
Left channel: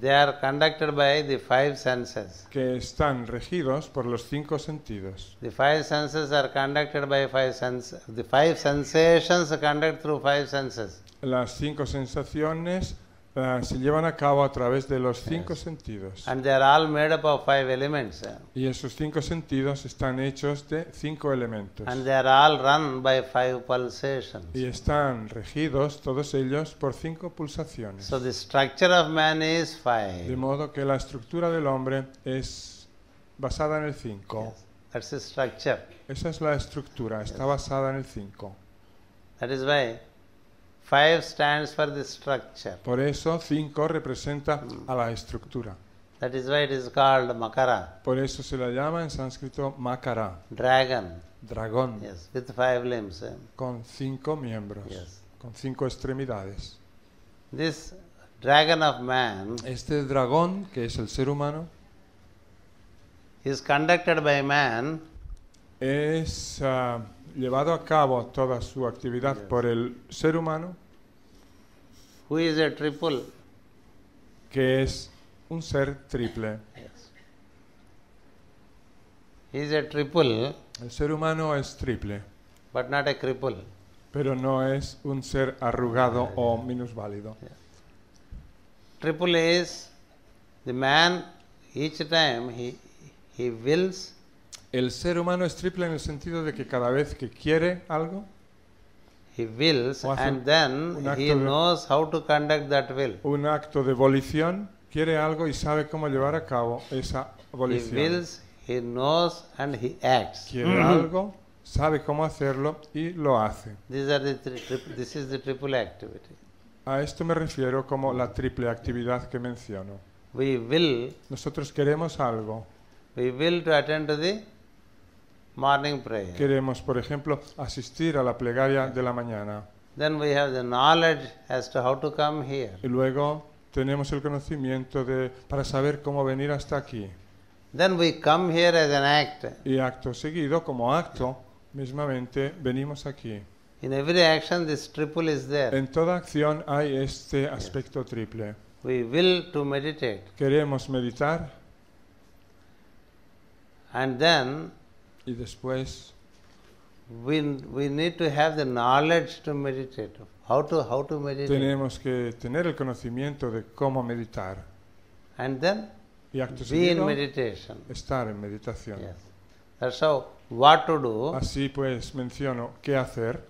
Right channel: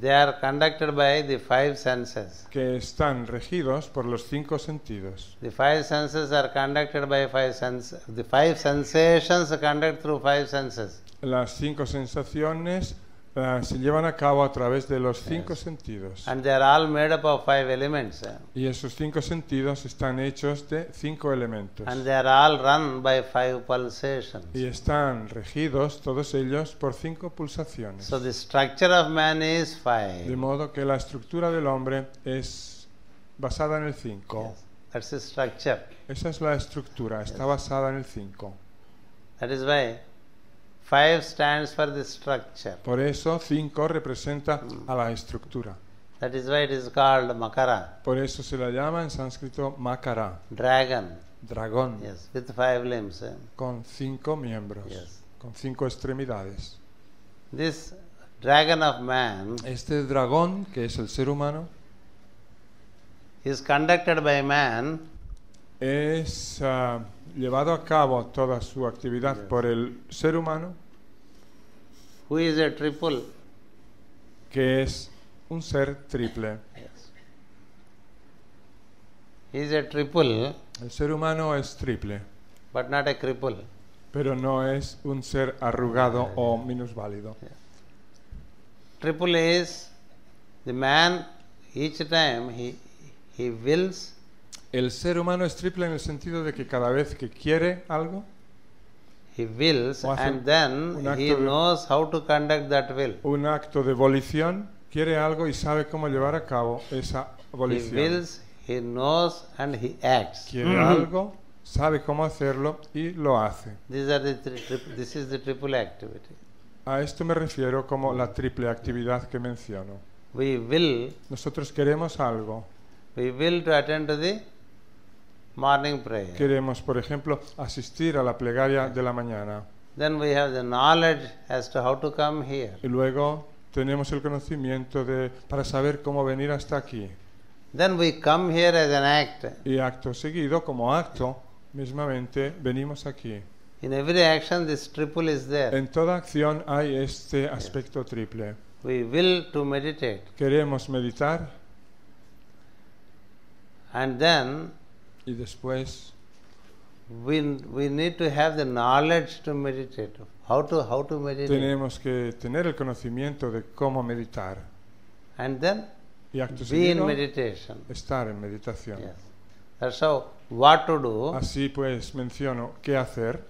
They are conducted by the 5 senses. que están regidos por los 5 sentidos. The 5 senses are conducted by 5 senses. The 5 sensations are conducted through 5 senses. Las 5 sensaciones se llevan a cabo a través de los 5 Yes. sentidos. And they are all made up of 5 elements. Y esos 5 sentidos están hechos de 5 elementos. And they are all run by 5 pulsations. Y están regidos todos ellos por 5 pulsaciones. So the structure of man is 5. De modo que la estructura del hombre es basada en el 5. Yes, that's the structure. Esa es la estructura, Yes. está basada en el 5. That is why 5 stands for the structure. Por eso 5 representan a la estructura. That is why it is called Makara, Por eso se le llama en sánscrito Makara, dragon. dragón, Yes, with 5 limbs. con 5 miembros, Yes. 5 extremidades. This dragon of man Este dragón, que es el ser humano, is conducted by man es llevado a cabo toda su actividad Yes. por el ser humano, who is a triple. que es un ser triple. Yes. He is a triple, El ser humano es triple, but not a cripple. pero no es un ser arcano o un falso. Triple is the man, each time he wills, El ser humano es triple en el sentido de que cada vez que quiere algo, he wills, and then he knows how to conduct that will. un acto de volición, quiere algo y sabe cómo llevar a cabo esa He wills, he knows, and he acts. algo, sabe cómo hacerlo y lo hace. These are the this is the triple activity. A esto me refiero como la triple actividad que menciono. We will, Nosotros queremos algo, we will to attend to the morning prayer. queremos, por ejemplo, asistir a la plegaria de la mañana. Then we have the knowledge as to how to come here. Y luego tenemos el conocimiento para saber cómo venir hasta aquí. Then we come here as an act. Y acto seguido, como acto, mismamente venimos aquí. In every action, this triple is there. En toda acción hay este aspecto triple. We will to meditate. Queremos meditar And then y después we need to have the knowledge to meditate. How to meditate. tenemos que tener el conocimiento de cómo meditar. And then be in meditation. Estar en meditación. Yes. That's how what to do, Así pues menciono qué hacer,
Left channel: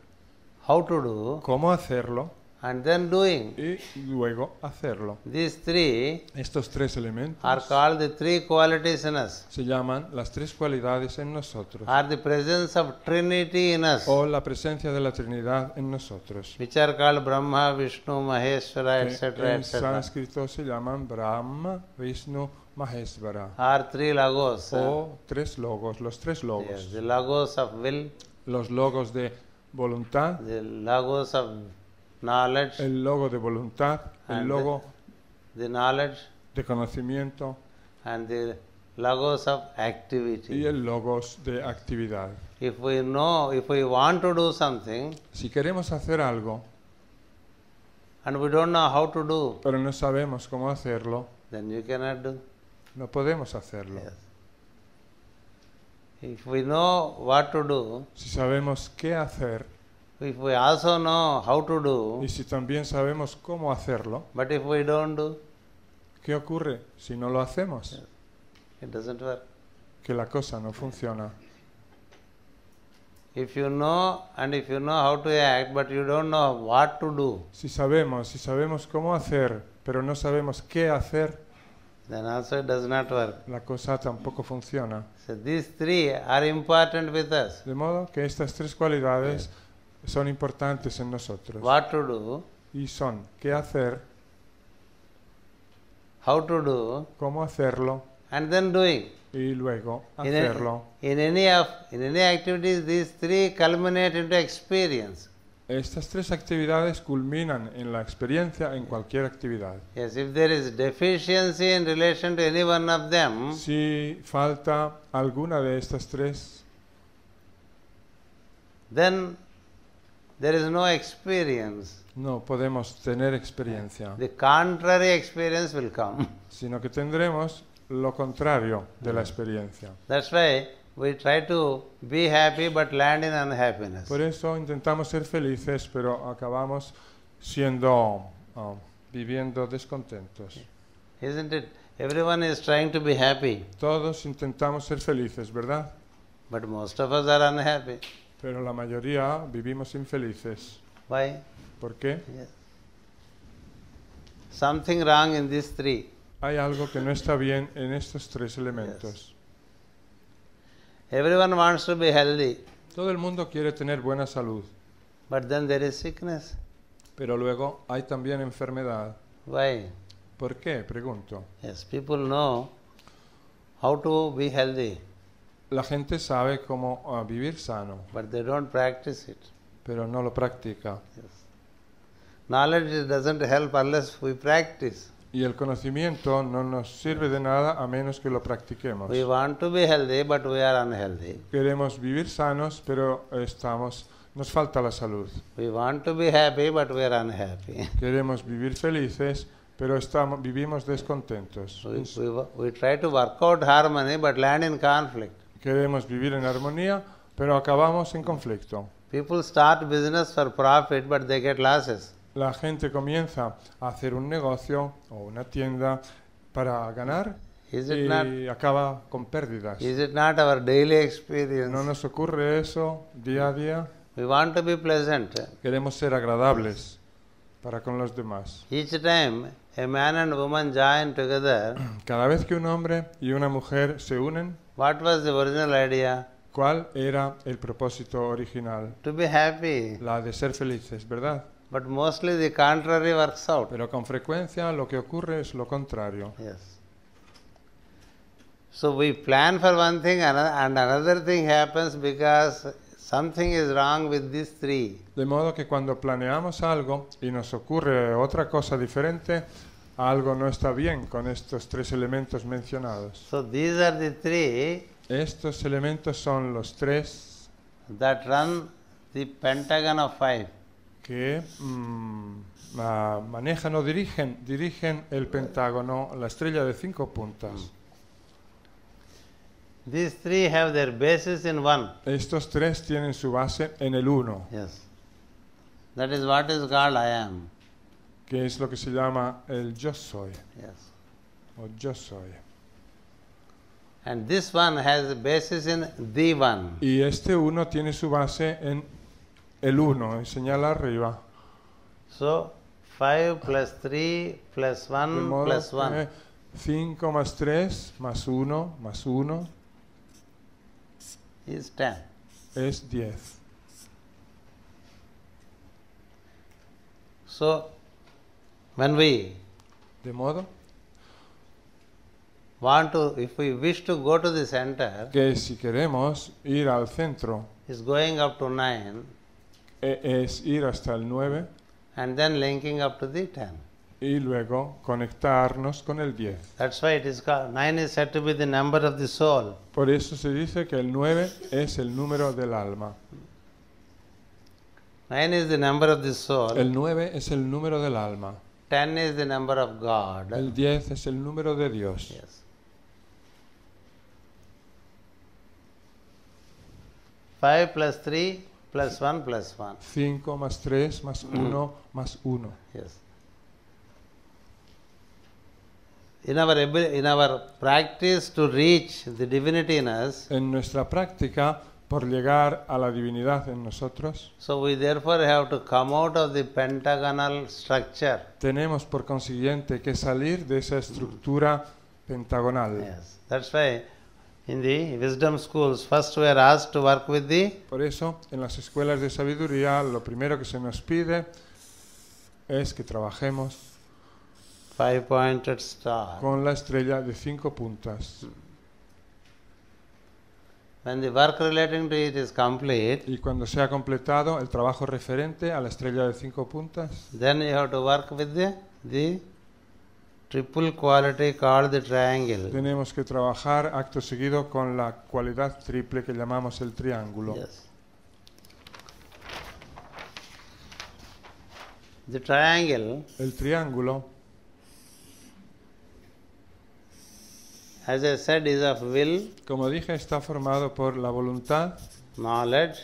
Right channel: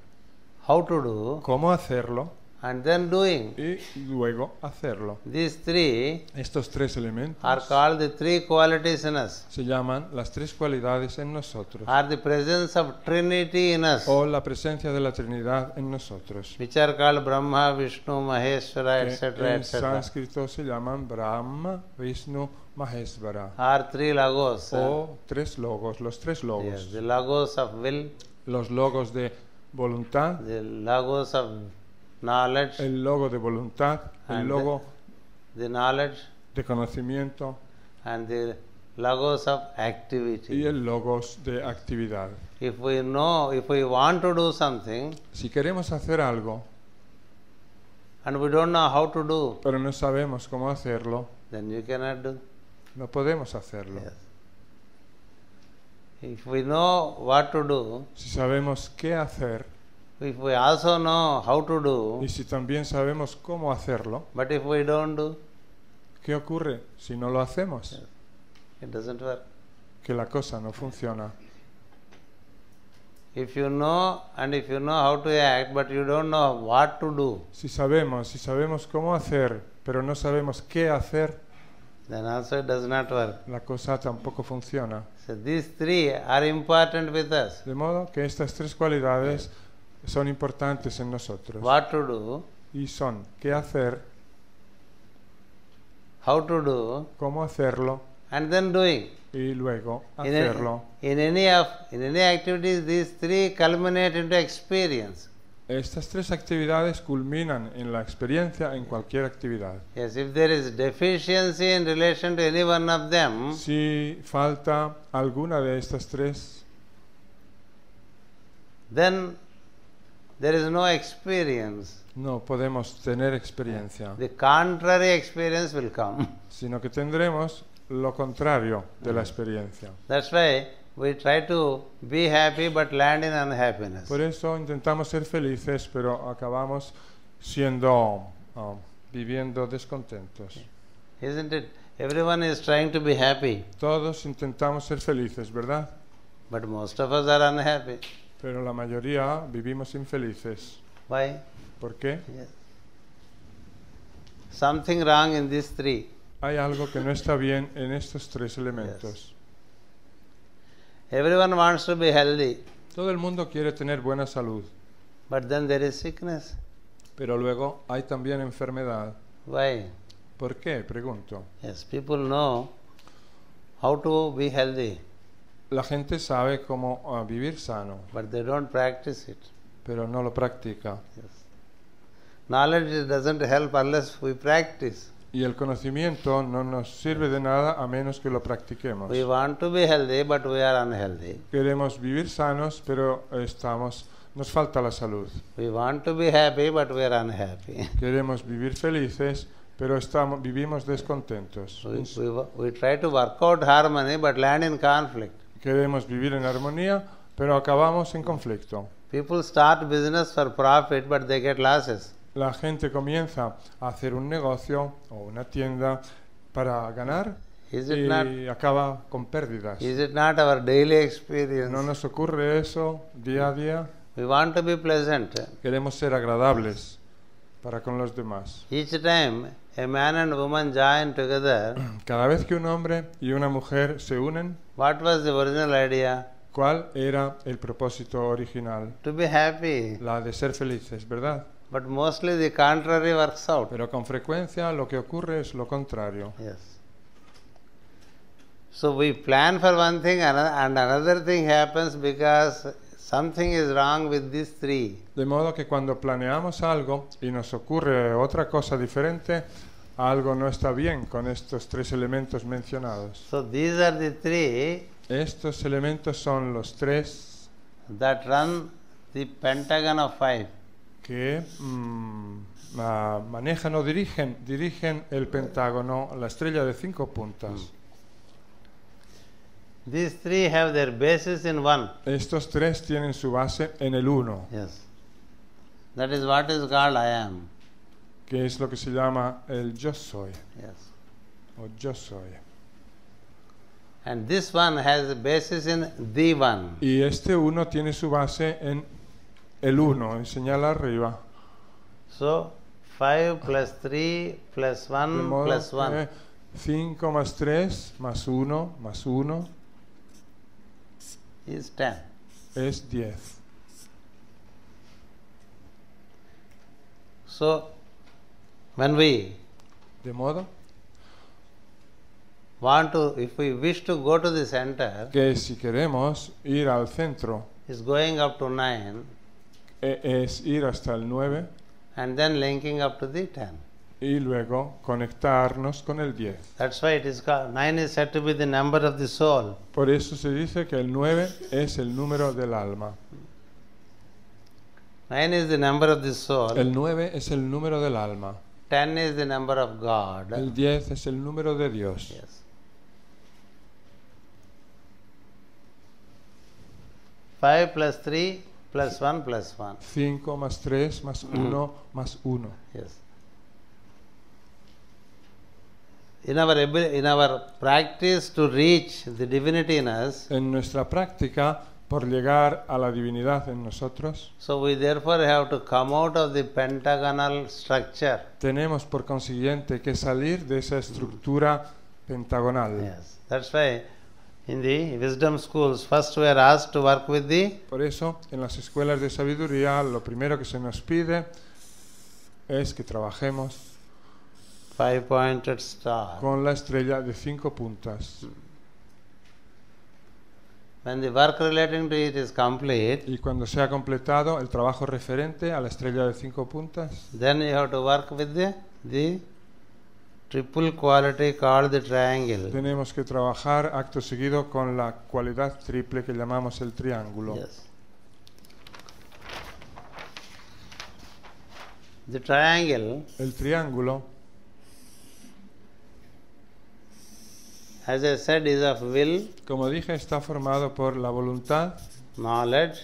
how to do, cómo hacerlo and then doing. y luego hacerlo. These three Estos tres elementos are called the three qualities in us, se llaman las tres cualidades en nosotros, are the presence of Trinity in us, o la presencia de la Trinidad en nosotros. which are called Brahma, Vishnu, Maheshwara, etc., etc. Sánscritos se llaman Brahma, Vishnu, Maheshwara. Are three logos. O tres logos, los tres logos. Yes, the logos of will, Los logos de voluntad, the logos of knowledge, el logo de voluntad, and el logo the knowledge, de conocimiento and the logos of y activity. el logos de actividad. If we know, if we want to do something Si queremos hacer algo, and we don't know how to do, pero no sabemos cómo hacerlo, then you cannot do. no podemos hacerlo. Yes. If we know what to do, Si sabemos qué hacer if we also know how to do, y si también sabemos cómo hacerlo, but if we don't do, ¿qué ocurre si no lo hacemos? it doesn't work. Que la cosa no funciona. If you know and if you know how to act, but you don't know what to do, Si sabemos cómo hacer, pero no sabemos qué hacer, then also it does not work. la cosa tampoco funciona. So these three are important with us. De modo que estas tres cualidades Yes. son importantes en nosotros. What to do, Y son qué hacer, how to do, cómo hacerlo and then doing. y luego In, hacerlo. in any activities, these three culminate into experience. Estas tres actividades culminan en la experiencia de cualquier actividad. Yes, if there is deficiency in relation to any one of them, Si falta alguna de estas tres, then there is no experience. no podemos tener experiencia, The contrary experience will come. sino que tendremos lo contrario de la Yes. experiencia. That's why we try to be happy but land in unhappiness. Por eso intentamos ser felices, pero acabamos siendo viviendo descontentos. Isn't it? Everyone is trying to be happy, Todos intentamos ser felices, ¿verdad? but most of us are unhappy. Pero la mayoría vivimos infelices. Why? ¿Por qué? Yes. Something wrong in these three. Hay algo que no está bien en estos tres elementos. Yes. Everyone wants to be healthy, Todo el mundo quiere tener buena salud, but then there is sickness. pero luego hay también enfermedad. Why? ¿Por qué? Pregunto. Yes, people know how to be healthy, La gente sabe cómo vivir sano, but they don't practice it. pero no lo practica. Yes. Knowledge doesn't help unless we practice. Y el conocimiento no nos sirve de nada a menos que lo practiquemos. We want to be healthy, but we are unhealthy. Queremos vivir sanos, pero no falta la salud. We want to be happy, but we are unhappy. Queremos vivir felices, pero vivimos descontentos. We try to work out harmony, but land in conflict. Queremos People start business for profit, but they get losses. La gente comienza a hacer un negocio, una tienda para ganar Is it not? y acaba con pérdida. Is it not our daily experience? ¿No nos ocurre eso día a día? We want to be pleasant. Queremos ser agradables para con los demás. Each time a man and woman join together, Cada vez que un hombre y una mujer se unen, what was the original idea? ¿cuál era el propósito original? To be happy. La de ser felices, ¿verdad? But mostly the contrary works out. Pero con frecuencia lo que ocurre es lo contrario. Yes. So we plan for one thing and another thing happens because something is wrong with these three. De modo que cuando planeamos algo y nos ocurre otra cosa diferente, algo no está bien con estos tres elementos mencionados. So these are the three Estos elementos son los tres that run the pentagon of five. que manejan o dirigen el pentágono, la estrella de 5 puntos. These three have their basis in one. Estos tres tienen su base en el uno, Yes. That is what is called I am. que es lo que se llama el yo soy. Yes. El yo soy. And this one has a basis in the one. Y este uno tiene su base en el uno, en su verdad arriba. So 5 plus 3 plus 1 plus 1. 5 más 3 más 1 Is 10. es 10. So, when we De modo want to, if we wish to go to the center, que si queremos ir al centro, is going up to 9 es ir hasta el 9 and then linking up to the 10. y luego conectarnos con el 10. Yes. That's why it is called, 9 is said to be the number of the soul. Por eso se dice que el 9 es el número del alma. 9 is the number of the soul, El 9 es el número del alma. 10 is the number of God. 10 es el número de Dios. Yes. 5 plus 3 plus 1 plus 1. 5 más 3 más 1 más 1. Yes. In our practice to reach the divinity in us, En nuestra práctica, por llegar a la divinidad en nosotros, so we therefore have to come out of the pentagonal structure. tenemos por consiguiente que salir de esa estructura pentagonal. Yes. That's why in the wisdom schools, first we are asked to work with the Por eso, en las escuelas de sabiduría, lo primero que se nos pide es que trabajemos 5-pointed star. con la estrella de 5 puntas. When the work relating to it is complete, Y cuando se ha completado el trabajo referente a la estrella de 5 puntas, then you have to work with the triple quality called the triangle. tenemos que trabajar acto seguido con la cualidad triple que llamamos el triángulo. Yes. The triangle, El triángulo, as I said, is of will, como dije, está formado por la voluntad, knowledge.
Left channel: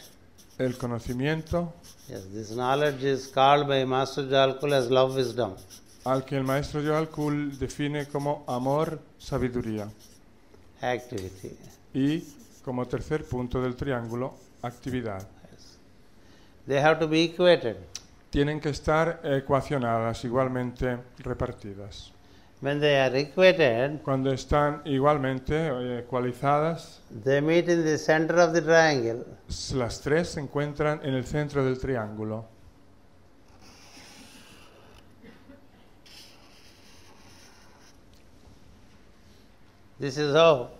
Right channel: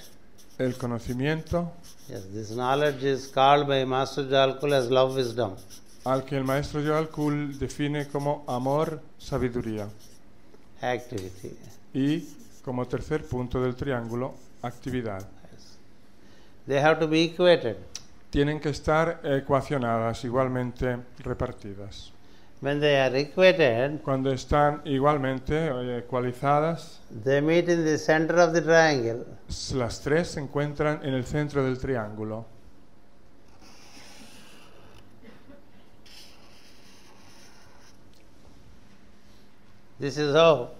el conocimiento, Yes, this knowledge is called by Master Jalkul as love wisdom. al que el maestro Yorkul define como amor, sabiduría. Activity. Y como tercer punto del triángulo, actividad. Yes. They have to be equated. Tienen que estar ecuacionadas, igualmente repartidas. When they are equated, Cuando están igualmente ecualizadas, they meet in the center of the triangle. las tres se encuentran en el centro del triángulo. This is how,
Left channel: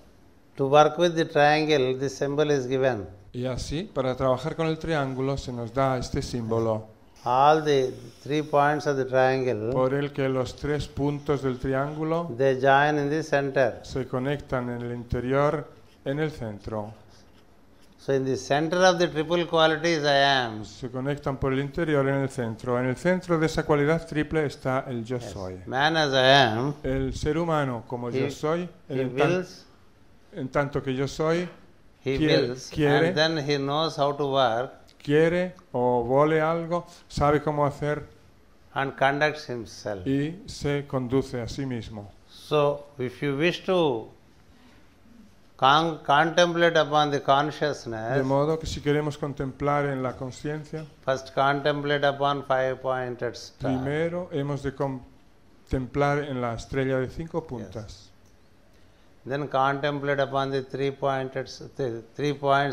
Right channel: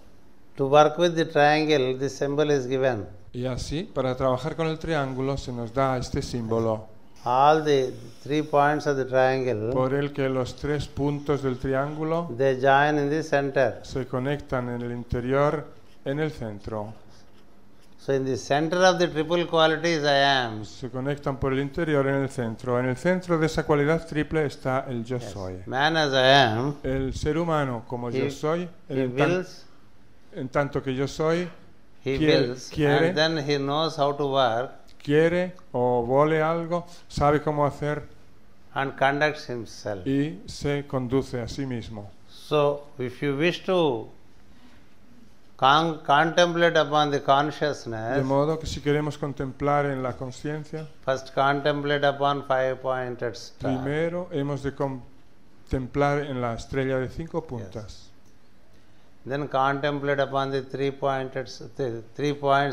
to work with the triangle, this symbol is given. Y así, para trabajar con el triángulo, se nos da este símbolo. All the 3 points of the triangle, Por el que los tres puntos del triángulo they join in the center. se conectan en el interior, en el centro. So in the center of the triple qualities I am. Se conectan por el interior en el centro. En el centro de esa cualidad triple está el yo Yes. soy. Man as I am, El ser humano, como he, yo soy, he wills, en tanto que yo soy, and then he knows how to work quiere o vole algo, sabe cómo hacer and conducts himself. y se conduce a sí mismo. So, if you wish to contemplate upon the consciousness, De modo que si queremos contemplar en la conciencia, first contemplate upon 5-pointed star. primero hemos de contemplar en la estrella de 5 Yes. puntas. Then contemplate upon the 3 points,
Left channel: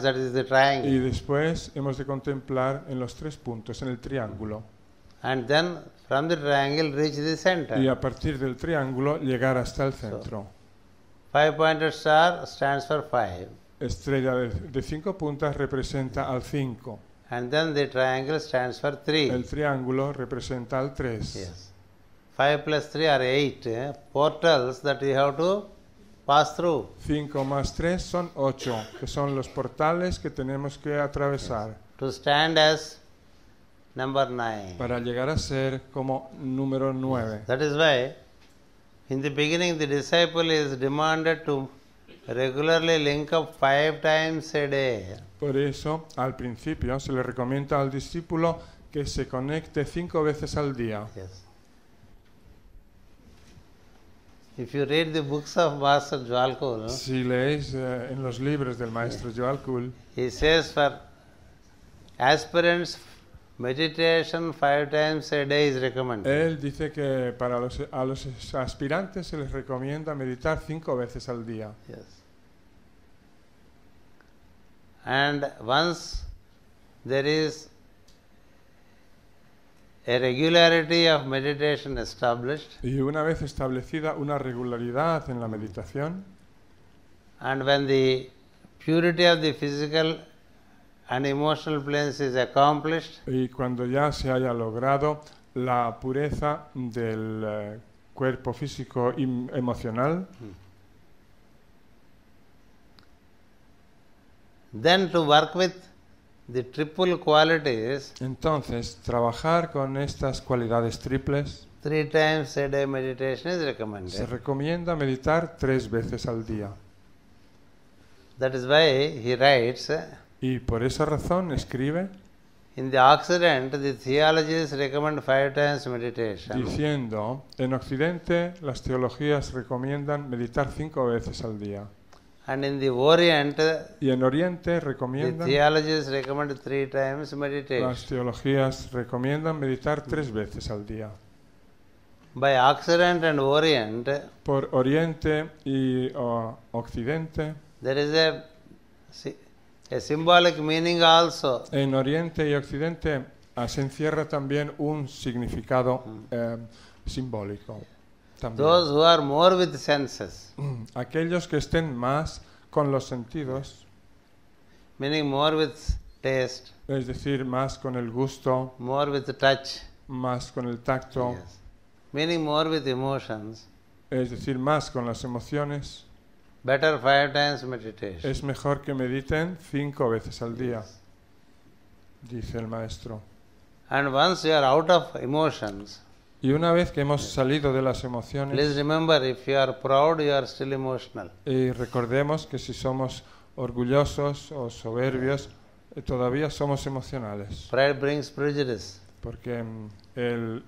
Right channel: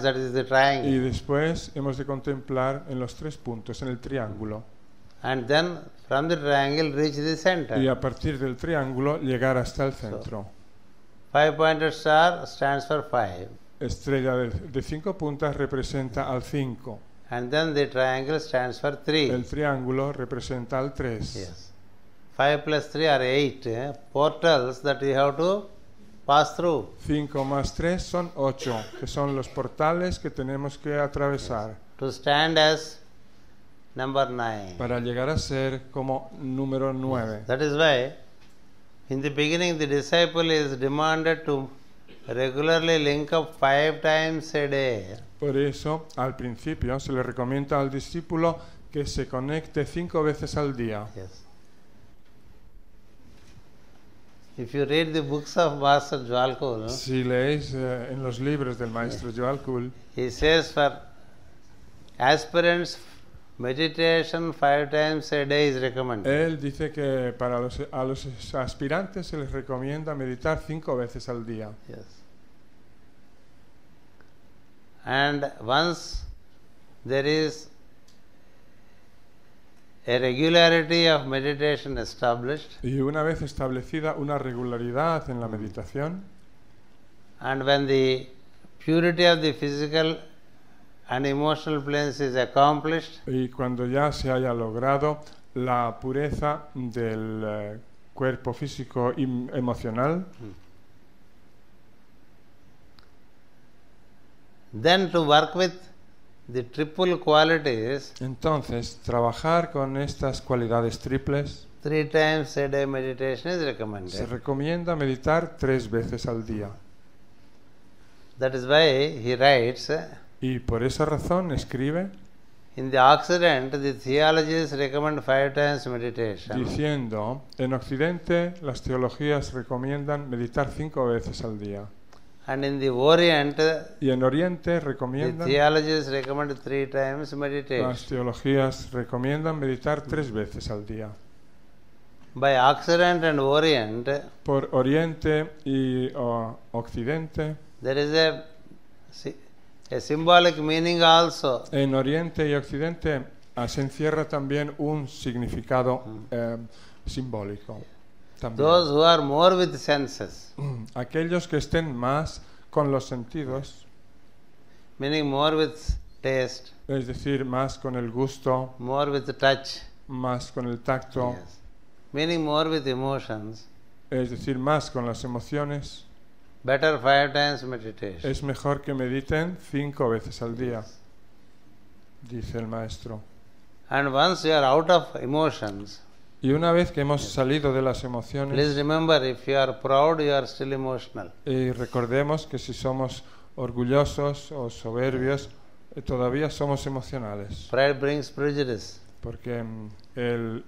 that is the Y triangle. después hemos de contemplar en los 3 puntos el triángulo. And then from the triangle reach the Y center. a partir del triángulo llegar hasta el So, centro. 5-pointed star stands for 5. Estrella de 5 puntas representa al 5. And then the triangle stands for 3. El triángulo representa al 3. Yes. 5 plus 3 are 8 portals that you have to pass through. 5 más 3 son 8, que son los portales que tenemos que atravesar To stand as number 9. para llegar a ser como número 9. Yes. That is why in the beginning the disciple is demanded to regularly link up 5 times a day. Por eso, al principio, se le recomienda al discípulo que se conecte 5 veces al día. Yes. If you read the books of Master Jwalkul, Si leéis los libros de Maestro Jwalkul, he says for aspirants meditation 5 times a day is recommended. él dice que para los aspirantes se les recomienda meditar 5 veces al día. Yes. And once there is a regularity of meditation established, Y una vez establecida una regularidad en la meditación, and when the purity of the physical and emotional planes is accomplished, y cuando ya se haya logrado la pureza del cuerpo físico y emocional, then to work with the triple qualities, entonces trabajar con estas cualidades triples 3 times a day meditation is recommended. recomienda meditar 3 veces al día. That is why he writes, Y por esa razón escriben in the Occident, the theologies recommend 5 times meditation, diciendo, en Occidente las teologías recomiendan meditar 5 veces al día. and in the Orient, Y en Oriente the recomiendan, theologies recommend 3 times las meditation. teologías recomiendan meditar 3 veces al día. By Occident and Orient, Por Oriente y Occidente, there is a symbolic meaning also. en Oriente y Occidente se encierra también un significado simbólico. Those who are more with senses, Aquellos que estén más con los sentidos, meaning more with taste, es decir, más con el gusto, more with touch, más con el tacto, yes, meaning more with emotions, es decir, más con las emociones, better 5 times meditation. es mejor que mediten 5 veces al día, Yes. dice el maestro. And once you are out of emotions, Y una vez que hemos salido de las emociones, please remember, if you are proud, you are still emotional. y recordemos que si somos orgullosos o soberbios, todavía somos emocionales. Pride brings prejudice. Porque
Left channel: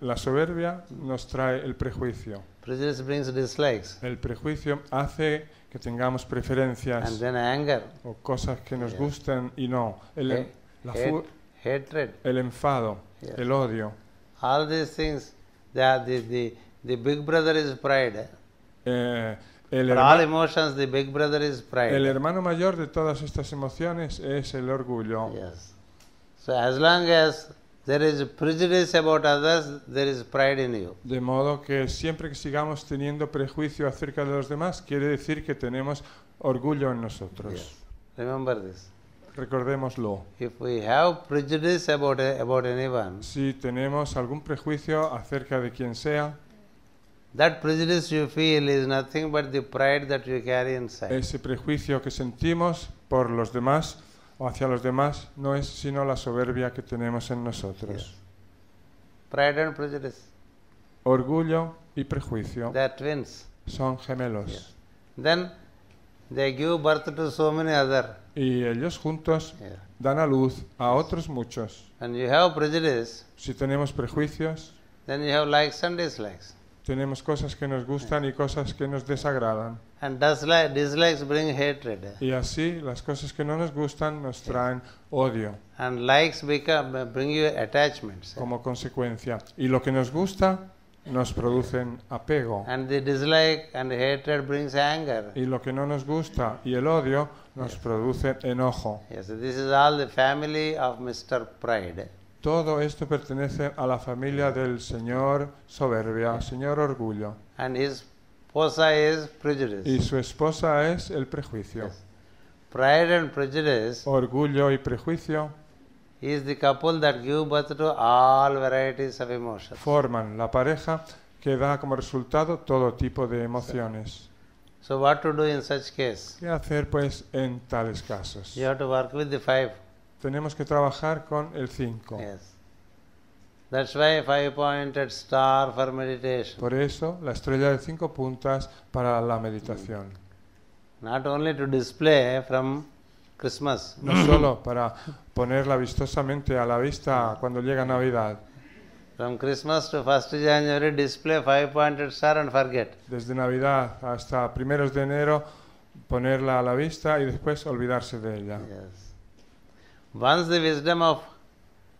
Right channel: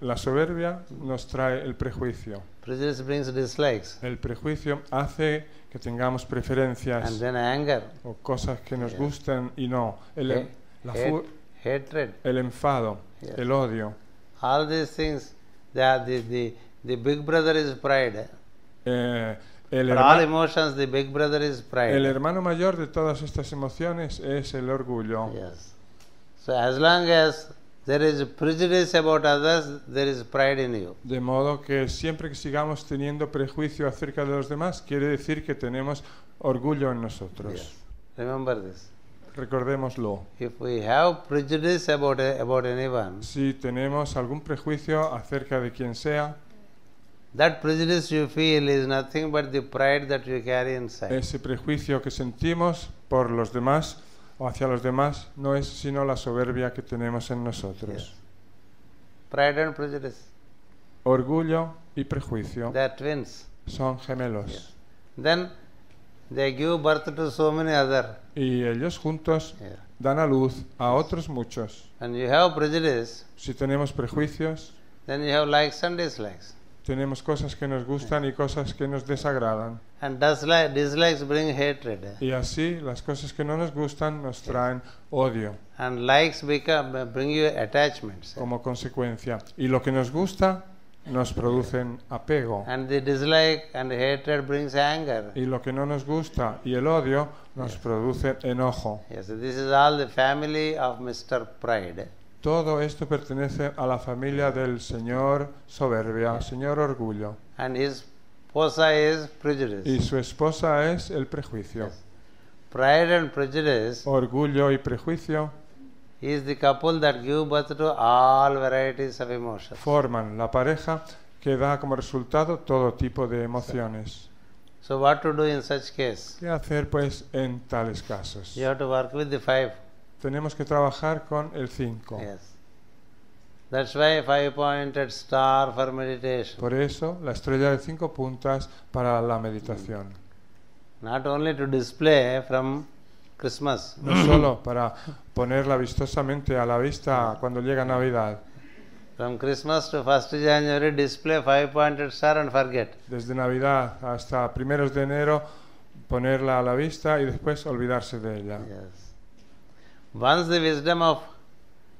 la soberbia nos trae el prejuicio. Prejudice brings dislikes. El prejuicio hace que tengamos preferencias And then anger, por cosas que nos Yes. gustan y no. hatred. El enfado, Yes. el odio. All these things, the big brother is pride. El, For all emotions, the big brother is el pride. hermano mayor de todas estas emociones es el orgullo. Yes. So as long as there is prejudice about others, there is pride in you. De modo que siempre que sigamos teniendo prejuicio acerca de los demás, quiere decir que tenemos orgullo en nosotros. Yes. Remember this. Recordémoslo. If we have prejudice about anyone, Si tenemos algún prejuicio acerca de quien sea, that prejudice you feel is nothing but the pride that you carry inside. ese prejuicio que sentimos por los demás o hacia los demás no es sino la soberbia que tenemos en nosotros. Yes. Pride and prejudice, Orgullo y prejuicio they are twins. son gemelos. Yes. Then they give birth to so many other. Y ellos juntos Yeah. dan a luz a Yes. otros muchos. When you have prejudice, Si tenemos prejuicios, then you have likes and dislikes. tenemos cosas que nos gustan y cosas que nos desagradan. And dislikes bring hatred. Y así, las cosas que no nos gustan nos Yes. traen odio And likes bring you attachments. como consecuencia. Y lo que nos gusta nos producen apego. And the dislike and hatred brings anger. Y lo que no nos gusta y el odio Yes. produce enojo. Yes, this is all the family of Mr. Pride. Todo esto pertenece a la familia del señor soberbia, al señor orgullo. And his posa is prejudice. Y su esposa es el prejuicio. Yes. Pride and prejudice Orgullo y prejuicio is the couple that give birth to all varieties of emotions. forman la pareja que da como resultado todo tipo de emociones. So what to do in such case? ¿Qué hacer pues en tales casos? You have to work with the 5. Tenemos que trabajar con el 5. Yes. That's why 5-pointed star for meditation. Por eso, la estrella de 5 puntas para la meditación. Not only to display from Christmas. Para ponerla vistosamente a la vista cuando llega Navidad. From Christmas to 1st January, display 5-pointed star and forget. Desde Navidad hasta 1 de enero, ponerla a la vista y después olvidarse de ella. Yes. Once the wisdom of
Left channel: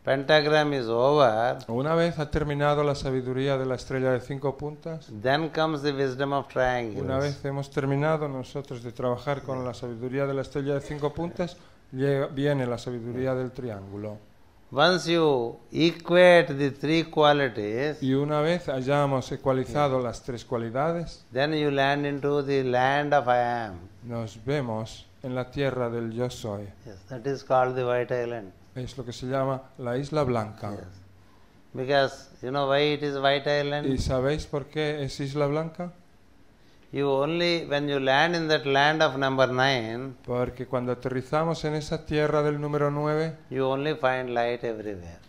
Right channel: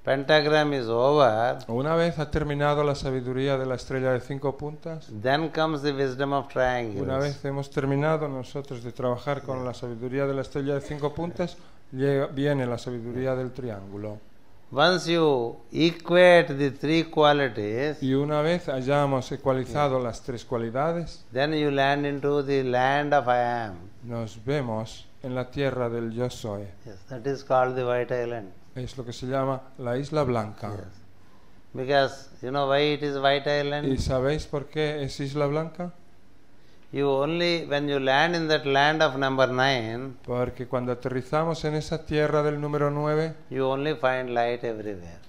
pentagram is over, Una vez ha terminado la sabiduría de la estrella de 5 puntas, then comes the wisdom of una triangles. vez que hemos terminado nosotros de trabajar Yeah. con la sabiduría de la estrella de 5 puntas, viene la sabiduría del triángulo. Once you equate the 3 qualities, Y una vez hayamos ecualizado las 3 cualidades, then you land into the land of I am. nos vemos en la tierra del yo soy. Yes, that is called the White Island. Eso que se llama la isla blanca. Yes. Because you know why it is White Island? ¿Y sabéis por qué es isla blanca? You only, when you land in that land of number 9, Porque cuando aterrizamos en esa tierra del número 9, you only find light everywhere.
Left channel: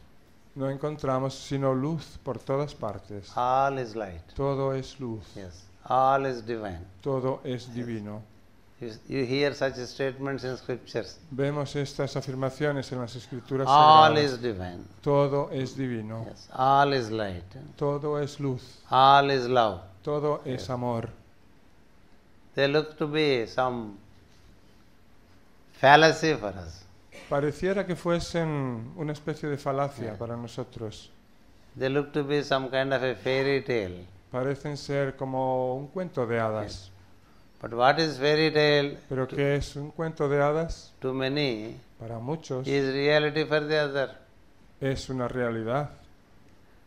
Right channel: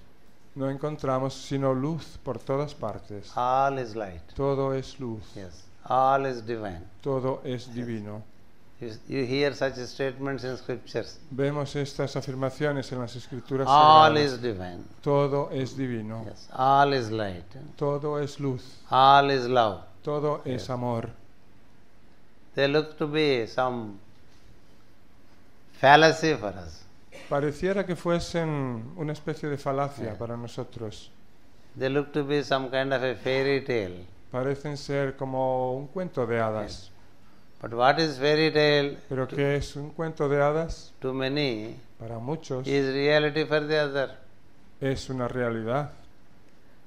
no encontramos sino luz por todas partes. All is light. Todo es luz, Yes. All is divine. todo es divino. You hear such statements in scriptures. Vemos estas afirmaciones en las escrituras. All is divine. Todo es divino, Yes. All is light. todo es luz, All is love. todo Yes. es amor. They look to be some fallacy for us. Pareciera que fuesen una especie de falacia Yeah. para nosotros. They look to be some kind of a fairy tale. Parecen ser como un cuento de hadas. Yes. But what is fairy tale Pero que es un cuento de hadas to many para muchos is reality for the other. es una realidad.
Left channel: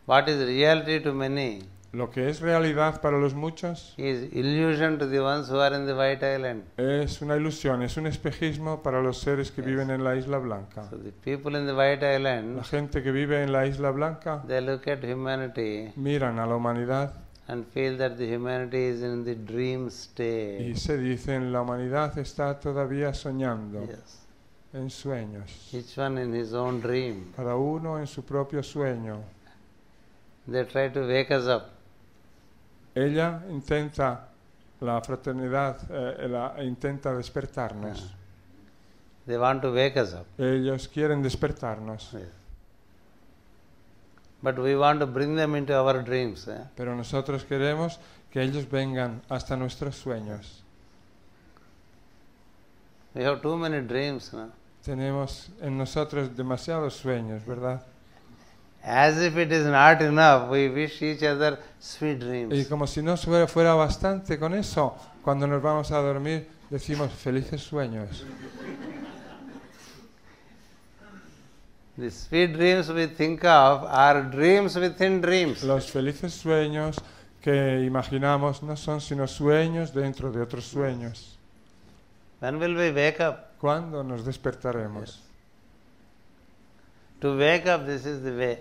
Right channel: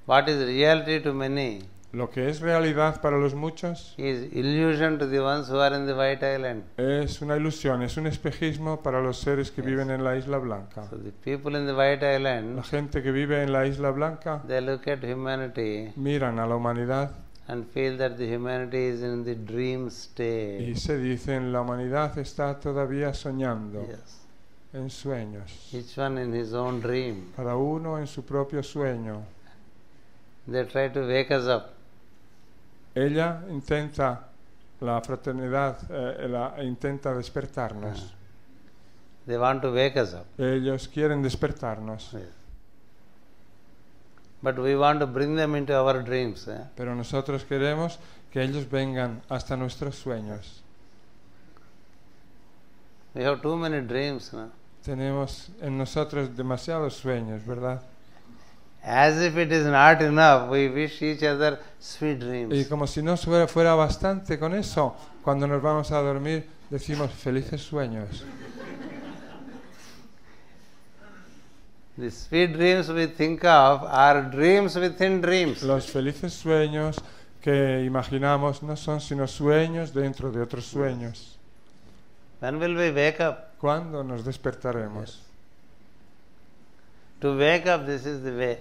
What is reality to many Lo que es realidad para los muchos is illusion to the ones who are in the White Island. es una ilusión, es un espejismo para los seres que Yes. viven en la isla blanca. So the people in the White Island, Gente que vive en la isla blanca they look at humanity miran a la humanidad and feel that the humanity is in the dream y state. se dicen la humanidad está todavía soñando Yes. en sueños, Each one in his own dream. cada uno en su propio sueño. They try to wake us up. Ella intenta la fraternidad, intenta despertarnos. They want to wake us up. Ellos quieren despertarnos, Yes. But we want to bring them into our dreams. pero nosotros queremos que ellos vengan hasta nuestros sueños. We have too many dreams. No? Tenemos en nosotros demasiados sueños, ¿verdad? As if it is not enough, we wish each other sweet Y dreams. como si no fuera bastante con eso, cuando nos vamos a dormir, decimos felices sueños. The sweet dreams we think of are dreams within dreams. Los felices sueños que imaginamos no son sino sueños dentro de otros sueños. When will we wake up? ¿Cuándo nos despertaremos? Yes. To wake up, this is the way.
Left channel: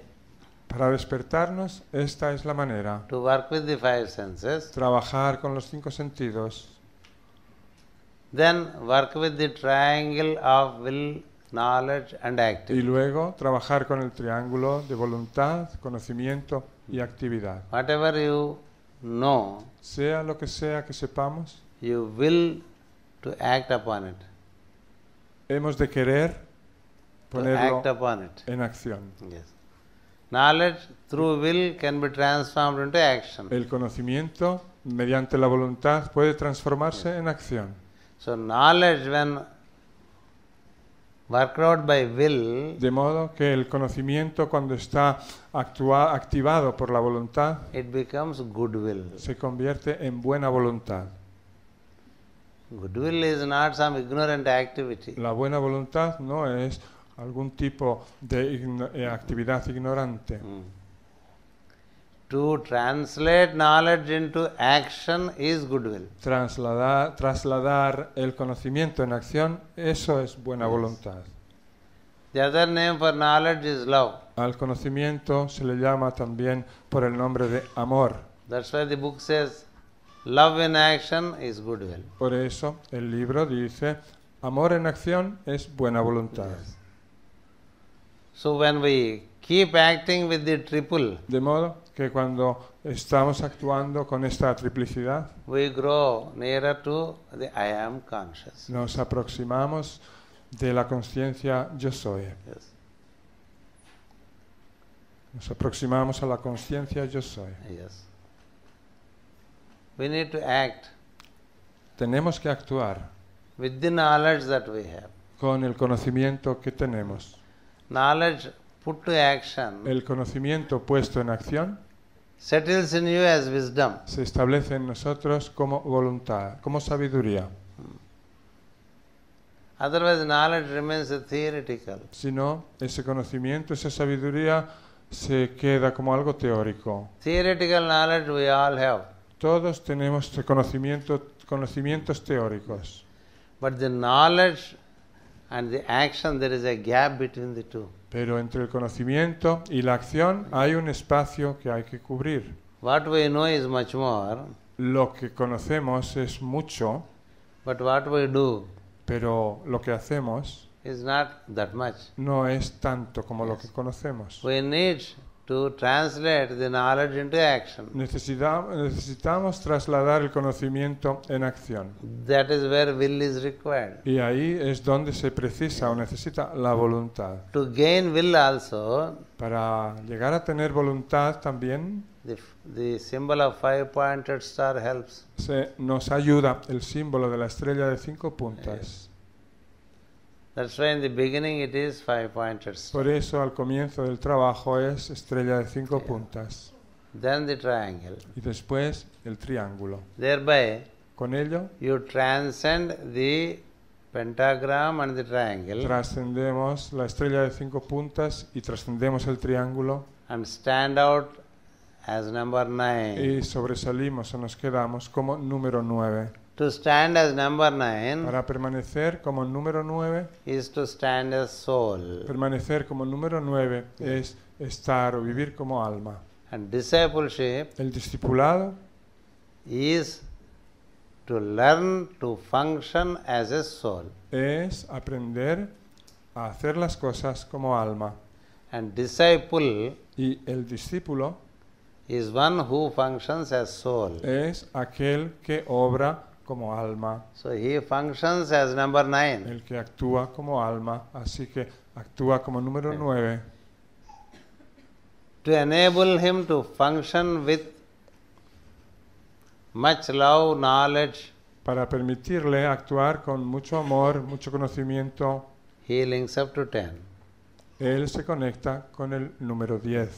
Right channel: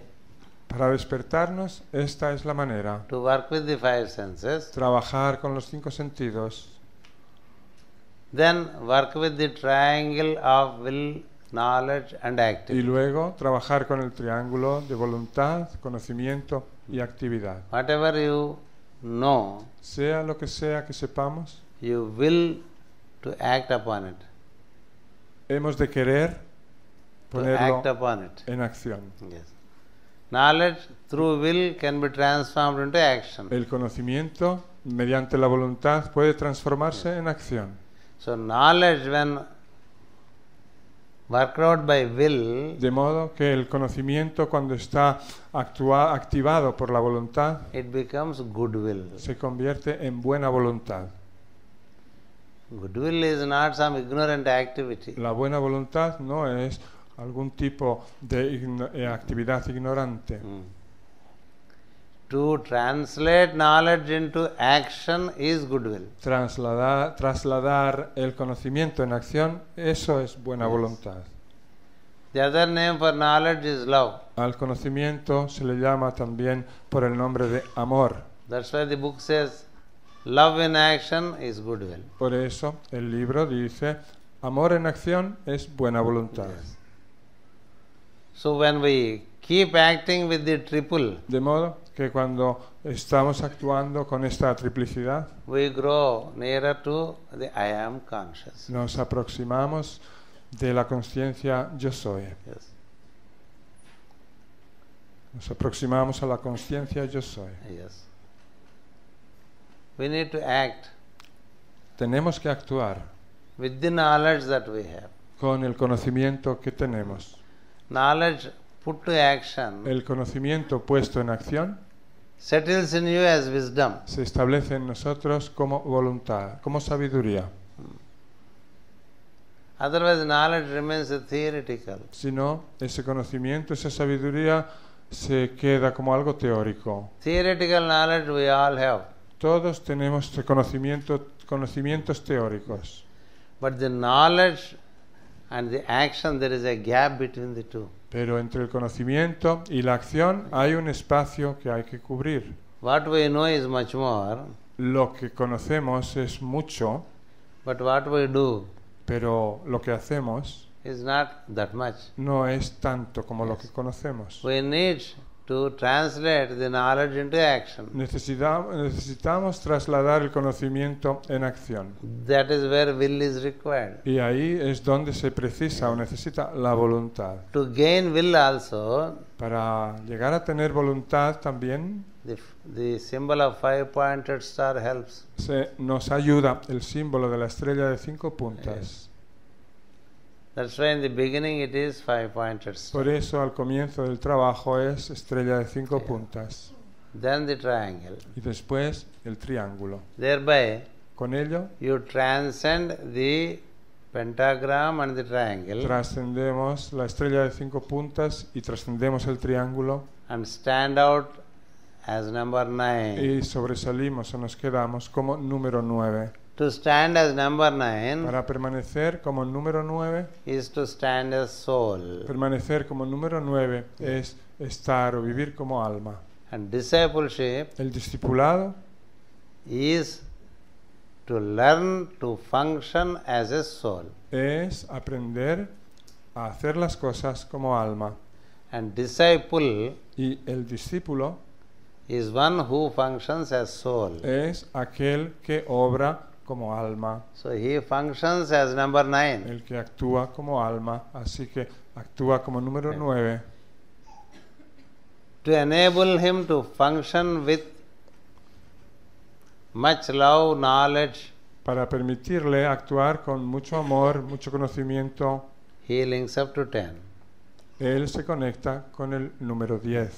Para despertarnos, esta es la manera. To work with the 5 senses. Trabajar con los 5 sentidos. Then work with the triangle of will, knowledge and Y activity. luego trabajar con el triángulo de voluntad, conocimiento y actividad. Whatever you know, Sea lo que sea que sepamos, you will to act upon it. hemos de querer To act upon it. en acción. Yes. Knowledge through will can be transformed into action. El conocimiento mediante la voluntad puede transformarse en acción. So knowledge, when worked out by will, De modo que el conocimiento, cuando está activado por la voluntad, it becomes goodwill. se convierte en buena voluntad. Goodwill is not some ignorant activity. La buena voluntad no es algún tipo de actividad ignorante. To translate knowledge into action is goodwill. Trasladar el conocimiento en acción, eso es buena voluntad. The other name for knowledge is love. Al conocimiento se le llama también por el nombre de amor. That's why the book says, love in action is goodwill. Por eso el libro dice, amor en acción es buena voluntad. Yes. So when we keep acting with the triple, De modo que cuando estamos actuando con esa triplicidad, we grow nearer to the I am consciousness. nos aproximamos de la conciencia yo soy. Yes. Nos aproximamos a la conciencia yo soy. Yes. We need to act Tenemos que actuar with the knowledge that we have. con el conocimiento que tenemos. Knowledge put to action El conocimiento puesto en acción settles in you as wisdom. se establece en nosotros como voluntad, como sabiduría. Otherwise, knowledge remains theoretical. Si no, ese conocimiento, esa sabiduría se queda como algo teórico. Theoretical knowledge we all have. Todos tenemos este conocimientos teóricos. But the knowledge and the action, there is a gap between the two. Pero entre el conocimiento y la acción hay un espacio que hay que cubrir. What we know is much more, Lo que conocemos es mucho, but what we do pero lo que hacemos is not that much. no es tanto como Yes. lo conocemos. We need to translate the knowledge into action. Necesitamos trasladar el conocimiento en acción. That is where will is required. Y ahí es donde se precisa, Yes. necesita la voluntad. To gain will also, Para llegar a tener voluntad también the symbol of five-pointed star helps. nos ayuda el símbolo de la estrella de 5 puntos. Yes. That's why in the beginning it is five-pointed star. Por eso al comienzo del trabajo es estrella de 5 Yeah. puntas. Then the triangle. Después el triángulo. Thereby, Con ello you transcend the pentagram and the triangle trascendemos la estrella de 5 puntas y trascendemos el triángulo and stand out as number y 9. sobresalimos o nos quedamos como número 9. To stand as number 9 Para permanecer como el número 9, is to stand as soul. permanecer como el número 9 Yes. es estar o vivir como alma. And discipleship El discipulado is to learn to function as a soul. es aprender a hacer las cosas como alma. And disciple Y el discípulo is one who functions as soul. es aquel que obra como alma So he functions as number 9. y que actúa como alma, así que actúa como el número 9 To enable him to function with much love, knowledge, para permitirle actuar con mucho amor, mucho conocimiento. he links up to 10. Él se conecta con el número 10.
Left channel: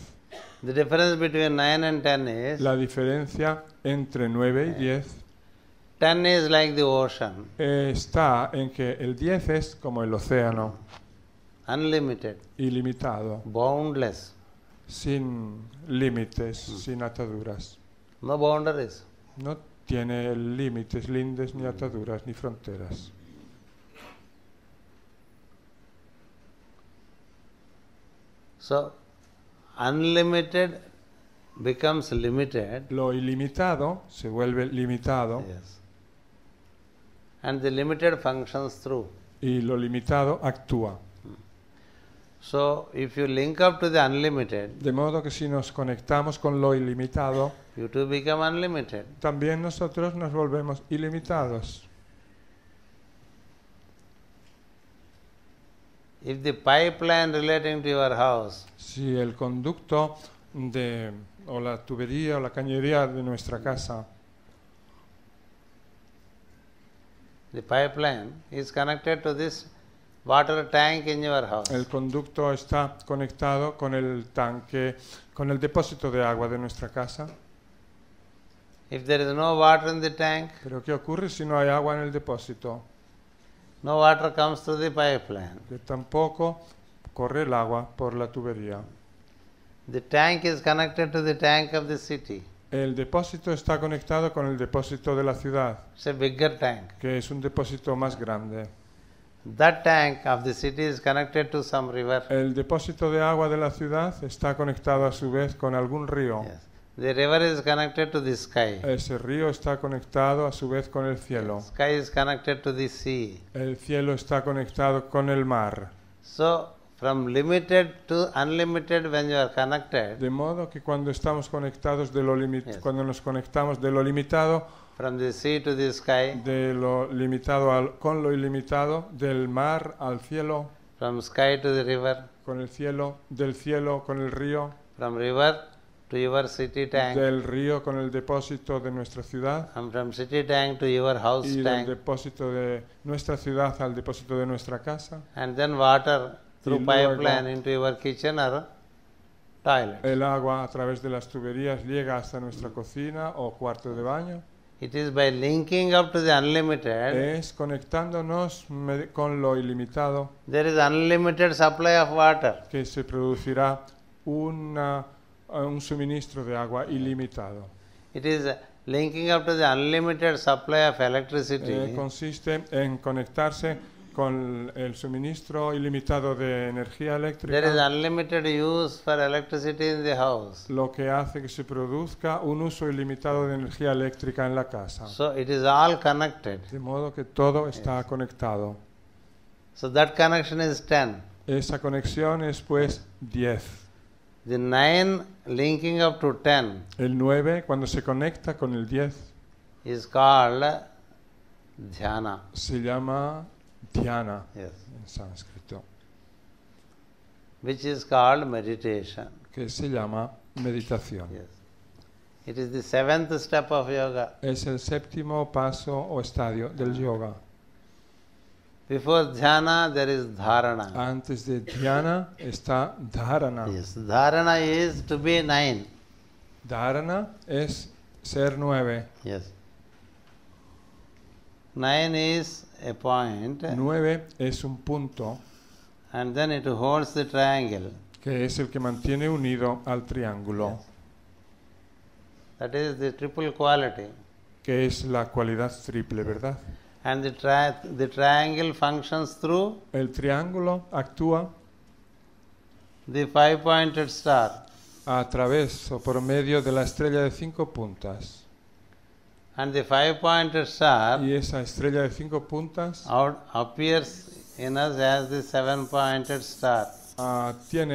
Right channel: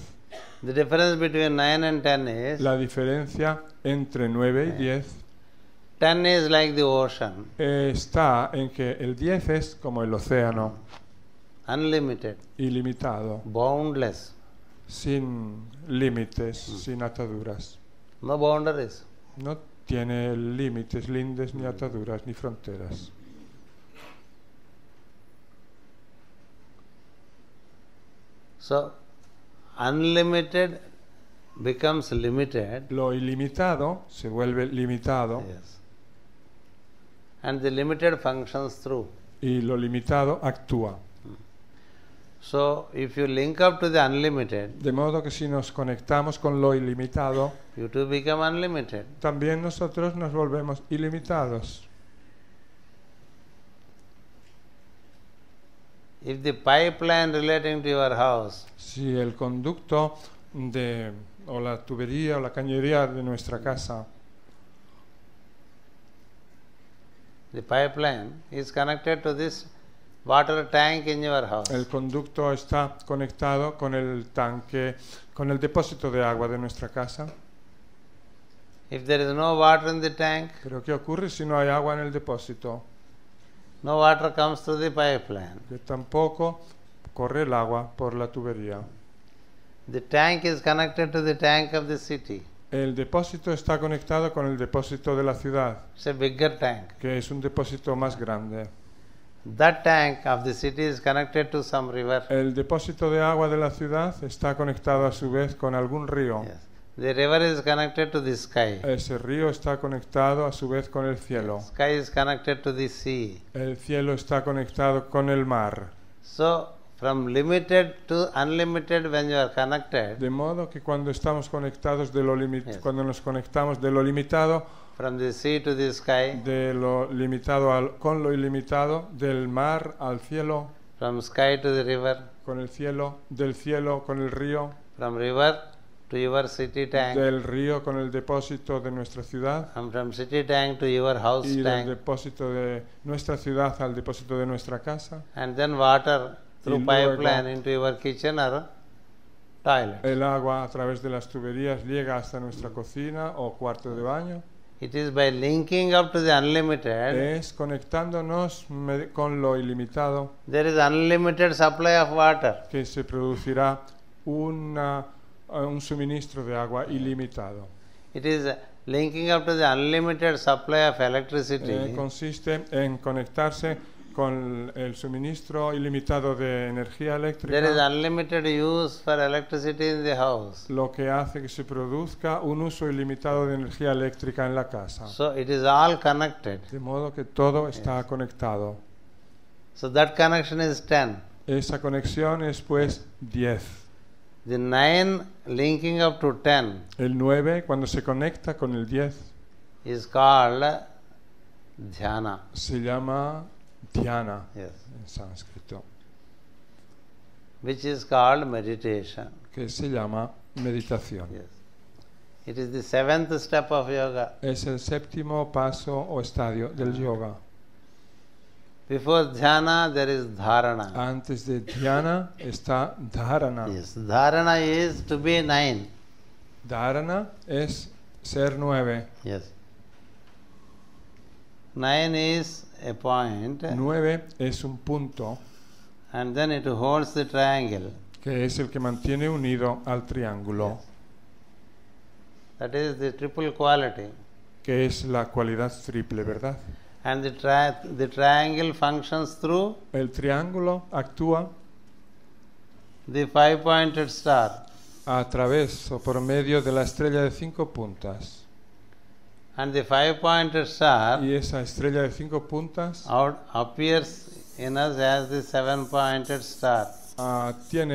The difference between 9 and 10 is, La diferencia entre 9 y 10 10 is like the ocean, está en que el 10 es como el océano, unlimited, ilimitado, boundless, sin límites, sin ataduras. no boundaries. No tiene límites, límites ni ataduras ni fronteras. So, unlimited becomes limited, Lo ilimitado se vuelve limitado yes, and the limited functions through. y lo limitado actúa. So, if you link up to the unlimited, De modo que si nos conectamos con lo ilimitado, you too become unlimited. también nosotros nos volvemos ilimitados. If the pipeline relating to your house Si The pipeline is connected to this water tank in your house. El conducto está conectado con el tanque, con el depósito de agua de nuestra casa. If there is no water in the tank, Pero ¿qué ocurre si no hay agua en el depósito? no water comes through the pipeline. Tampoco corre el agua por la tubería. The tank is connected to the tank of the city. El depósito está conectado con el depósito de la ciudad. It's a bigger tank. Es un depósito más grande. That tank of the city is connected to some river. El depósito de agua de la ciudad está conectado a su vez con algún río. Yes. The river is connected to the sky. Ese río está conectado a su vez con el cielo. Yes. Sky is connected to the sea. El cielo está conectado con el mar. So, from limited to unlimited, when you are connected, De modo que cuando estamos conectados de lo limitado, Yes. cuando nos conectamos de lo limitado, from the sea to the sky, de lo limitado con lo ilimitado, del mar al cielo, from sky to the river, con el cielo, del cielo con el río, from river to your city tank, del río con el depósito de nuestra ciudad, and from city tank to your house y tank, del depósito de nuestra ciudad al depósito de nuestra casa, and then water through pipeline into your kitchen or toilet. el agua a través de las tuberías llega hasta nuestra cocina o cuarto de baño. It is by linking up to the unlimited, Es conectándonos con lo ilimitado there is unlimited supply of water. que se producirá un suministro de agua ilimitado. It is linking up to the unlimited supply of electricity. Consiste en conectarse con el suministro ilimitado de energía eléctrica, There is unlimited use for electricity in the house. lo que hace que se produzca un uso ilimitado de energía eléctrica en la casa. So it is all connected. De modo que todo está conectado. So that connection is 10. Esa conexión es pues 10. The 9 linking up to 10 El 9 cuando se conecta con el 10 is called dhyana. se llama dhyana. Yes. Which is called meditation. Que se llama meditación. Yes. It is the 7th step of yoga. Es el séptimo paso o estadio del yoga. Before dhyana, there is dharana. Antes de dhyana está dharana. Yes. Dharana is to be 9. Dharana es ser 9. Yes. 9 is a point, 9 es un punto and then it holds the triangle. que es el que mantiene unido al triángulo. Yes. That is the triple quality. Que es la cualidad triple, Yes. ¿verdad? And the triangle functions through El triángulo actúa the 5-pointed star. a través o por medio de la estrella de 5 puntas. And the 5-pointed star Y esa estrella de 5 puntas appears in us as the 7-pointed star. tiene en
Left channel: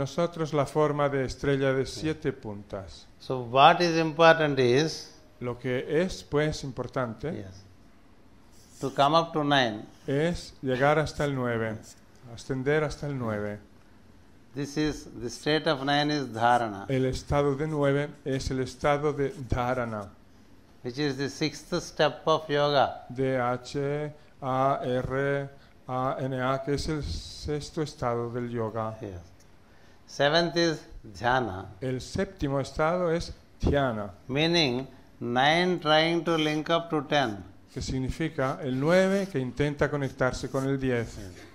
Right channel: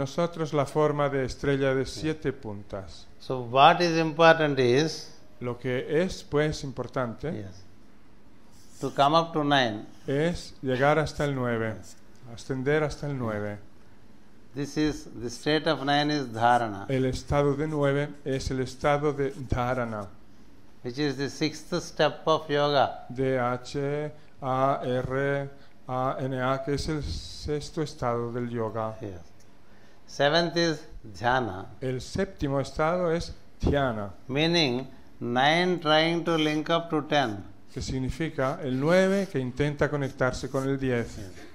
nosotros la forma de estrella de 7 puntas. So what is important is, Lo que es pues importante yes, to come up to 9. es llegar hasta el 9, ascender hasta el 9. This is, the state of 9 is dharana, El estado de 9 es el estado de dharana. which is the 6th step of yoga. D-H-A-R-A-N-A es el sexto estado del yoga. Yes. 7th is dhyana, El séptimo estado es dhyana, meaning 9 trying to link up to 10. que significa el 9 que intenta conectarse con el 10.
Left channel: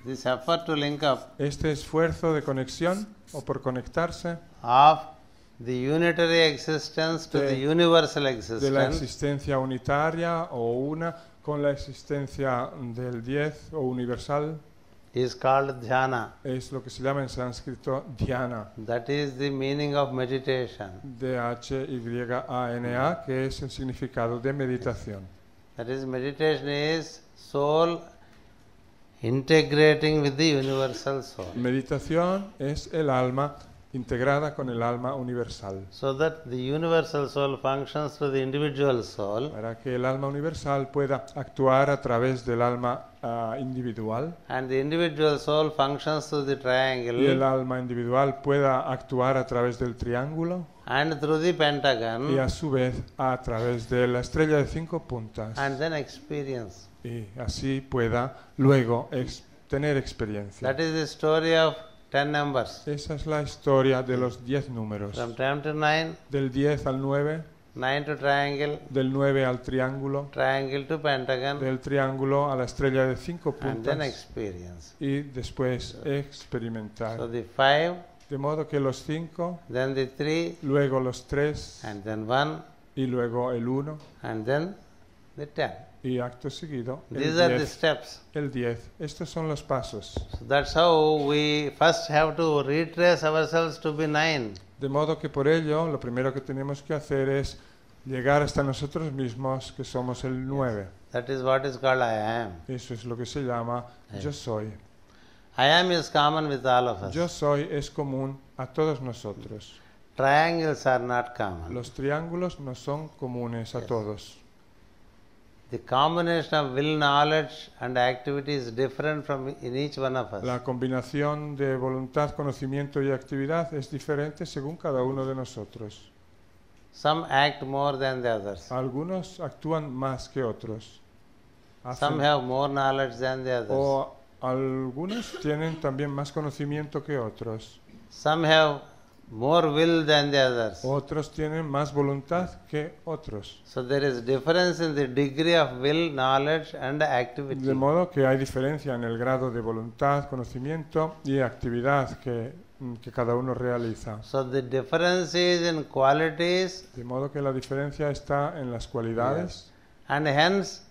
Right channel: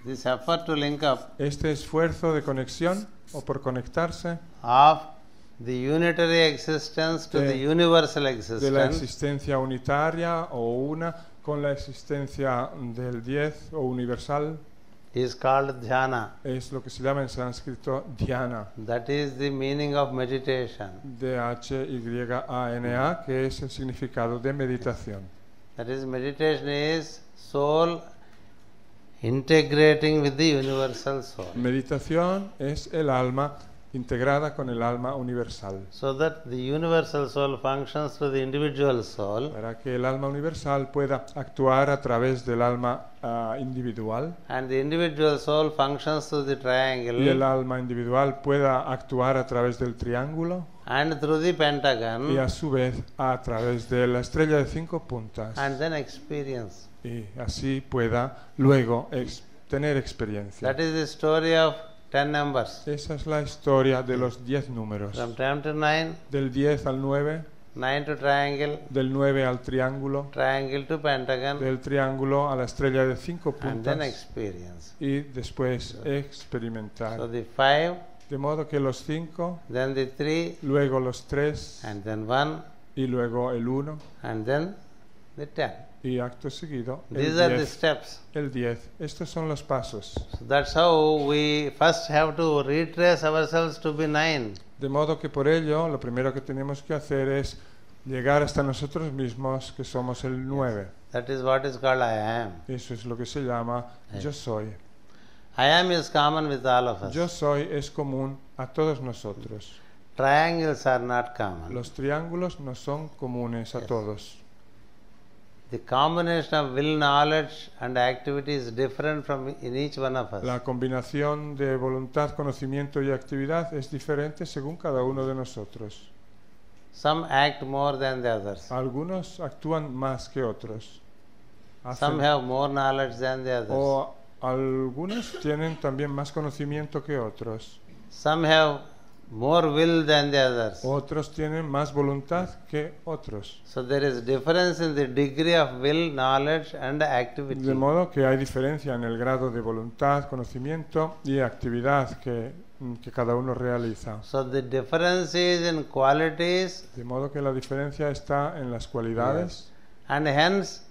This effort to link up Este esfuerzo de conexión o por conectarse of the unitary existence to the universal de la existence existencia unitaria o una con la existencia del 10 o universal is called dhyana. es lo que se llama en sánscrito dhyana. That is the meaning of meditation. D-H-Y-A-N-A, que es el significado de meditación. That is, meditation is soul integrating with the universal soul, Meditación es el alma integrada con el alma universal. so that the universal soul functions through the individual soul, Para que el alma universal pueda actuar a través del alma individual, and the individual soul functions through the triangle el alma individual pueda actuar a través del triángulo and through the pentagon, y a su vez a través de la estrella de 5 puntas. and then experience. pueda luego tener experiencia. That is the story of 10 numbers. Esa es la historia de los 10 números. From 10 to 9, Del 10 al 9, 9 to triangle, del 9 al triángulo, triangle to pentagon, del triángulo a la estrella del 5 and then experience. y después experimentar. So the 5, De modo que los 5, then the 3, luego los 3 and then 1, y luego el 1 and then the 10. y acto seguido These are the steps. el 10. Estos son los pasos. So that's how we first have to retrace ourselves to be 9. De modo que por ello lo primero que tenemos que hacer es llegar hasta nosotros mismos que somos el Yes. 9. That is what is called I am. Eso es lo que se llama Yeah. yo soy. I am is common with all of Yo us. soy es común a todos nosotros. Triangles are not common. Los triángulos no son comunes Yes. a todos. The combination of will, knowledge and activity is different from in each one of us. La combinación de voluntad, conocimiento y actividad es diferente según cada uno de nosotros. Some act more than the others. Algunos actúan más que otros. Some have more knowledge than the others. O algunos tienen también más conocimiento que otros. Some have more will than the others. Otros tienen más voluntad que otros. So there is difference in the degree of will, knowledge and De activity. modo que hay diferencia en el grado de voluntad, conocimiento y actividad que cada uno realiza. So the difference is in qualities, De modo que la diferencia está en las cualidades. yes, and hence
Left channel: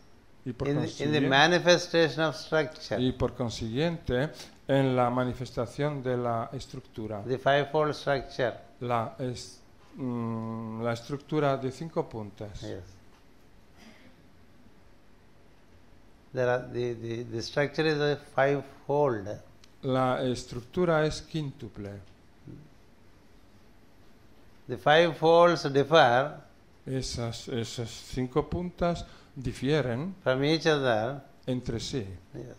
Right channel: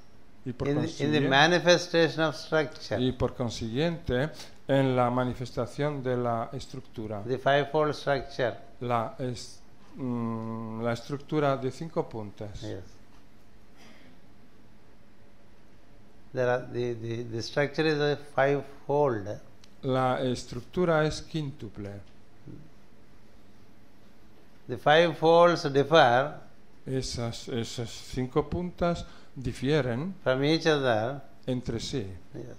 in the manifestation of structure. Y por consiguiente, en la manifestación de la estructura. The fivefold structure. La estructura de 5 puntos. Yes. There are the structure is a fivefold. La estructura es quíntuple. The five folds differ Esas 5 puntas difieren from each other, entre sí, yes,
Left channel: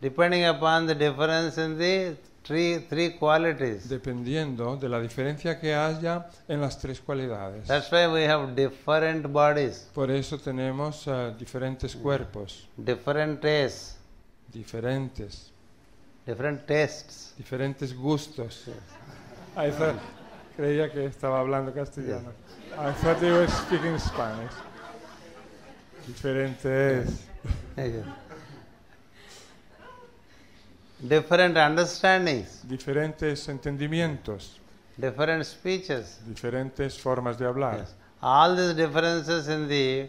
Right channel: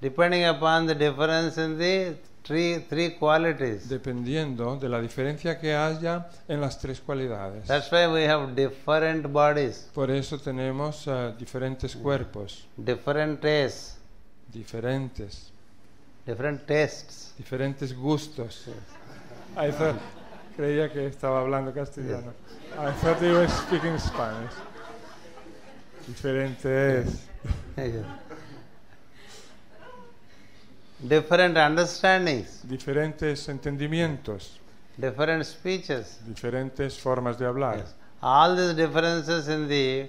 depending upon the difference in the three qualities. dependiendo de la diferencia que haya en las 3 cualidades. That's why we have different bodies, Por eso tenemos diferentes cuerpos, different tastes, diferentes, different tastes. diferentes gustos. Yes. Creía que estaba hablando Yes. diferentes Yes. Different understandings, diferentes entendimientos, different speeches. diferentes formas de hablar. Yes. All these differences in the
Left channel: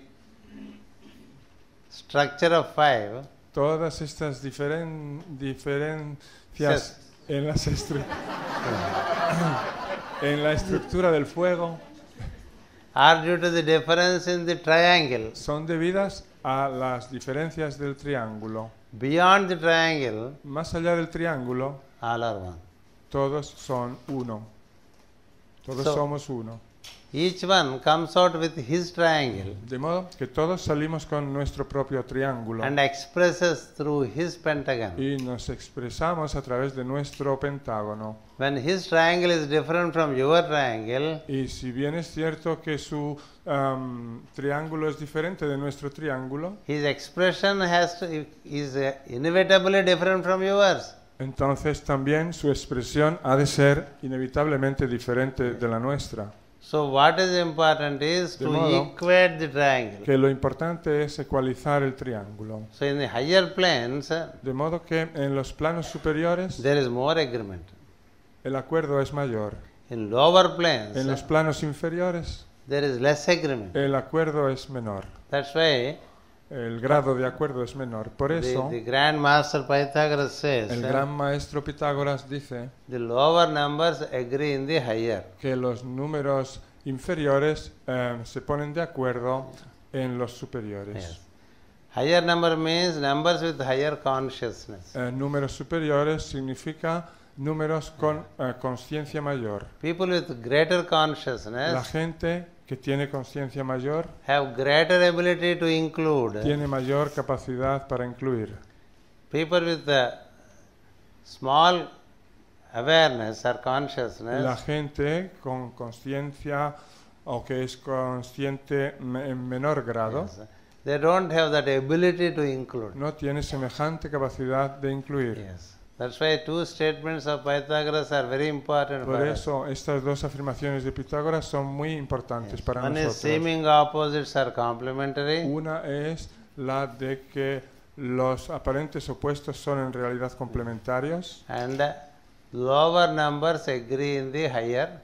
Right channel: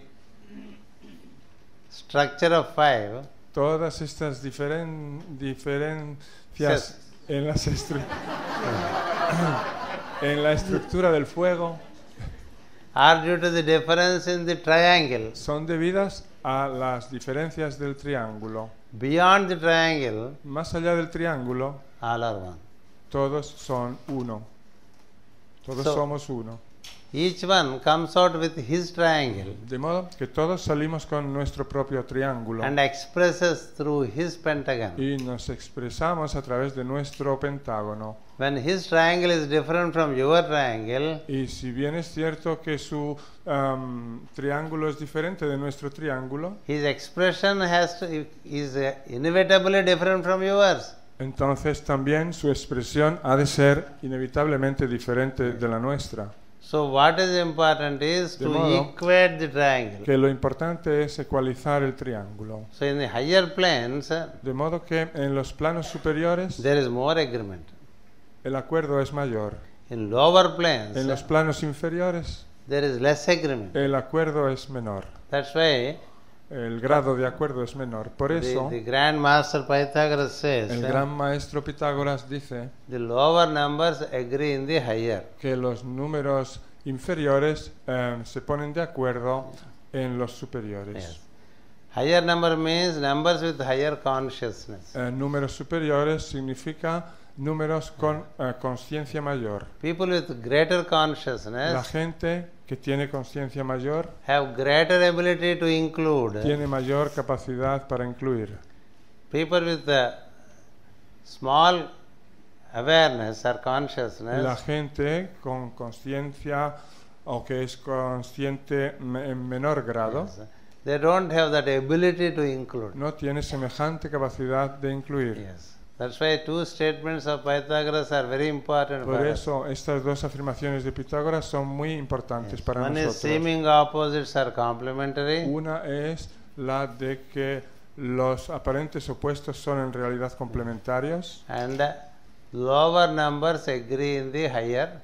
structure of five Todas estas diferencias says en la estructura del fuego are due to the difference in the triangle. son debidas a las diferencias del triángulo. Beyond the triangle, Más allá del triángulo, all are one. todos son uno. Todos So- somos uno. Each one comes out with his triangle De modo que todos salimos con nuestro propio triángulo and expresses through his pentagon. y nos expresamos a través de nuestro pentágono. When his triangle is different from your triangle, Y si bien es cierto que su triángulo es diferente de nuestro triángulo, his expression is inevitably different from yours. entonces también su expresión ha de ser inevitablemente diferente de la nuestra. So what is important is to equate the triangle. Lo importante es ecualizar el triángulo. So in the higher planes, De modo que en los planos superiores there is more agreement. el acuerdo es mayor. In lower planes, En los planos inferiores there is less agreement. el acuerdo es menor. That's why El grado de acuerdo es menor. Por eso, the Grand Master Pythagoras says, el gran maestro Pitágoras dice the lower numbers agree in the higher. que los números inferiores se ponen de acuerdo en los superiores. Yes. Higher number means numbers with higher consciousness. Números superiores significan números con conciencia mayor. People with greater consciousness La gente que tiene conciencia mayor have greater ability to include. tiene mayor capacidad para incluir. People with small awareness or consciousness La gente con conciencia o que es consciente en menor grado yes, they don't have that ability to include. no tienen semejante capacidad de incluir. Yes. That's why two statements of Pythagoras are very important for us. Por eso, estas dos afirmaciones de Pitágoras son muy importantes. Yes. para One is nosotros. seeming opposites are complementary, Una es la de que los aparentes opuestos son en realidad complementarios. and lower numbers agree in the higher.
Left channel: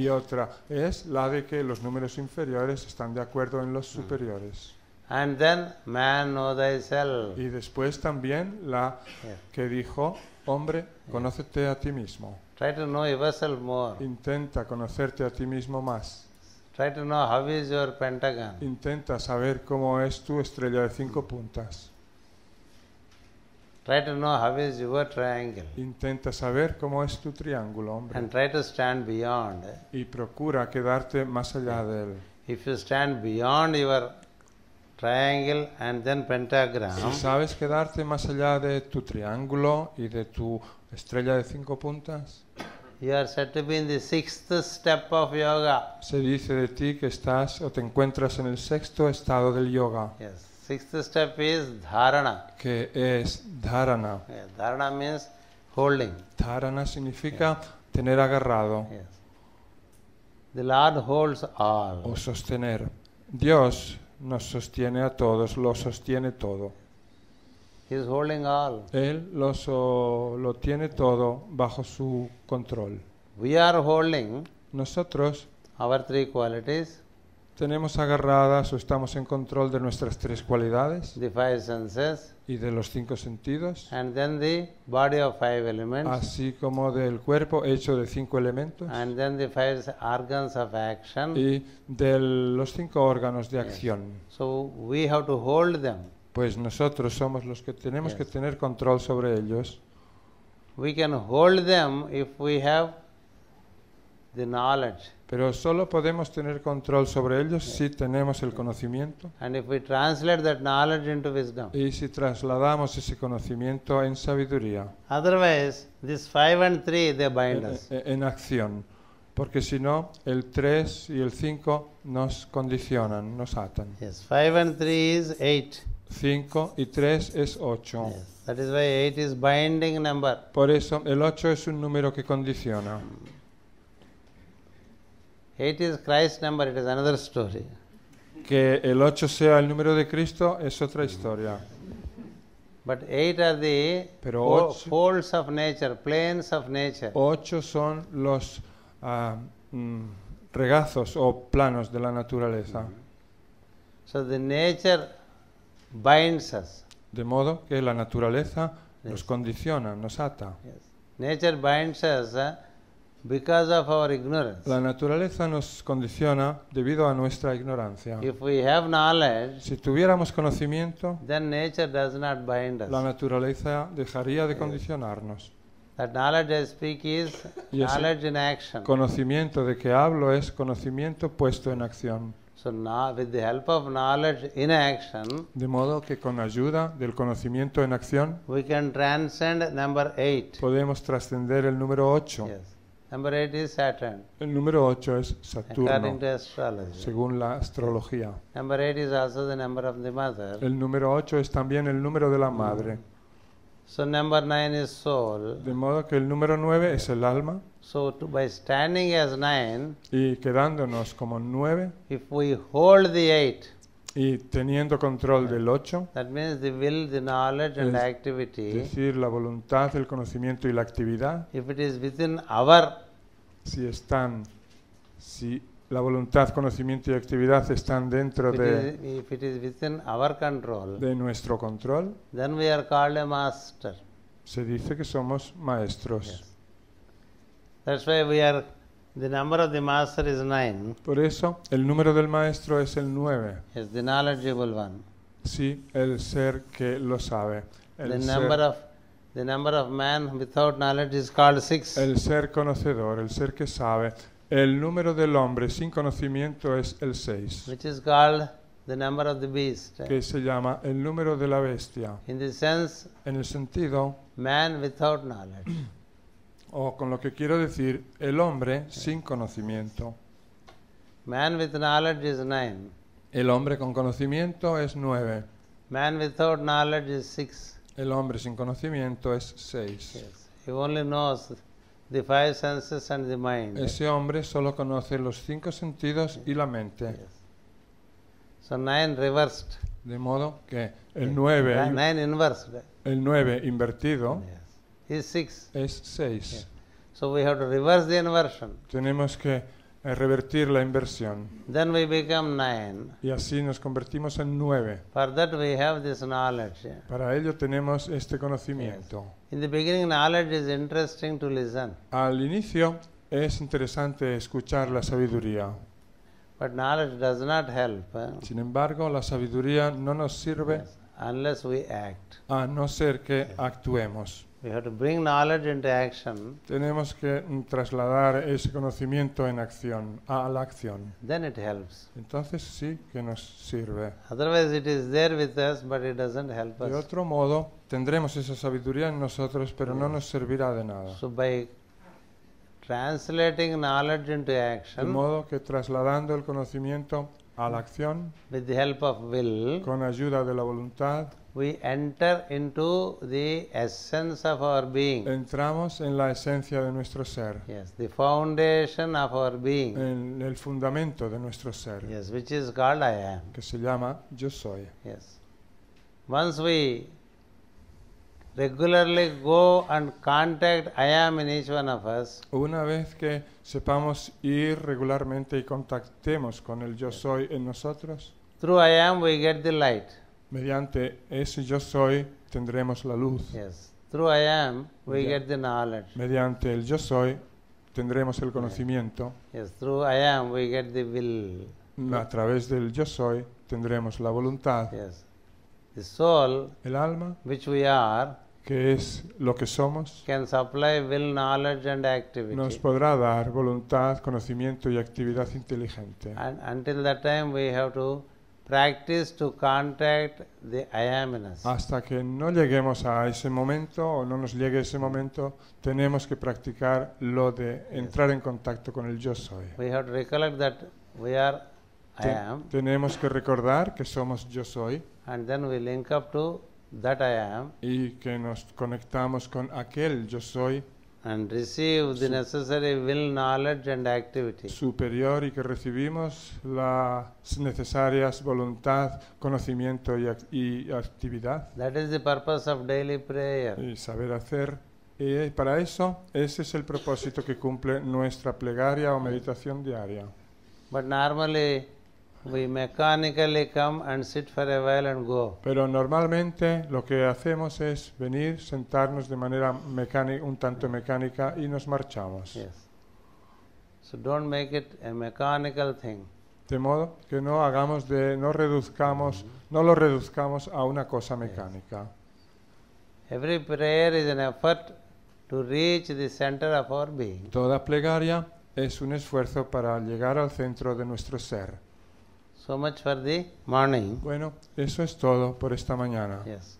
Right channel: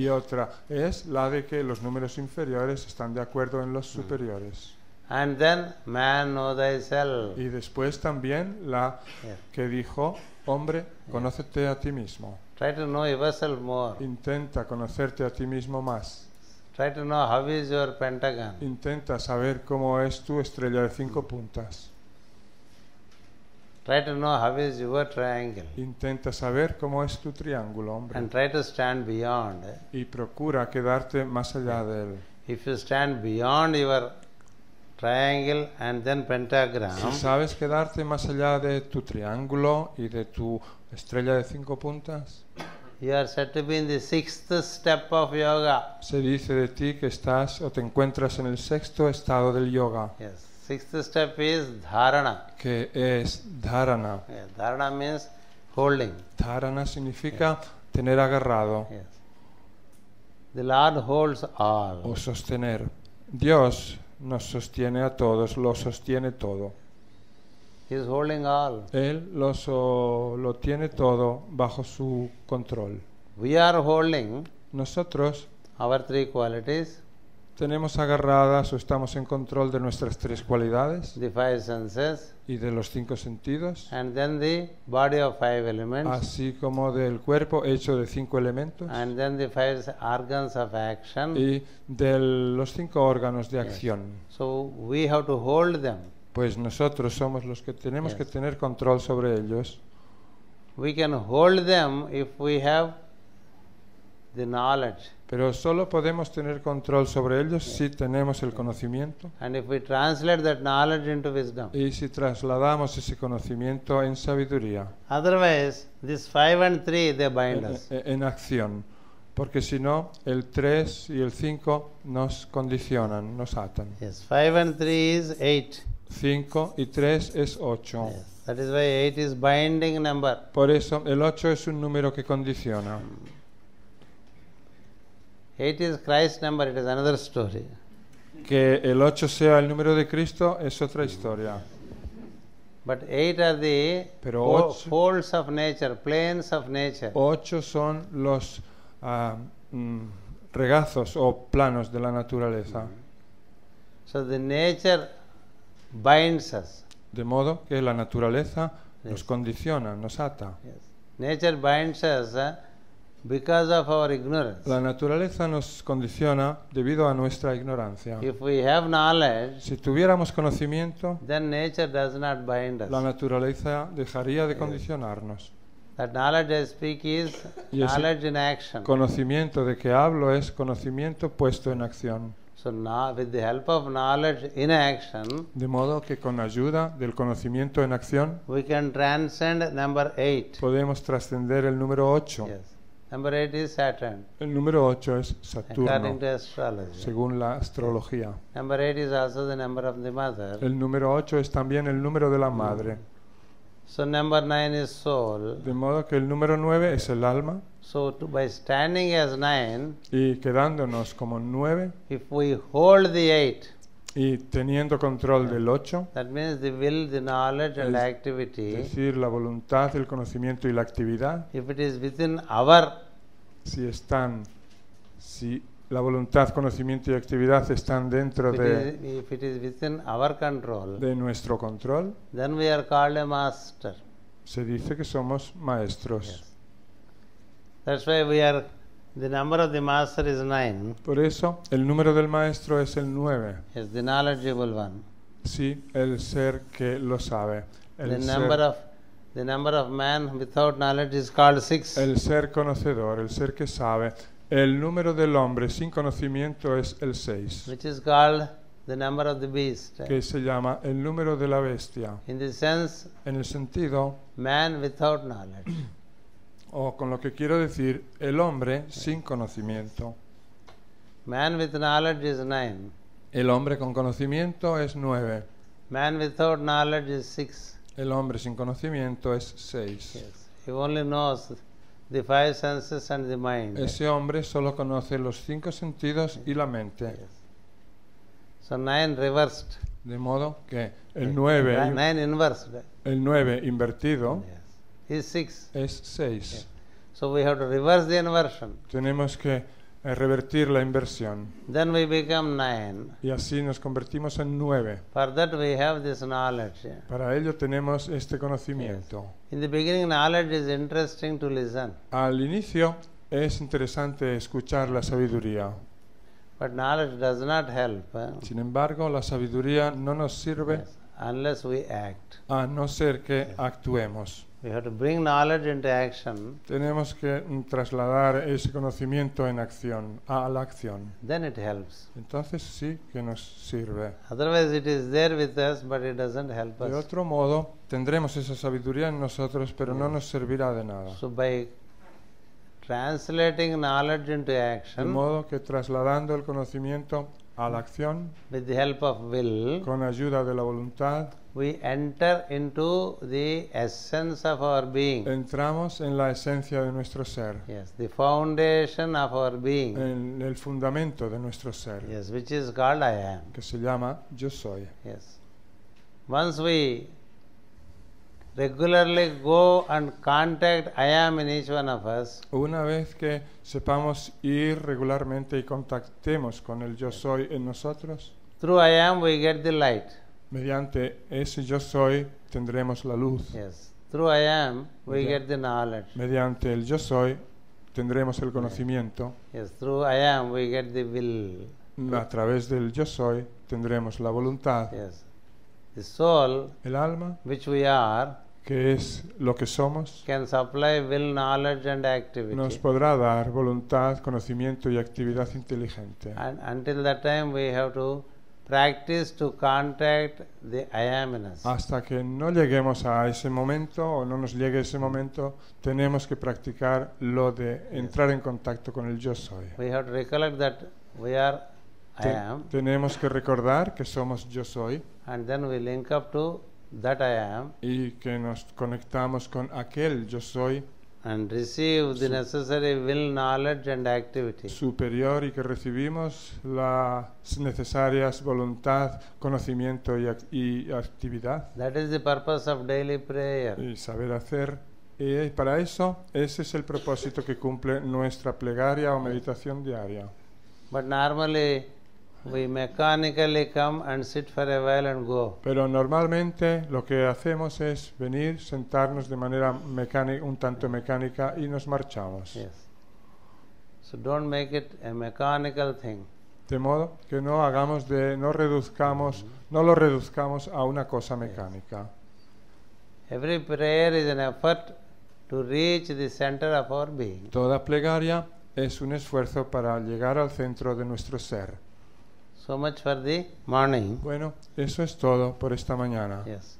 Y otra es la de que los números superiores están de acuerdo en los superiores. And then man know thyself. Y después también la Yes. que dijo, hombre, Yes. conócete a ti mismo. Try to know yourself more. Intenta conocerte a ti mismo más. Try to know how is your pentagon. Intenta saber cómo es tu estrella de 5 puntas. Try to know how is your triangle. Intenta saber cómo es tu triángulo. And try to stand beyond. Y procura quedarte más allá Yeah. de él. If you stand beyond your triangle and then pentagram, ¿Sabes quedarte más allá de tu triángulo y de tu estrella de 5 puntas? you are said to be in the sixth step of yoga. Se dice de ti que estás o te encuentras en el sexto estado del yoga, Yes. Sixth step is dharana. que es dharana. Yeah. Dharana means holding. Dharana significa tener agarrado, Yes. The Lord holds all. sostener. Dios nos sostiene a todos, lo Yeah. sostiene todo. He is holding all. Él lo tiene todo bajo su control. We are holding Nosotros our three qualities, tenemos agarradas o estamos en control de nuestras tres cualidades the five senses, y de los 5 sentidos, and then the body of five elements, así como del cuerpo hecho de 5 elementos and then the five organs of action. y de los 5 órganos de Yes. acción. So we have to hold them. Pues nosotros somos los que tenemos Yes. que tener control sobre ellos. We can hold them if we have the knowledge. Pero solo podemos tener control sobre ellos Yes. si tenemos el Yes. conocimiento And if we translate that knowledge into wisdom. y si trasladamos ese conocimiento en sabiduría, Otherwise, this 5 and 3, they bind us. en acción. Porque si no, el 3 y el 5 nos condicionan, nos atan. Yes, 5 and 3 is 8. 5 y 3 es 8. Yes, that is why 8 is binding number. Por eso el 8 es un número que condiciona. 8 is Christ's number, it is another story. Que el 8 sea el número de Cristo es otra historia. But 8 are the folds of nature, planes of nature. 8 son los regatos o planos de la naturaleza. So the nature binds us. De modo que la naturaleza Yes. nos condiciona, nos ata. Yes. Nature binds us because of our ignorance. La naturaleza nos condiciona debido a nuestra ignorancia. If we have knowledge, Si tuviéramos conocimiento, then nature does not bind us. la naturaleza dejaría de Yes. condicionarnos. That knowledge I speak is knowledge in action. Conocimiento de que hablo es conocimiento puesto en acción. So now, with the help of knowledge in action, De modo que con la ayuda del conocimiento en acción we can transcend number 8. podemos trascender el número 8. Yes. Number 8 is Saturn, El número 8 es Saturno, according to astrology. según la astrología. Number 8 is also the number of the mother. El número 8 es también el número de la madre. So number 9 is soul. De modo que el número 9 Yes. es el alma. So by standing as 9, Y quedándonos como 9 if we hold the 8, y teniendo control Yes. del 8, that means the will, the knowledge and activity, y la voluntad, el conocimiento y la actividad, if it is within our, si la voluntad, conocimiento y actividad están dentro if it is within our control, de nuestro control, then we are called a master. se dice que somos maestros. Yes. That's why the number of the master is 9. Por eso, el número del maestro es el 9. Yes, the knowledgeable one. Sí, el ser que lo sabe. The number of man without knowledge is called 6. El ser conocedor, el ser que sabe. El número del hombre sin conocimiento es el 6. Which is called the number of the beast. Que se llama el número de la bestia. In the sense, En el sentido, man without knowledge. o con lo que quiero decir, el hombre sin conocimiento. Man with knowledge is 9. El El hombre con conocimiento es 9. Man without knowledge is 6. El hombre sin conocimiento es 6. Yes. He only knows the 5 senses and the mind. Ese hombre solo conoce los 5 sentidos y la mente. Yes. So 9 reversed. De modo que el 9 inversed. el 9 invertido Yes. Is 6. es 6. Yes. So we have to reverse the inversion. Tenemos que revertir la inversión. Then we become 9. Y así nos convertimos en 9. For that we have this knowledge. Para ello tenemos este conocimiento. Yes. In the beginning, knowledge is interesting to listen. Al inicio es interesante escuchar la sabiduría. But knowledge does not help. Sin embargo, la sabiduría no nos sirve Yes. Unless we act. a no ser que actuemos. We have to bring knowledge into action. Tenemos que trasladar este conocimiento en acción, a la acción. Then it helps. Entonces sí que nos sirve. Otherwise, it is there with us, but it doesn't help De us. otro modo, tendremos esa sabiduría en nosotros, pero no nos servirá de nada. So, by translating knowledge into De action modo que trasladando el conocimiento a la acción, with the help of will, con ayuda de la voluntad, we enter into the essence of our being. entramos en la esencia de nuestro ser, Yes, the foundation of our being. en el fundamento de nuestro ser, Yes, which is called I am. que se llama yo soy. Yes. Once we regularly go and contact I am in each one of us, Una vez que sepamos ir regularmente y contactemos con el yo soy en nosotros, through I am we get the light. mediante ese yo soy tendremos la luz. Yes. Through I am we get the knowledge. Mediante el yo soy tendremos el conocimiento. Yes. Through I am we get the will. A través del yo soy tendremos la voluntad. Yes. The soul, El alma, which we are, que es lo que somos, can supply will, knowledge and activity. nos podrá dar voluntad, conocimiento y actividad inteligente. And until that time we have to practice to contact the I am in us. Hasta que no lleguemos a ese momento o no nos llegue ese momento, tenemos que practicar lo de Yes. entrar en contacto con el yo soy. We have to recollect that we are I am, Tenemos que recordar que somos yo soy and then we link up to that I am y que nos conectamos con aquel yo soy and receive the necessary will, knowledge and activity. superior y que recibimos las necesarias voluntad, conocimiento y actividad That is the purpose of daily prayer. y saber hacer. Y para eso, ese es el propósito que cumple nuestra plegaria o meditación diaria. But normally we mechanically come and sit for a while and go. Pero normalmente lo que hacemos es venir, sentarnos de manera mecánica, un tanto mecánica y nos marchamos. Yes. So don't make it a mechanical thing. De modo que no hagamos no lo reduzcamos a una cosa mecánica. Every prayer is an effort to reach the center of our being. Toda plegaria es un esfuerzo para llegar al centro de nuestro ser. So much for the morning. Bueno, eso es todo por esta mañana. Yes.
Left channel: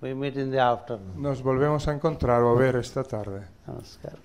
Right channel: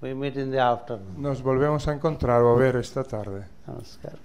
We meet in the afternoon. Nos volvemos a encontrar o ver esta tarde. Namaskar.